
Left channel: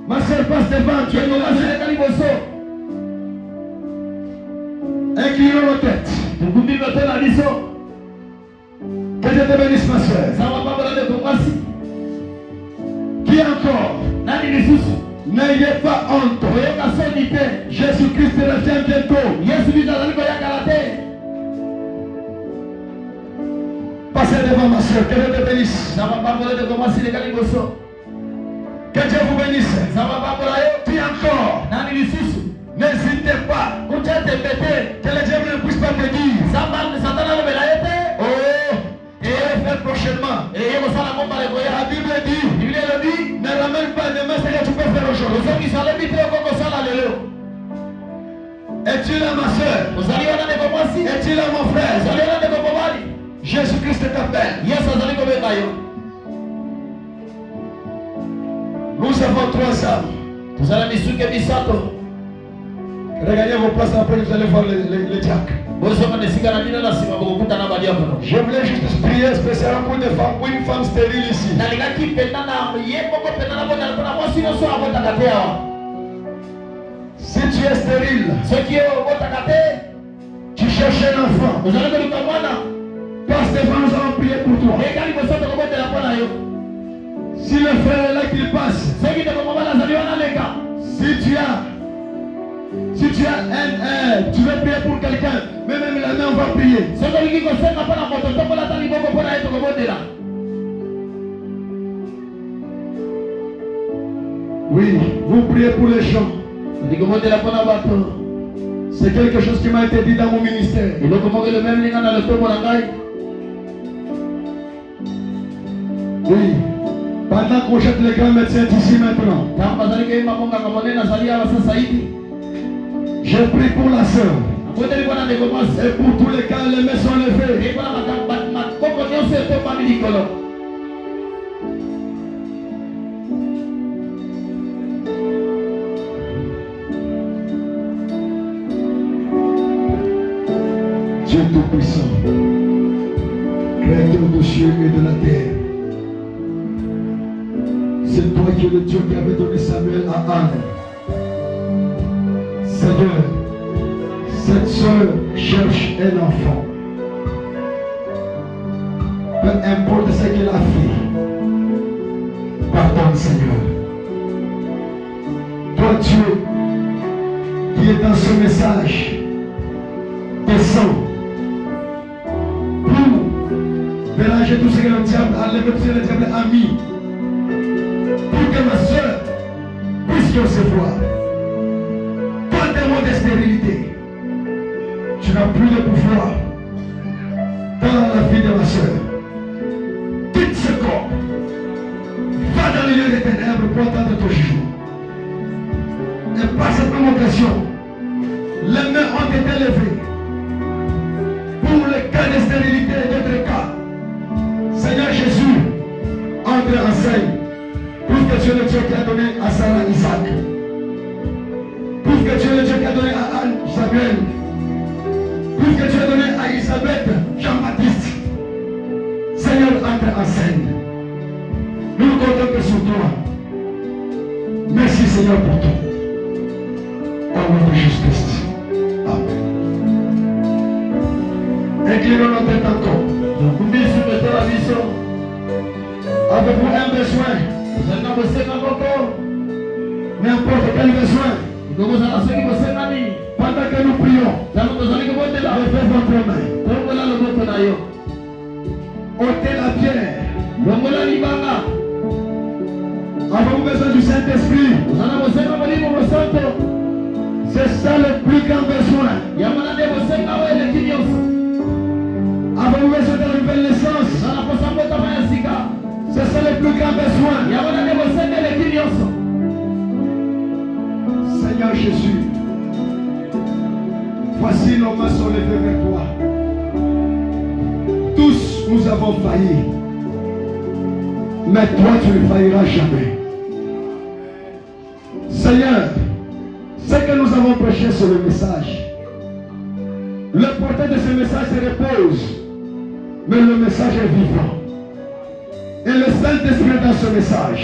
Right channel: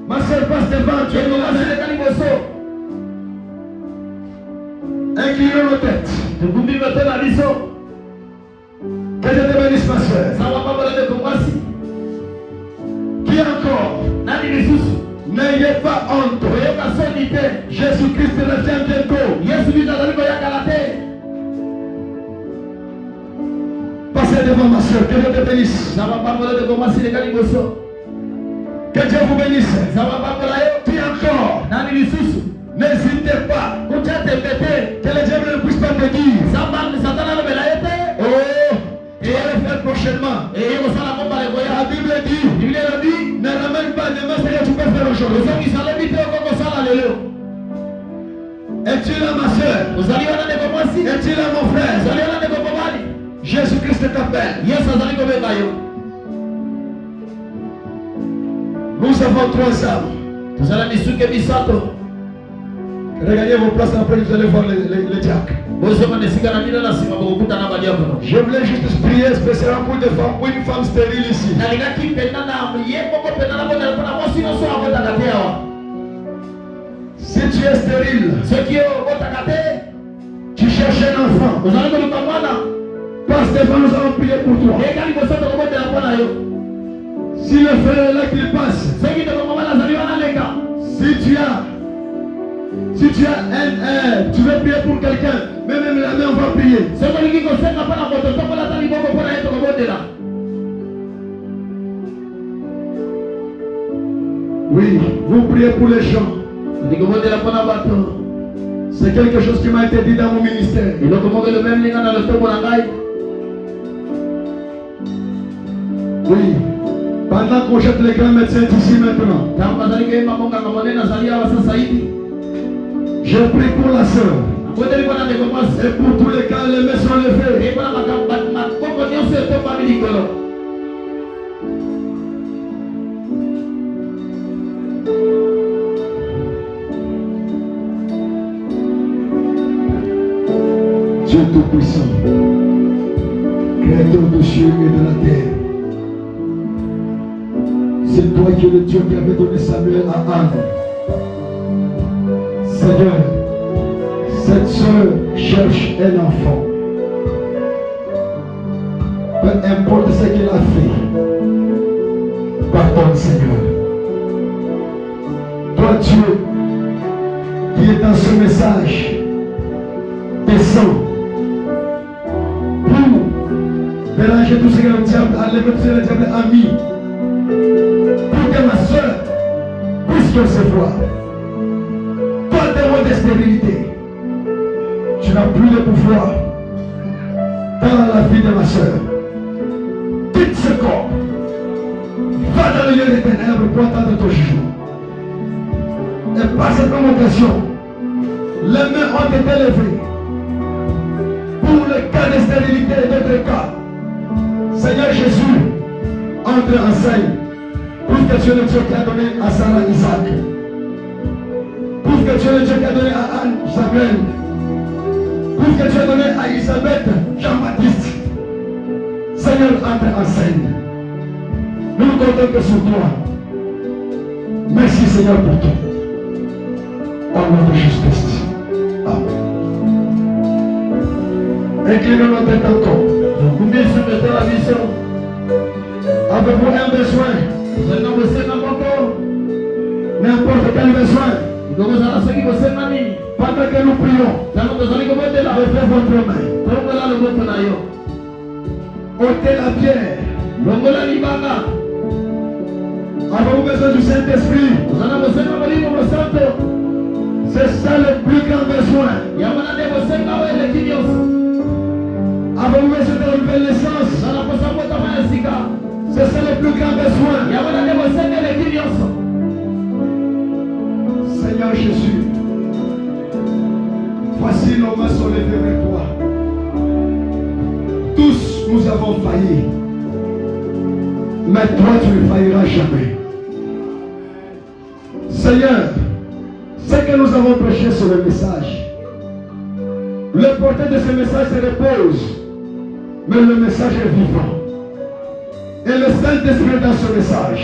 Ma soeur, passe devant. Tu es là. Inclinons nos têtes. Que Dieu te bénisse, ma soeur. Dis encore. N'ayez pas honte. Jésus-Christ revient bientôt. Passez devant ma soeur. Que Dieu te bénisse. Que Dieu vous bénisse. Dis encore. N'hésitez pas. Que le diable ne puisse pas te dire. Oh, et elle fait prochainement. La Bible dit, ne ramène pas demain ce que tu peux faire aujourd'hui. Es-tu là ma soeur? Es-tu là mon frère? Jésus-Christ t'appelle. Nous avons 3 âmes. Regardez vos places après, vous allez voir les diacres. Je voulais juste prier spécialement pour une femme stérile ici. Si tu es stérile, tu cherches un enfant, passe devant, nous allons prier pour toi. Si le frère est là qu'il passe, si tu as tu veux prier pour quelqu'un, mais même la main on va prier. Oui, vous priez pour les gens. C'est quelque chose qui m'a été dit dans mon ministère. Oui, pendant qu'on jette les grands médecins ici maintenant, je prie pour la sœur. Et pour tous les cas, les mains sont levées. Dieu Tout-Puissant, Créateur des cieux et de la terre, c'est toi qui es le Dieu qui avait donné Samuel à Anne. Seigneur, cette soeur cherche un enfant. Peu importe ce qu'elle a fait, pardonne Seigneur. Toi Dieu, qui est dans ce message, descends pour mélanger tout ce que le diable a levé, tout ce que le diable a mis, pour que ma soeur puisse recevoir. De stérilité, tu n'as plus de pouvoir dans la vie de ma soeur. Quitte ce corps, va dans le lieu des ténèbres pour attendre ton jugement. Et par cette même occasion, les mains ont été levées pour les cas de stérilité et d'autres cas. Seigneur Jésus, entre en scène, pour que tu es le Dieu qui a donné à Sarah Isaac. Pour que Dieu le Dieu qui a donné à Anne Samuel, pour que Dieu a donné à Elisabeth Jean-Baptiste. Seigneur, entre en scène. Nous nous comptons que sur toi. Merci Seigneur pour tout. Au nom de Jésus-Christ. Amen. Inclinons notre tête encore. Avez-vous un besoin? N'importe quel besoin. Pendant que nous prions, levez votre main. ôtez la pierre. Avez-vous besoin du Saint-Esprit? C'est ça le plus grand besoin. Avez-vous besoin de la nouvelle naissance? C'est ça le plus grand besoin. Seigneur Jésus, voici nos mains sont levées vers toi. Tous nous avons failli, mais toi tu ne failliras jamais. Seigneur, ce que nous avons prêché sur le message, le porteur de ce message se repose, mais le message est vivant. Et le Saint-Esprit dans ce message,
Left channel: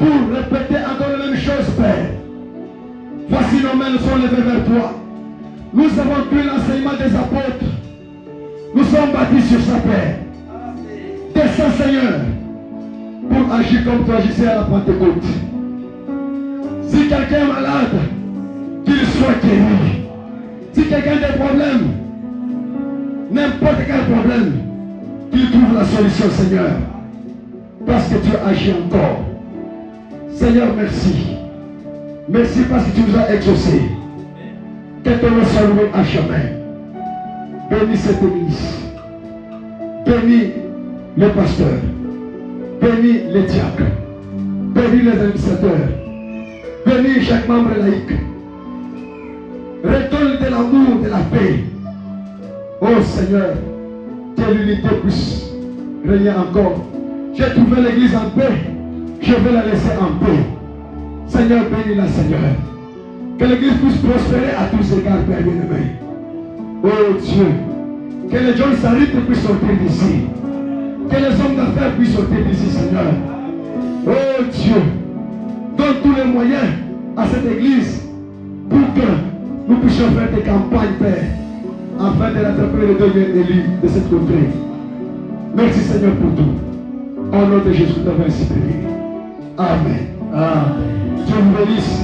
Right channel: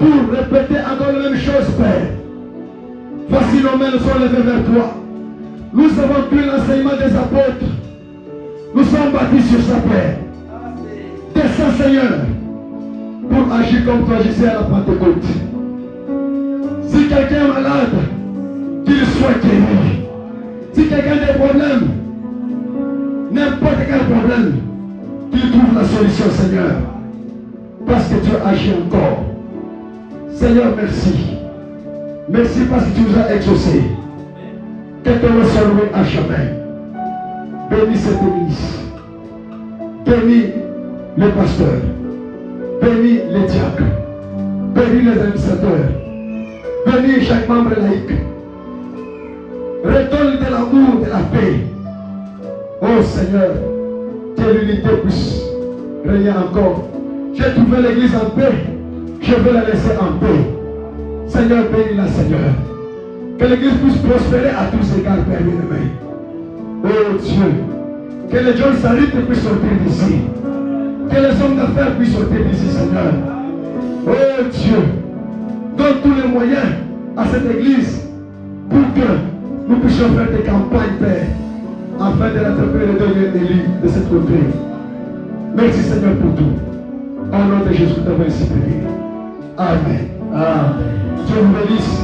pour répéter encore la même chose, Père. Voici nos mains nous sont levées vers toi. Nous avons pris l'enseignement des apôtres. Nous sommes bâtis sur sa Père. Descends, Seigneur, pour agir comme tu agissais à la Pentecôte. Si quelqu'un est malade, qu'il soit guéri. Si quelqu'un a des problèmes, n'importe quel problème, qu'il trouve la solution, Seigneur. Parce que tu agis encore. Seigneur, merci. Merci parce que tu nous as exaucés. Que ton nom soit loué à jamais. Bénis cette église. Bénis le pasteur. Bénis les diacres. Bénis les administrateurs. Bénis chaque membre laïque. Redonne de l'amour, de la paix. Oh Seigneur, que l'unité puisse régner encore. J'ai trouvé l'église en paix. Je veux la laisser en paix. Seigneur, bénis-la, Seigneur. Que l'église puisse prospérer à tous égards, Père bien-aimé. Oh Dieu, que les gens s'arrêtent puissent sortir d'ici. Que les hommes d'affaires puissent sortir d'ici, Seigneur. Oh Dieu, donne tous les moyens à cette église pour que nous puissions faire des campagnes, Père, afin de l'attraper le dernier élu de cette contrée. Merci, Seigneur, pour tout. Au nom de Jésus, nous t'avons ainsi prié. Amen. Amen. Dieu vous bénisse.